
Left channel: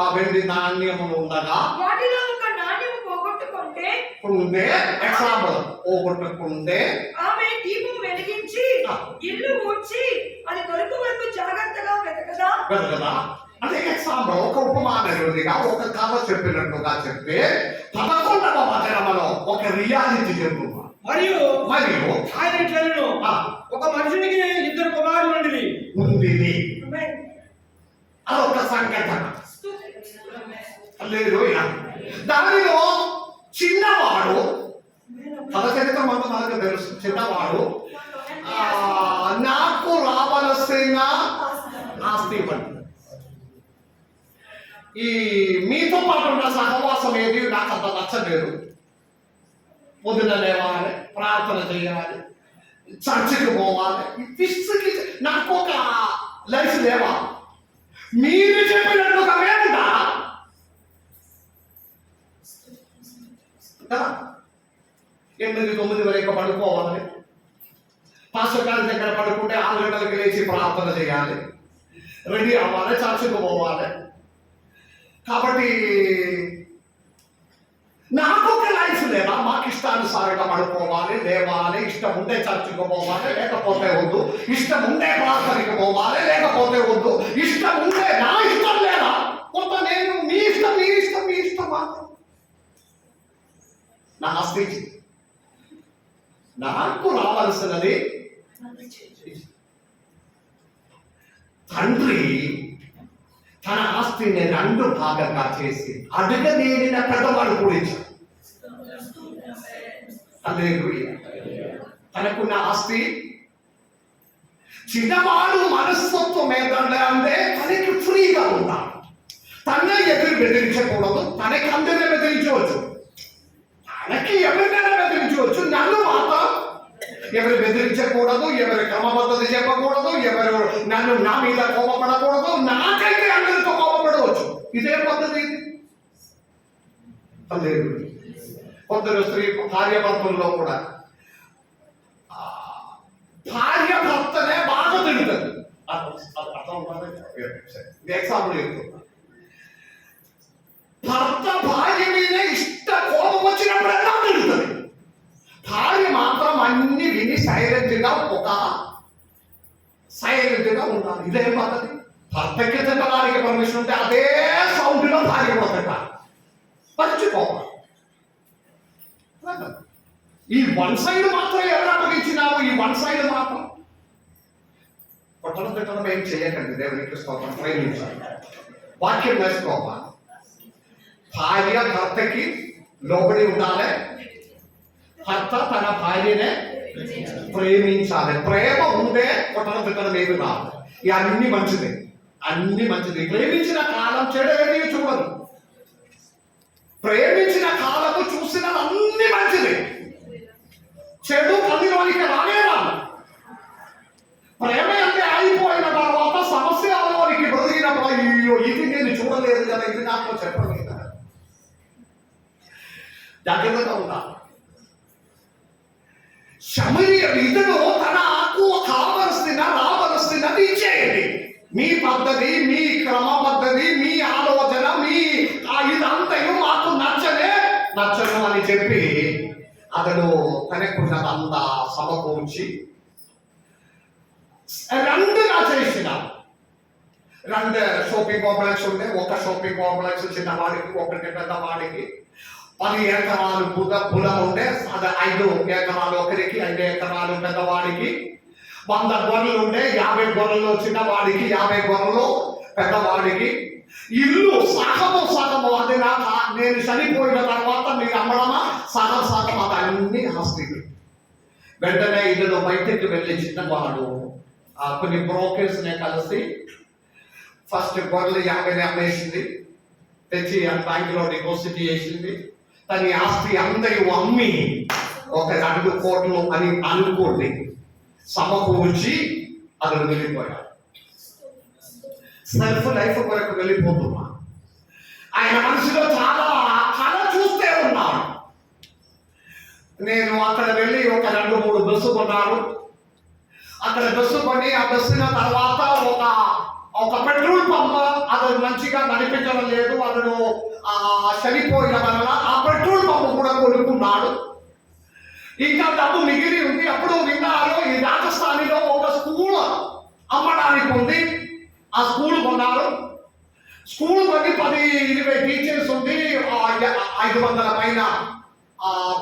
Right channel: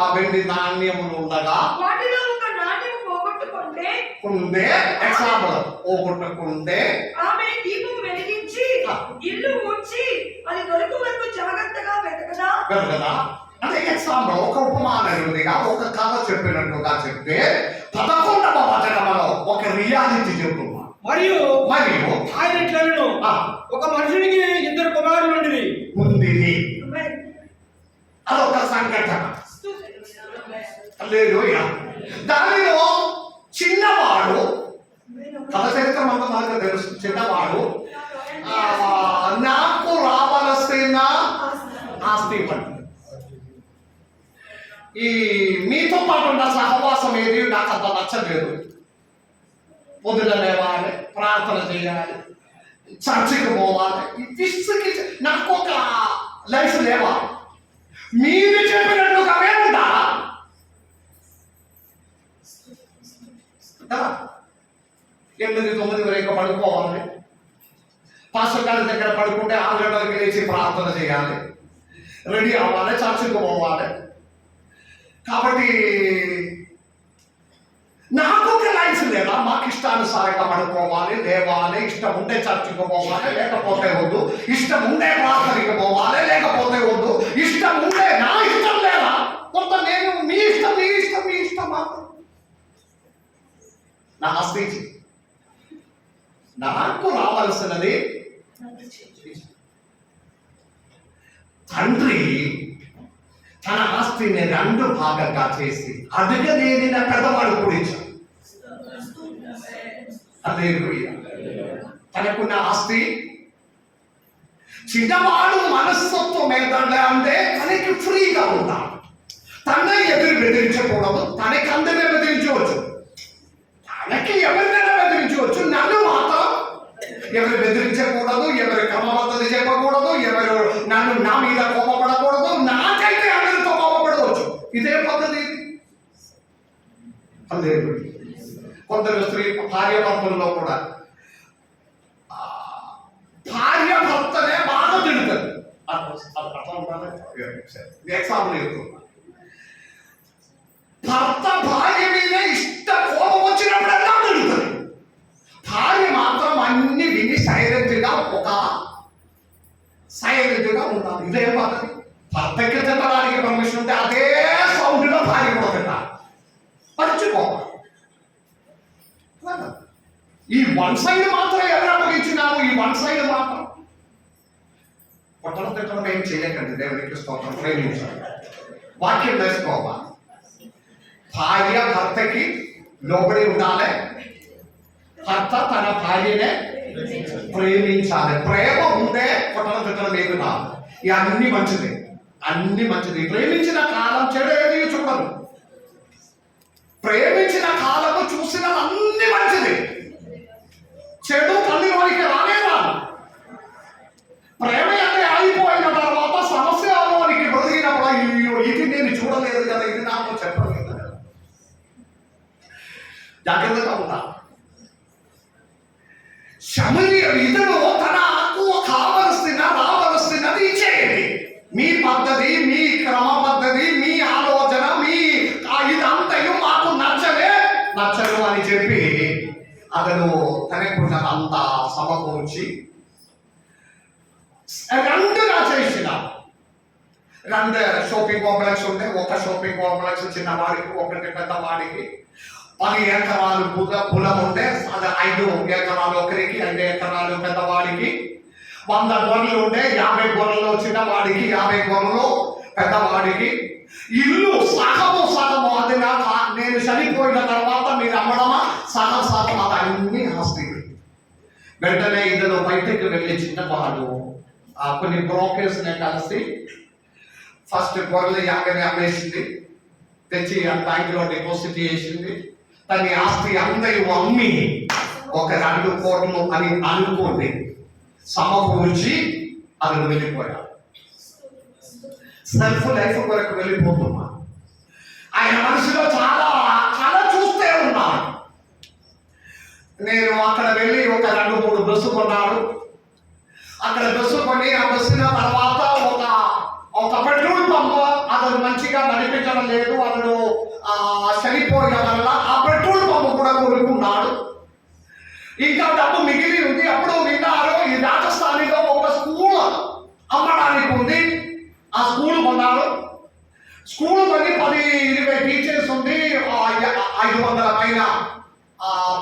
ఆ వెండి నాణ్యములు ఉండగా వాటిలో ఒక నాణెము పోగొట్టుకుంటే ఎగ్జాంపుల్ పోగొట్టుకుంటే ఆమె దీపం వెలిగించి ఇల్లు ఊడ్చి అది దొరికి వరకు జాగ్రత్తగా వెతకదా కదా. అంటే ఎగ్జాంపుల్ ఒక ఉపమానయుడిగా ఒక కథ చెప్పినట్టుగా చెప్తే 11వ వచనంలో ఒక రియాలిటీ చెప్తున్నా. మరియు ఆయన ఇట్లను ఒక మనుషునికి 2 కుమారులు ఉంది. అదొక సంఘటన. హల్లెలూయా. దానిలో చిన్నవాడు, కథ చరిత్ర అంతా మనకు తెలుసు, చిన్నవాడు నాకు రావలసిన ఆస్తి ఇవ్వండి. ఈ మీతో పాటు ఉన్న సహవాసం ఏది నాకు అంత నచ్చలేదు. పొద్దున లేవాలి, ప్రార్థన చేయాలి, చర్చికి పోవాలి, నాకు ఒక లైఫ్ లేవా? మీరు చెప్పినట్టుగా మేముంటా కదా. 8-9 వరకు పడుకోవాలి, పాస్టర్ గారి దగ్గర పడుకుంటే 6 గంటలకు లేచి ప్రార్థన చేయాలి, రెడీ అవ్వాలి, చర్చికి పోవాలి. కాబట్టి నాకు ఒక లైఫ్ లేదా? మాకు ఇష్టానుసారంగా పడుకోవాలి, లేవాలి, ఇష్టం ఉంటే చర్చికి పోవాలి, లేకపోతే వద్దు, ఇష్టం ఉంటే ప్రార్థనకి పోవాలి, లేకపోతే వద్దు, ఇష్టం ఉంటే నా ఇష్టం లేదా? కొంత నేను మీ ఇష్టం మీ ఇష్టం మీ ఇష్టం మాత్రం నా ఆస్తి నాకు రావాల్సినది. తండ్రి తన ఆస్తిని 2 భాగంగా చేసి అడగలేని పెద్దవాడు కూడా ఇచ్చాడు. హల్లెలూయా. తనకున్న ఆస్తి చిన్నవాడు మనస్తత్వం ఏంటంటే అంటే తనకి ఫ్రీగా ఉంటాడు. తనే ఎదురు బెదిరించకూడదు, తనకి అందరినీ బెదిరించవచ్చు, తనకి ఎవరినైనా బెదిరించవచ్చు, నన్ను మాత్రం ఎవరు బెదిరించకూడదు, ఎవరు క్రమబద్ధత చెప్పకూడదు, ఎవరు నన్ను నా మీద కోపపడకూడదు, నాకైతే అందరితో కోపపడవచ్చు. ఇదే పద్ధతి ఇది. కొందరు స్త్రీ భార్యాభర్తల్లో కూడా భార్యాభర్తనే బాగా తిడుతుంది. ఎగ్జాంపుల్ చెప్తున్నా. భర్త భార్య మీద కోపం వచ్చినప్పుడల్లా తిడుతుంది, భార్య మాత్రం అన్ని విని సైలెంట్గా ఉండాలి. ఇదే పద్ధతి. భర్తకి తిట్టడానికి పర్మిషన్ ఉంటే అదే సౌండ్లో భార్య కూడా తిట్టాలి, పంచుకోవాలి. ఈ 1 సైడ్ మాత్రం ఎవరు అప్పగించినాము? ఈ 1 సైడ్ మాత్రం కొట్టడం తిట్టడం ఏం చేయకండి. దేవునికి స్తోత్రం. ప్రేమించాలి, వాక్యం వేసుకోవాలి. భార్య భర్తకి లోబడి ఉండాలి, భర్త తన భార్యనే ప్రేమించాలి. ప్రేమ ఉందే కొట్టడం తిట్టడం ఏమి రాదు. అన్ని మంచిది, అన్ని మంచిది. ప్రేమించిన కాలం చెడు ఏది చూడదు, ప్రేమించిన కాలము చూసిన అన్ని మంచిది. చెడు కళ్ళలోనికి రానే రాదు. ప్రేమ అంటే అయిపోయిన తర్వాత సమస్యలోనికి బదిలినప్పుడు అయ్యో ఇది నేను చూడలేదు కదా, ఇది నాకు చెప్పలేదు కదా. జాగ్రత్తగా ఉండాలి. ఇతను తనకు కావలసినది ఇచ్చేయండి. మీ పద్ధతి, మీ క్రమ పద్ధతి, మీ ఆలోచన, చెప్పి అతను తనకున్నదంతా సమకూర్చి రెండుగా చేసిన రెండు షాపింగ్ కాంప్లెక్స్ ఉండే, ఒక షాపింగ్ కాంప్లెక్స్ చిన్నవాడికి, ఒకటి పెద్దవాడికి. 10 ఎకరాలు పొలం ఉండే, అది 5 ఎకరాలు ఒకరికి, 5 ఎకరాలు పెద్దవాడికి. 100 గొర్రెలు ఉండే, 50 గొర్రెలు చిన్నవాడికి, 50 గొర్రెలు పెద్దవాడికి. ఇల్లు సగము అది నేను చనిపోయిన తర్వాత మీరు అమ్మడమా, సగం అది అన్ని ఆస్తి. వెంటనే ఇద్దరు బయటకు వెళ్ళి చిన్నవాడు కొన్ని బ్రోకర్స్ ని కలిసి ఫస్ట్ గొర్రెలు 50 అమ్మేసింది, తెచ్చి బ్యాంకులో డిపాజిట్ చేసింది. తన ఆస్తి అందరూ అమ్మి ఒక 2 కోట్లు అని అనుకోండి సమకూర్చి అతను వెళ్ళిపోయాడు. సెల్ఫ్ లైఫ్ కొరకు వెళ్ళిపోతున్నా. ఆయన మనసులో చాలా కళ చూస్తే ఉన్నాడు. నేను అక్కడ వెళ్ళి ఒక 2-3 బస్సు కొన్నాడు. అక్కడ బస్సు కొని ఆ బస్సున తర్వాత ఒక పెట్రోల్ పంప్ అతను మంచిగా నడిపించడం లేదు, అతను చనిపోయిన వల్ల ఆ పెట్రోల్ పంప్ కూడా కొనుక్కున్నాడు. ఇంకా డబ్బు మిగిలి ఉంది. అప్పుడు విన్నారు ఈ రాజస్థానిలో ఒక స్కూల్ అమ్మడానికి ఉంది. ఆ స్కూల్ కొన్నాడు. స్కూల్ కొని 10-20 టీచర్స్ ఉంది, 500 పైన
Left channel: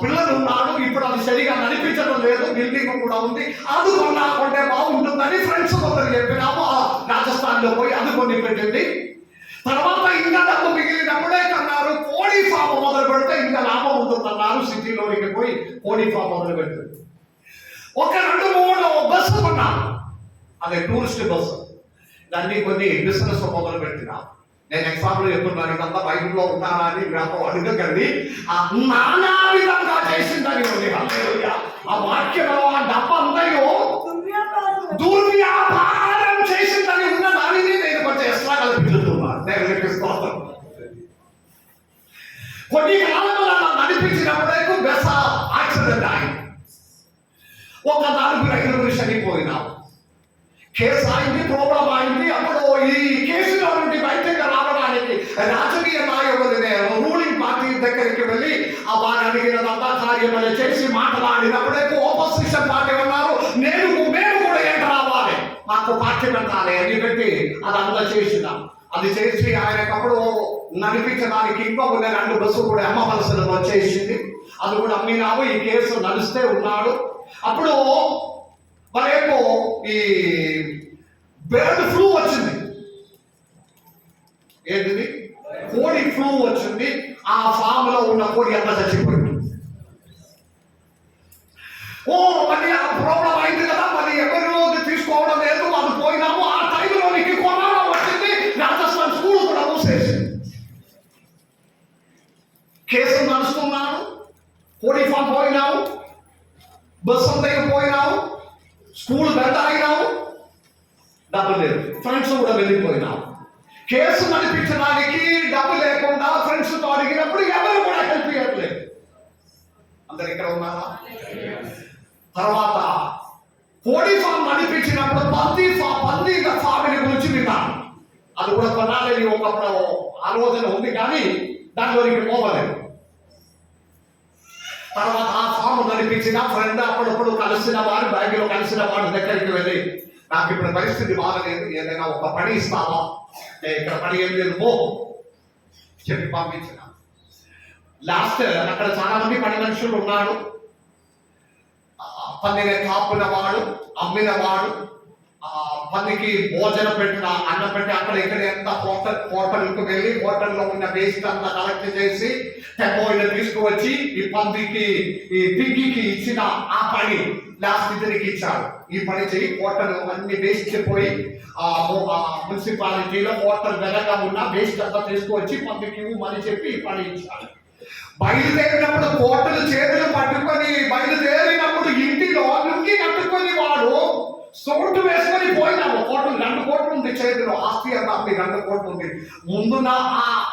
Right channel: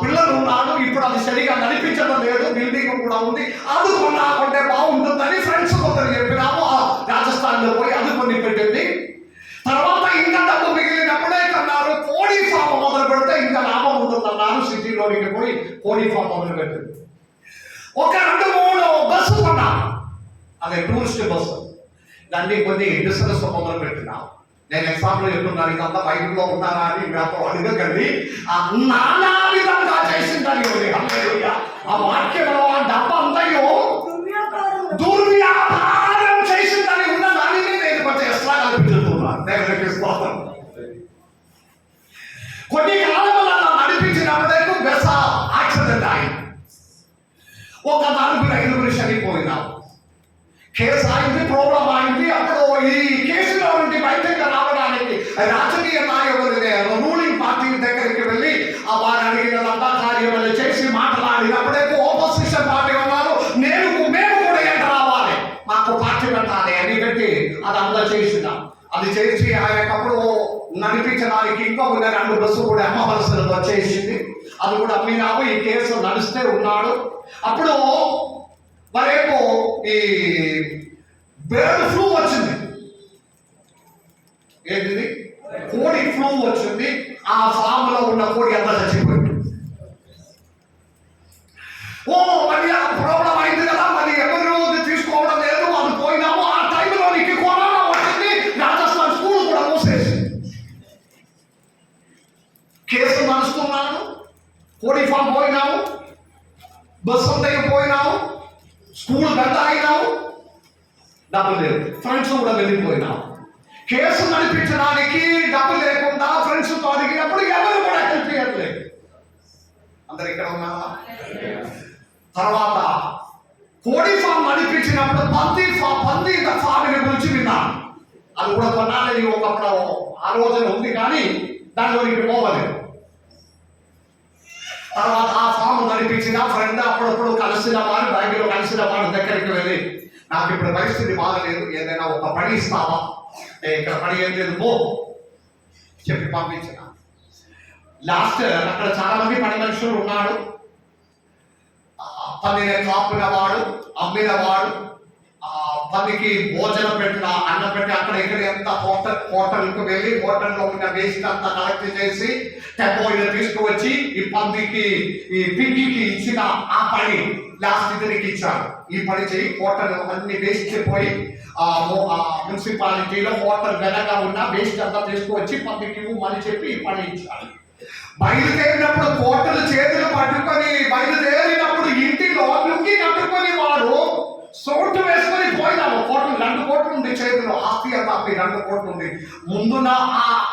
పిల్లలు ఉన్నాడు. ఇప్పుడు అది సరిగా నడిపించడం లేదు, బిల్డింగ్ కూడా ఉంది. అది కొంటే బాగుంటుందని ఫ్రెండ్స్ కొందరు చెప్పినాము. రాజస్థాన్ లో పోయి అది కొని పెట్టింది. తర్వాత ఇంకా డబ్బు మిగిలినప్పుడే కన్నారు కోడి ఫామ్ మొదలు పెడితే ఇంకా లాభం ఉంటుందన్నారు. సిటీలోనికి పోయి కోడి ఫామ్ మొదలు పెట్టింది. ఒక 2-3 బస్సు కొన్నాను, అదే టూరిస్ట్ బస్సు. దాన్ని కొన్ని బిజినెస్ మొదలు పెట్టినా. నేను ఎగ్జాంపుల్ చెప్తున్నాను, ఇదంతా బైబిల్లో ఉన్నానా అని మీరు అడగకండి. నానా విధంగా చేసిందని ఉంది. ఆ వాక్యంలో ఆ డబ్బు అంతయో దుర్వ్యాపారం చేసిందని ఉన్న దానిని నేను కొంచెం ఎక్స్ట్రా కల్పించుతున్నాను. దేవునికి స్తోత్రం. కొన్ని కాలంలో నడిపించినప్పుడే బెస యాక్సిడెంట్ అయింది. ఒక 4-5 చనిపోయినాం. కేసు అయింది, ప్రాబ్లం అయింది. అప్పుడు ఈ కేసులో నుండి బయటకు రావడానికి రాజకీయ నాయకులనే రూలింగ్ పార్టీ దగ్గరికి వెళ్ళి వారు అడిగినదంతా కార్యమని చేసి మాట్లాడినప్పుడే ఆపోజిషన్ పార్టీ ఉన్నారు, మేము కూడా ఏంట రావాలి, మాకు పార్టీ పెట్టాలి అని పెట్టి అది అంతా చేసినాం. అది చేసి ఆయనకప్పుడు నడిపించడానికి ఇంకొక 2 బస్సు కూడా అమ్మవలసిన వచ్చేసింది. అది కూడా అమ్మినాము. ఈ కేసు నడుస్తే ఉన్నాడు. అప్పుడు మరేమో ఈ బర్డ్ ఫ్లూ వచ్చింది. ఏంటిది? కోడి ఫ్లూ వచ్చింది. ఆ ఫామ్ లో ఉన్న కోడి అంతా చచ్చిపోయింది. మళ్ళీ ఆ ప్రాబ్లం అయింది కదా, మరి ఎవరు తీసుకోవడం లేదు, అది పోయినాము. ఆ టైంలోనికి కరోనా వచ్చింది. రాజస్థాన్ స్కూల్ కూడా మూసేసింది. కేసు నడుస్తున్నాను, కోడి ఫామ్ పోయినాము, బస్సు అంతా పోయినాము, స్కూల్ గంట అయినాము, డబ్బు లేదు, ఫ్రెండ్స్ కూడా వెళ్ళిపోయినాము. కేసు నడిపించడానికి డబ్బు లేకుండా ఫ్రెండ్స్ తో అడిగినప్పుడు ఎవరు కూడా హెల్ప్ చేయట్లేదు. అందరు ఇక్కడ ఉన్నారా? తర్వాత కోడి ఫామ్ నడిపించినప్పుడు పంది ఫామిని గురించి విన్నాను. అది కూడా కొనాలని ఒకప్పుడు ఆలోచన ఉంది, కానీ దానిలోనికి పోవలేదు. తర్వాత ఆ ఫామ్ నడిపించిన ఫ్రెండ్ అప్పుడప్పుడు కలిసిన వారు, బ్యాంకులో కలిసిన వారి దగ్గరికి వెళ్ళి, నాకు ఇప్పుడు పరిస్థితి బాగలేదు, ఏదైనా ఒక పని ఇస్తావా, ఇక్కడ పని ఏం లేదు పో చెప్పి పంపించిన. లాస్ట్ అక్కడ చాలా మంది పని మనుషులు ఉన్నాడు. పందిని కాపుల వాడు, అమ్మిన వాడు, పందికి భోజనం పెట్టిన అన్నం పెట్టి అక్కడ ఇక్కడ ఎంత హోటల్కి వెళ్ళి హోటల్లో ఉన్న వేస్ట్ అంతా కలెక్ట్ చేసి టెంపోయిన తీసుకువచ్చి ఈ పందికి ఈ పిగ్గికి ఇచ్చిన ఆ పని లాస్ట్ ఇతనికి ఇచ్చారు. ఈ పని చేయి, హోటల్ అన్ని వేస్ట్ పోయి మున్సిపాలిటీలో హోటల్ వెనక ఉన్న వేస్ట్ అంతా తీసుకువచ్చి పందికి ఇవ్వమని చెప్పి ఈ పని ఇచ్చారు. బయలుదేరినప్పుడు కోటలు చేతులు పట్టుకొని బయలుదేరినప్పుడు ఇంటిలో లుంగి కట్టుకొని వాడు సోటు వేసుకొని పోయినాము. కోట్లు 2 కోట్లు ఉంది చేతిలో, ఆస్తి అంతా 2 కోట్లు ఉంది. ముందున్న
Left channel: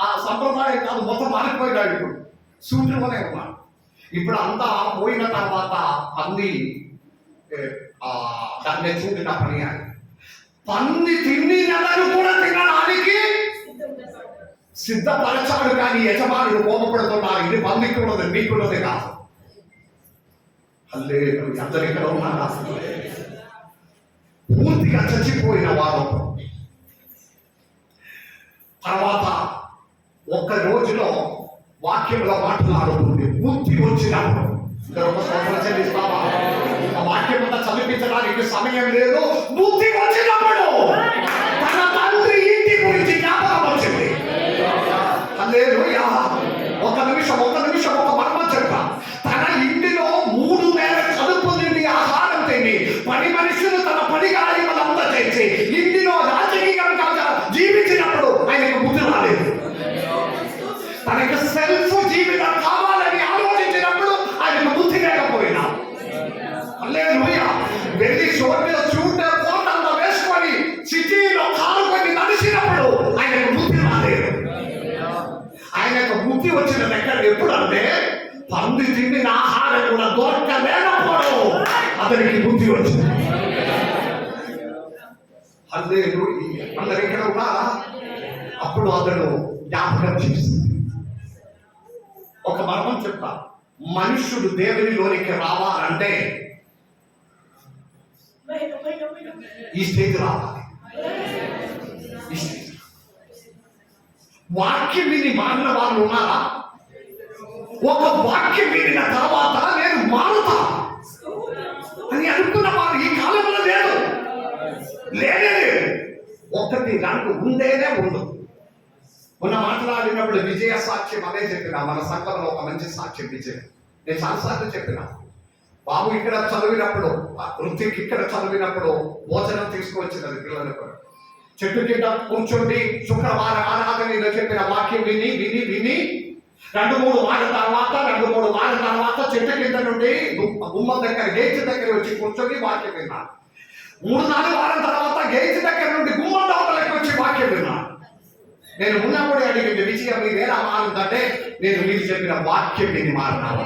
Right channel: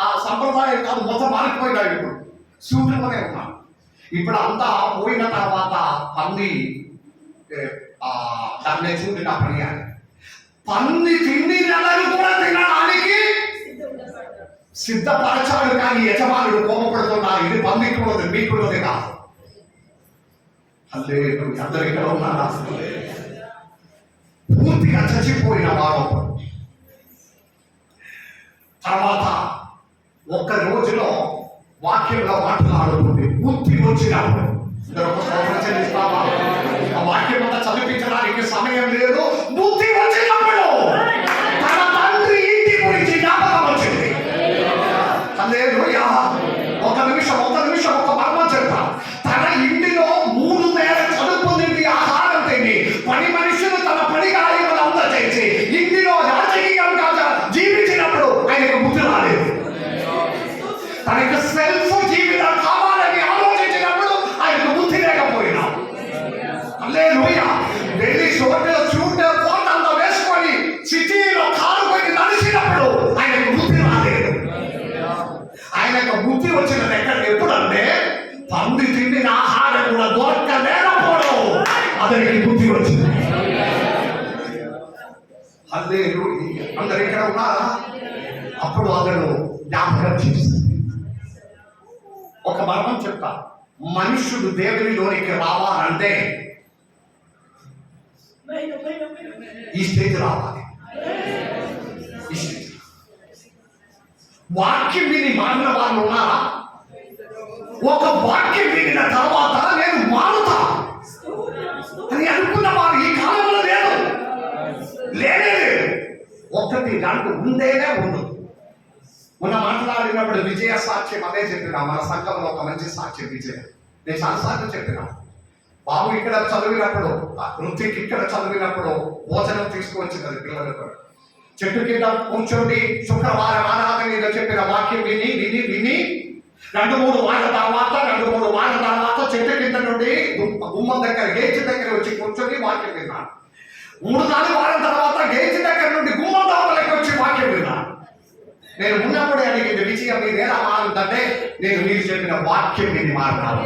ఆ సంప్రదాయం కాదు, మొత్తం మారిపోయినాడు. ఇప్పుడు సూట్లోనే ఉన్నాడు. ఇప్పుడు అంతా పోయిన తర్వాత పంది దాన్ని చూపిన పని అని పంది తిండి నెలలు కూడా తినడానికి సిద్ధపరచాడు, కానీ యజమానుడు కోపపడుతున్నారు. ఇది పందికున్నది, మీకున్నది కాదు. హల్లెలూయా. అందరూ ఇక్కడ ఉన్నారా? పూర్తిగా చచ్చిపోయిన వారు. తర్వాత ఒక్క రోజులో వాక్యంలో మాట్లాడుతుంది, బుద్ధి వచ్చినప్పుడు. ఒక స్తోత్రం చెల్లిస్తావా? ఆ వాక్యం అంతా చదివించడానికి సమయం లేదు. బుద్ధి వచ్చినప్పుడు తన తండ్రి ఇంటి గురించి జ్ఞాపకం వచ్చింది. హల్లెలూయా. ఒక నిమిషం ఒక మర్మం చెప్తా. తన ఇంటిలో 3 వేల చదువుకుంది, ఆహారం తిని, పని మనుషులు తన పని కార్యములంతా చేసి ఇంటిలో రాజకీయంగా జీవించినప్పుడు ఆయనకు బుద్ధి రాలేదు. తనకు సెల్ఫ్ జీవితం కావాలని ఆలోచించినప్పుడు ఆయనకు బుద్ధి లేకపోయినా. హల్లెలూయా. వెళ్ళి షూట్ కోట్ అంతా వేసుకొని సిటీలో కారుకొని నడిచినప్పుడు ఆయనకు బుద్ధి రాలేదు. ఆయనకు బుద్ధి వచ్చినది ఎప్పుడంటే పంది తిండిన ఆహారం కూడా దొరకలేకపోవడం అతనికి బుద్ధి వచ్చింది. హల్లెలూయా. అందరు ఇక్కడ ఉన్నారా? అప్పుడు అతను జ్ఞాపకం చేసింది. ఒక మర్మం చెప్తా. మనుష్యుడు దేవునిలోనికి రావాలంటే ఈ స్టేజ్ రావాలి. ఈ స్టేజ్ వాక్యం విని మారిన వాళ్ళు ఉన్నారా? ఒక వాక్యం వినిన తర్వాత నేను మారుతా అని అనుకున్న వారు ఈ కాలంలో లేదు. లేనే లేదు. 1, 2 ఉండేనే ఉండు. మొన్న మాట్లాడినప్పుడు విజయ సాక్ష్యం అదే చెప్పినా. మన సంఘంలో ఒక మంచి సాక్ష్యం విజయ. నేను చాలాసార్లు చెప్పినా. బాబు ఇక్కడ చదివినప్పుడు, ఋతిక్ ఇక్కడ చదివినప్పుడు భోజనం తీసుకువచ్చినది పిల్లలకు. చెట్టు కింద కూర్చోండి, శుక్రవారం ఆరాధన చెప్పిన వాక్యం విని 2-3 వారాల తర్వాత చెట్టు కింద నుండి గుమ్మం దగ్గర గేట్ దగ్గర వచ్చి కూర్చొని వాక్యం విన్నాను. 3-4 వారాల తర్వాత గేట్ దగ్గర నుండి గుమ్మం దగ్గరకు వచ్చి వాక్యం విన్నాను. నేను ఉన్నప్పుడే అడిగింది, విజయ మీరేలా మారుతుందంటే నేను మీరు చెప్పిన వాక్యం విని మారినాను.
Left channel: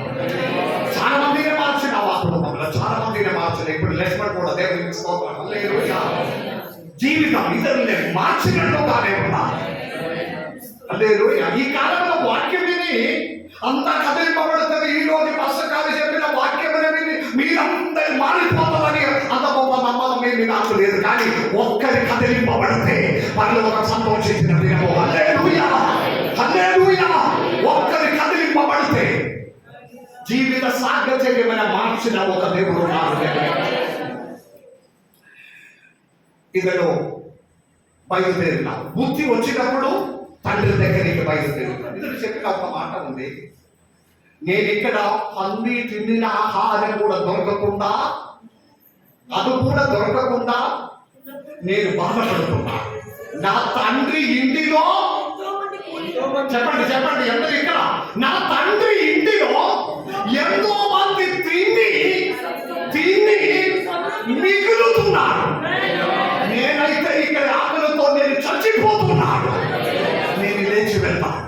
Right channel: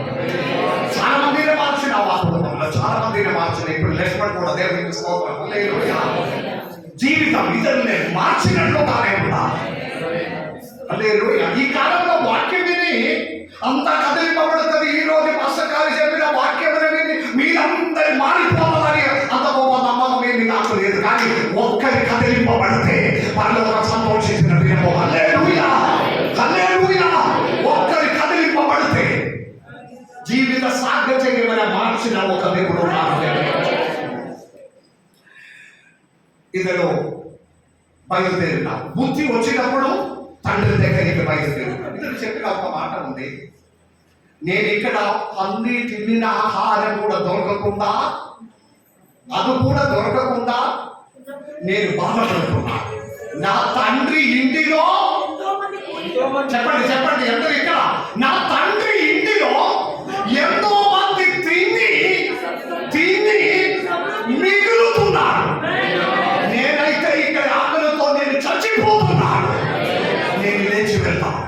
చాలా మందిని మార్చిన వాస్తవంలో, చాలా మందిని మార్చిన. ఇప్పుడు లక్ష్మణ్ కూడా దేవుడికి స్తోత్రం. హల్లెలూయా. జీవితం ఇతరులు మార్చినట్లుగానే ఉండాలి. హల్లెలూయా. ఈ కాలంలో వాక్యం విని అంతా కదిలిపబడుతుంది. ఈ రోజు పుస్తకాలు చెప్పిన వాక్యం విని మీరందరూ మారిపోతుందని అంత గొప్ప నమ్మకం ఏమి నాకు లేదు. కానీ ఒక్కరి కదిలిపబడితే పరలోక సంతోషించిన దినము. హల్లెలూయా. హల్లెలూయా. ఒక్కరి కదిలిపబడితే జీవిత సాగత్యమైన మార్చిన ఒక దేవుడు నాకు. ఇతను బయలుదేరిన బుద్ధి వచ్చినప్పుడు తండ్రి దగ్గరికి బయలుదేరిన. ఇతను చెప్పిన ఒక మాట ఉంది, నేను ఇక్కడ పంది తిన్న ఆహారం కూడా దొరకకుండా, అది కూడా దొరకకుండా నేను బాధపడుతున్నా. నా తండ్రి ఇంటిలో చెప్పండి ఎందరు ఇక్కడ? నా తండ్రి ఇంటిలో ఎంతో మంది తిని మిగులుతున్నారు. నేనైతే ఇక్కడ ఆకలితో నేను చచ్చిపోతున్నాను. నేను లేచి వెళ్తాము.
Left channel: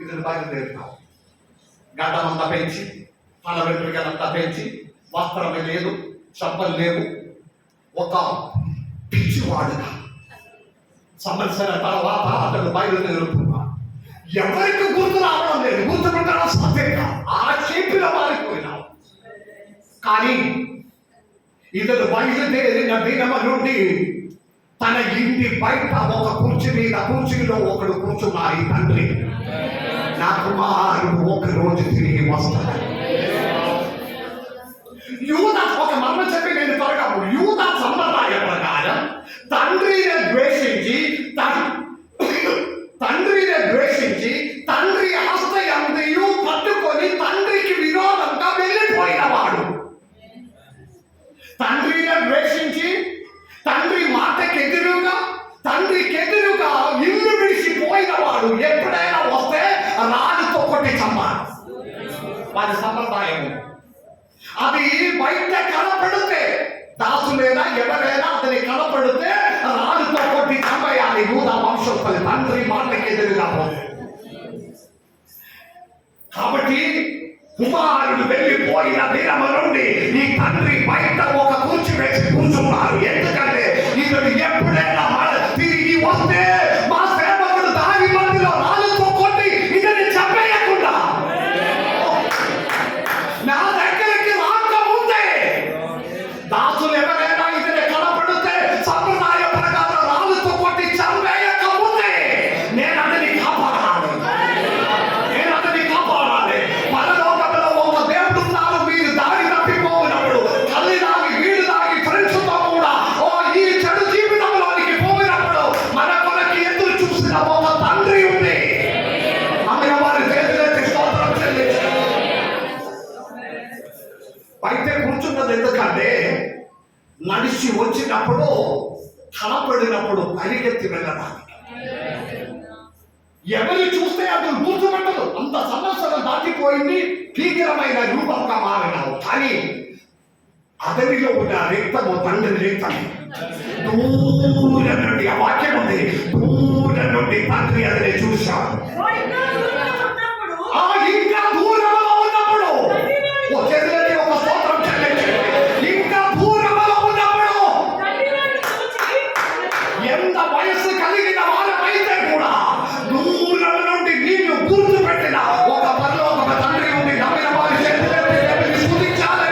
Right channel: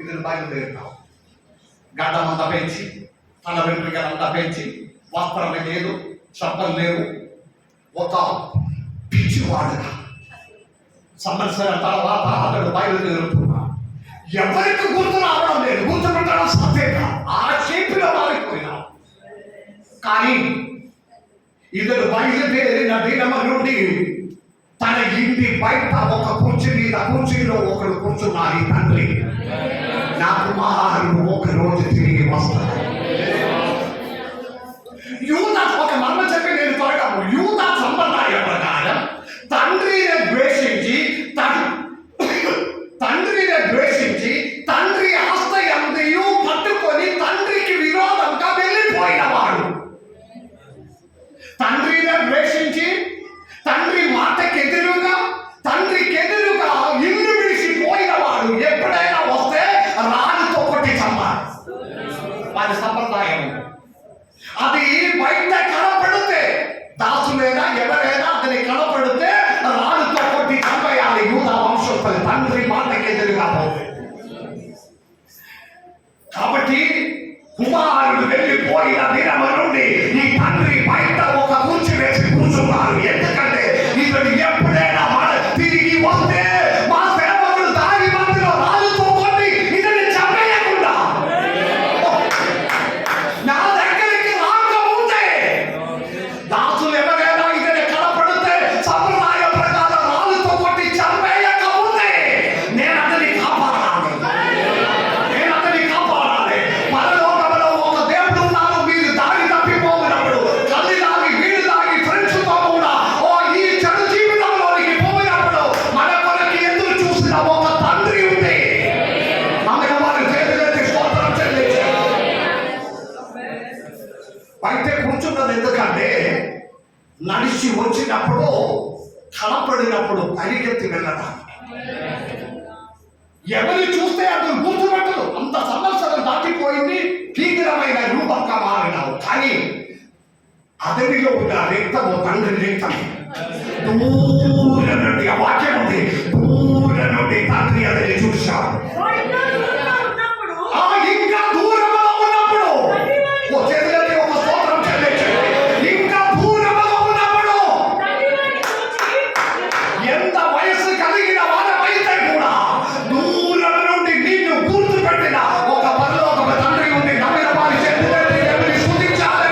ఇతను బయలుదేరుతాం. గడ్డం అంతా పెంచి, తన వెంట్రుకలంతా పెంచి, వస్త్రం లేదు, చెప్పలు లేవు, ఒక పిచ్చివాడుగా సంవత్సరం తర్వాత అతడు బయలుదేరుతున్నా. ఎవరికి గుర్తు రావడం లేదు. గుర్తుకుంటారా? సత్యంగా ఆ చేపిలో మారిపోయినా. కానీ ఇతడు బయలుదేరిన దినమ నుండి తన ఇంటి బయట ఒక కుర్చీలో ఒకడు కూర్చున్నారు. ఈ తండ్రి, నా కుమారుడు ఒక రోజు తిరిగి వస్తాడు. యూదా ఒక మర్మ చెప్పి నేను త్వరగా, యూదా సంప్రదాయ ప్రకారం తండ్రిని ద్వేషించి తండ్రి ఆస్తి అంతయు పట్టుకొని తండ్రికి విరోధంగా వెళ్ళిపోయినవాడు. తండ్రిని ద్వేషించి తండ్రి తండ్రికి ఎదురుగా ఇల్లు విడిచిపోయినవాడు ఎప్పుడైనా వస్తే రాజుతో కొట్టి చంపాలి. వారి సంప్రదాయం అది. బయట కనపడితే దాసులైనా ఎవరైనా అతని కనపడితే రాజుతో కొట్టి చంపేయాలి. యూదా వంశస్థులు తండ్రి మాటకి ఎదురుగా పోతే. కాబట్టి కుమారుడు వెళ్ళిపోయిన దినము నుండి ఈ తండ్రి బయట ఒక కుర్చీ వేసి కూర్చున్నారు. వచ్చినప్పుడు కనపడినప్పుడు పరిగెత్తి వెళ్ళడానికి ఎవరు చూస్తే అతను గుర్తుపెట్టదు. అంత సంవత్సరం దాటిపోయింది, భీకరమైన రూపంగా మారినావు. కానీ అతనిలో ఉన్న రక్తము తండ్రి రక్తము. దూరం నుండి ఆ వాక్యం ఉంది, దూరం నుండి తండ్రి అతని చూశాడు. ఇంకా దూరంలో ఉన్నప్పుడు చేతులకి ఒక స్తోత్రం చెల్లించండి. ఇంకా దూరంలో ఉన్నప్పుడు ఎంత వయస్సు కలిగిన వాళ్ళమైతే కూడా దూరం నుండి నిన్ను గుర్తు పెట్టిన ఒక పరలోక తండ్రి ఉంది. నమ్మిన వారి చేతులకి దేవుని స్తుతించాలి.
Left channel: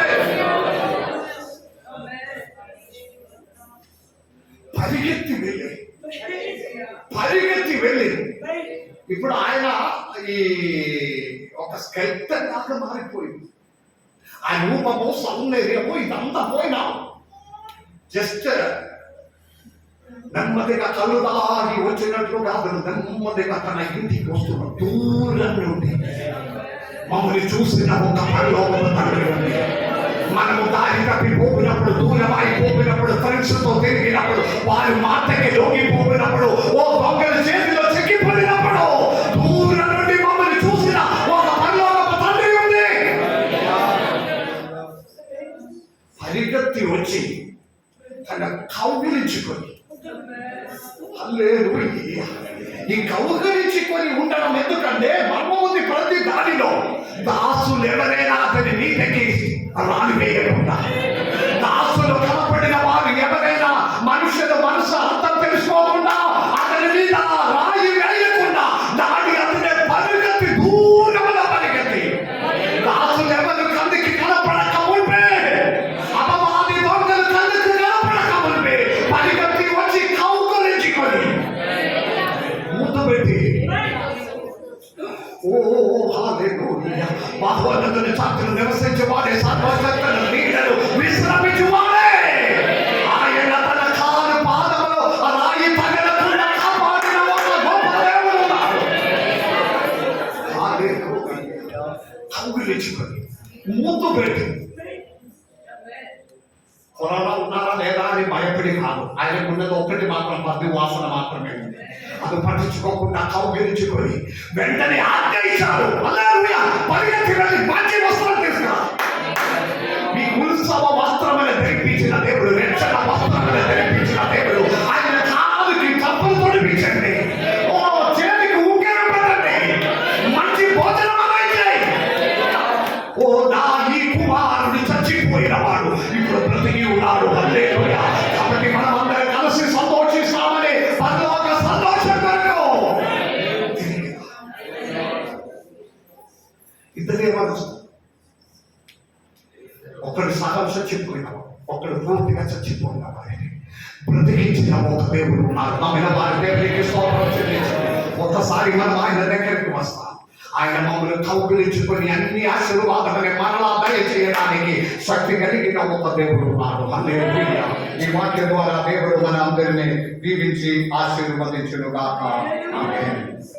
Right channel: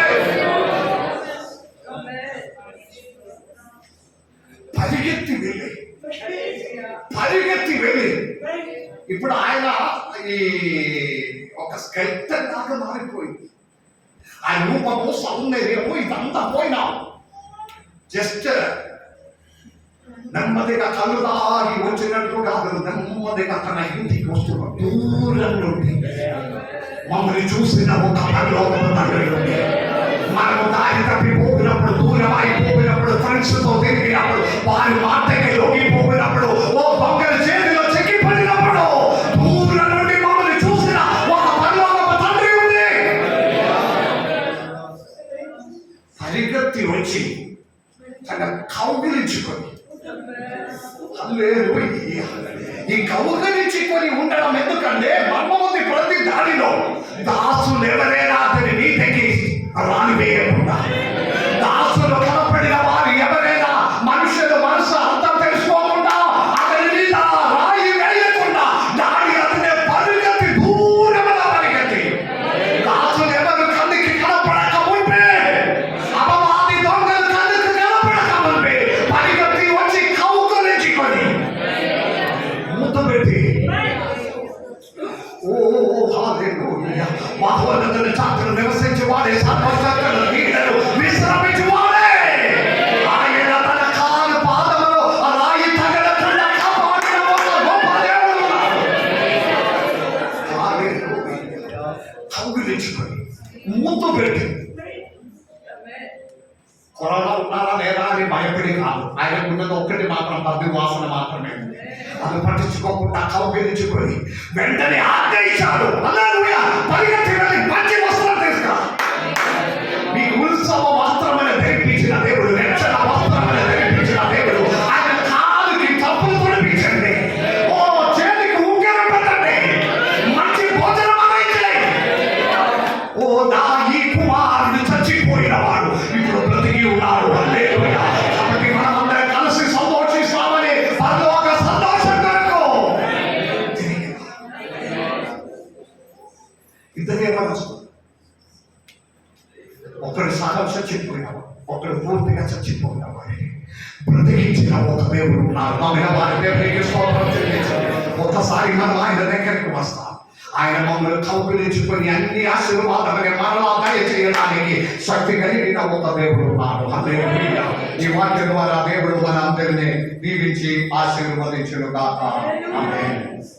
పరిగెత్తి వెళ్ళి ఇప్పుడు ఆయన ఈ ఒక స్కెల్టన్ దాకా మారిపోయింది. ఆ రూపము, సౌందర్యము ఇదంతా పోయినా జస్ట్ నెమ్మదిగా కళ్ళు దాగి వచ్చినట్లు కాదు, నెమ్మదిగా తన ఇంటికి వస్తున్నాడు. దూరం నుండి మమ్మల్ని చూసిన ఒక పరలోకపు తండ్రి ఉంది. మనము దారి తప్పిపోయినప్పుడు, దూరం అయిపోయినప్పుడు, ఫ్రెండ్స్తో తిరిగినప్పుడు, వారి మాటకి లోగిపోయినప్పుడు, ఓ దొంగల చేతిలో చెక్కిపడినప్పుడు దూరం నుండి మమ్మల్ని చూసిన ఒక పరలోకపు తండ్రి ఉంది. పరిగెత్తి వచ్చి తన కౌగిలించుకొని ఈ కౌగిలించుకొని ఉండడం ఎందుకంటే మర్మముంది ప్రతి దానిలో. దాసులు ఎవరైనా అతని నీతికి రానివేయకుండా, దాసులు కనపడిన వారు ఎవరైనా మనుషుల మనసు అర్థం తెలుసుకోకుండా అతని మీద రాయి వేయకుండా దాని అతని పరిగెత్తి దూరంలో పరిగెత్తి దాసులు ఎవరు కన్నుకి కనపడక ఉంటే, అపవాది దొంగలు కన్నుకి కనపడక ఉంటే పరిగెత్తి వచ్చి కౌగులించుకొని ముద్దు పెట్టి మహోన్నతుని చాటును నివసించువాడే, సర్వశక్తుల నీడను విశ్రమించువాడే. ఆయన తన కాలు పాదములో రాయి తగలకుండా కాపాడిన ఒక గొప్ప దేవుడు ఉన్నాడు. కౌగిలించుకొని ముద్దు పెట్టి కరోనా ఉన్నారా లేదా అని భయపడి కాదు. ఆయనకున్నది ఒక్కటి మాత్రం, పద్ది వాసన మాత్రమే ఉంది. అది పట్టించుకోకుండా కౌగిలించుకొని వెంటనే ఆజ్ఞయించాడు. హల్లెలూయా! పరిగెత్తి వెళ్ళి మంచి వస్త్రం తీసుకురా. మీ ఉత్సవ వస్త్రమని ధరించిన దేవుడు, రక్షణ వస్త్రమని ధరించిన దేవుడు, ఆయన కాలుకి కప్పులు తొడిపించండి. ఓ చేతికి ఉంగరం పెట్టండి. మంచి భోజనం అనేది. ఓ నా ఈ కుమారుడు చచ్చిపోయిన వాడు ఇప్పుడు బ్రతికి ఉన్నాడు. హల్లెలూయా! కాబట్టి మనం అందరం కలిసి సంతోషిస్తామని పరలోక సంతోషం కొరకు ఇద్దరే మనసు. ఒకడు సగం చచ్చిపోయినవాడు, ఒకడు పూర్తిగా చచ్చిపోయినవాడు. బ్రతికించిన ఒక దేవుడు ఉన్నారు. నమ్మిన వారి దేవునికి స్తోత్రం చెల్లించండి. ఒకసారి మనం ఆయన దగ్గరికి వస్తాం. ఆయన మమ్మల్ని కౌగిలించుకొని అన్ని ఆశీర్వాదాలని మరలా దయచేయడానికి శక్తి కలిగిన ఒక దేవుడు ఉన్నాడు. హల్లెలూయా! ఈ వాక్యం ద్వారా దేవుడు మన అందరినీ దీవించి ఆశీర్వదించును గాక. ఆమేన్.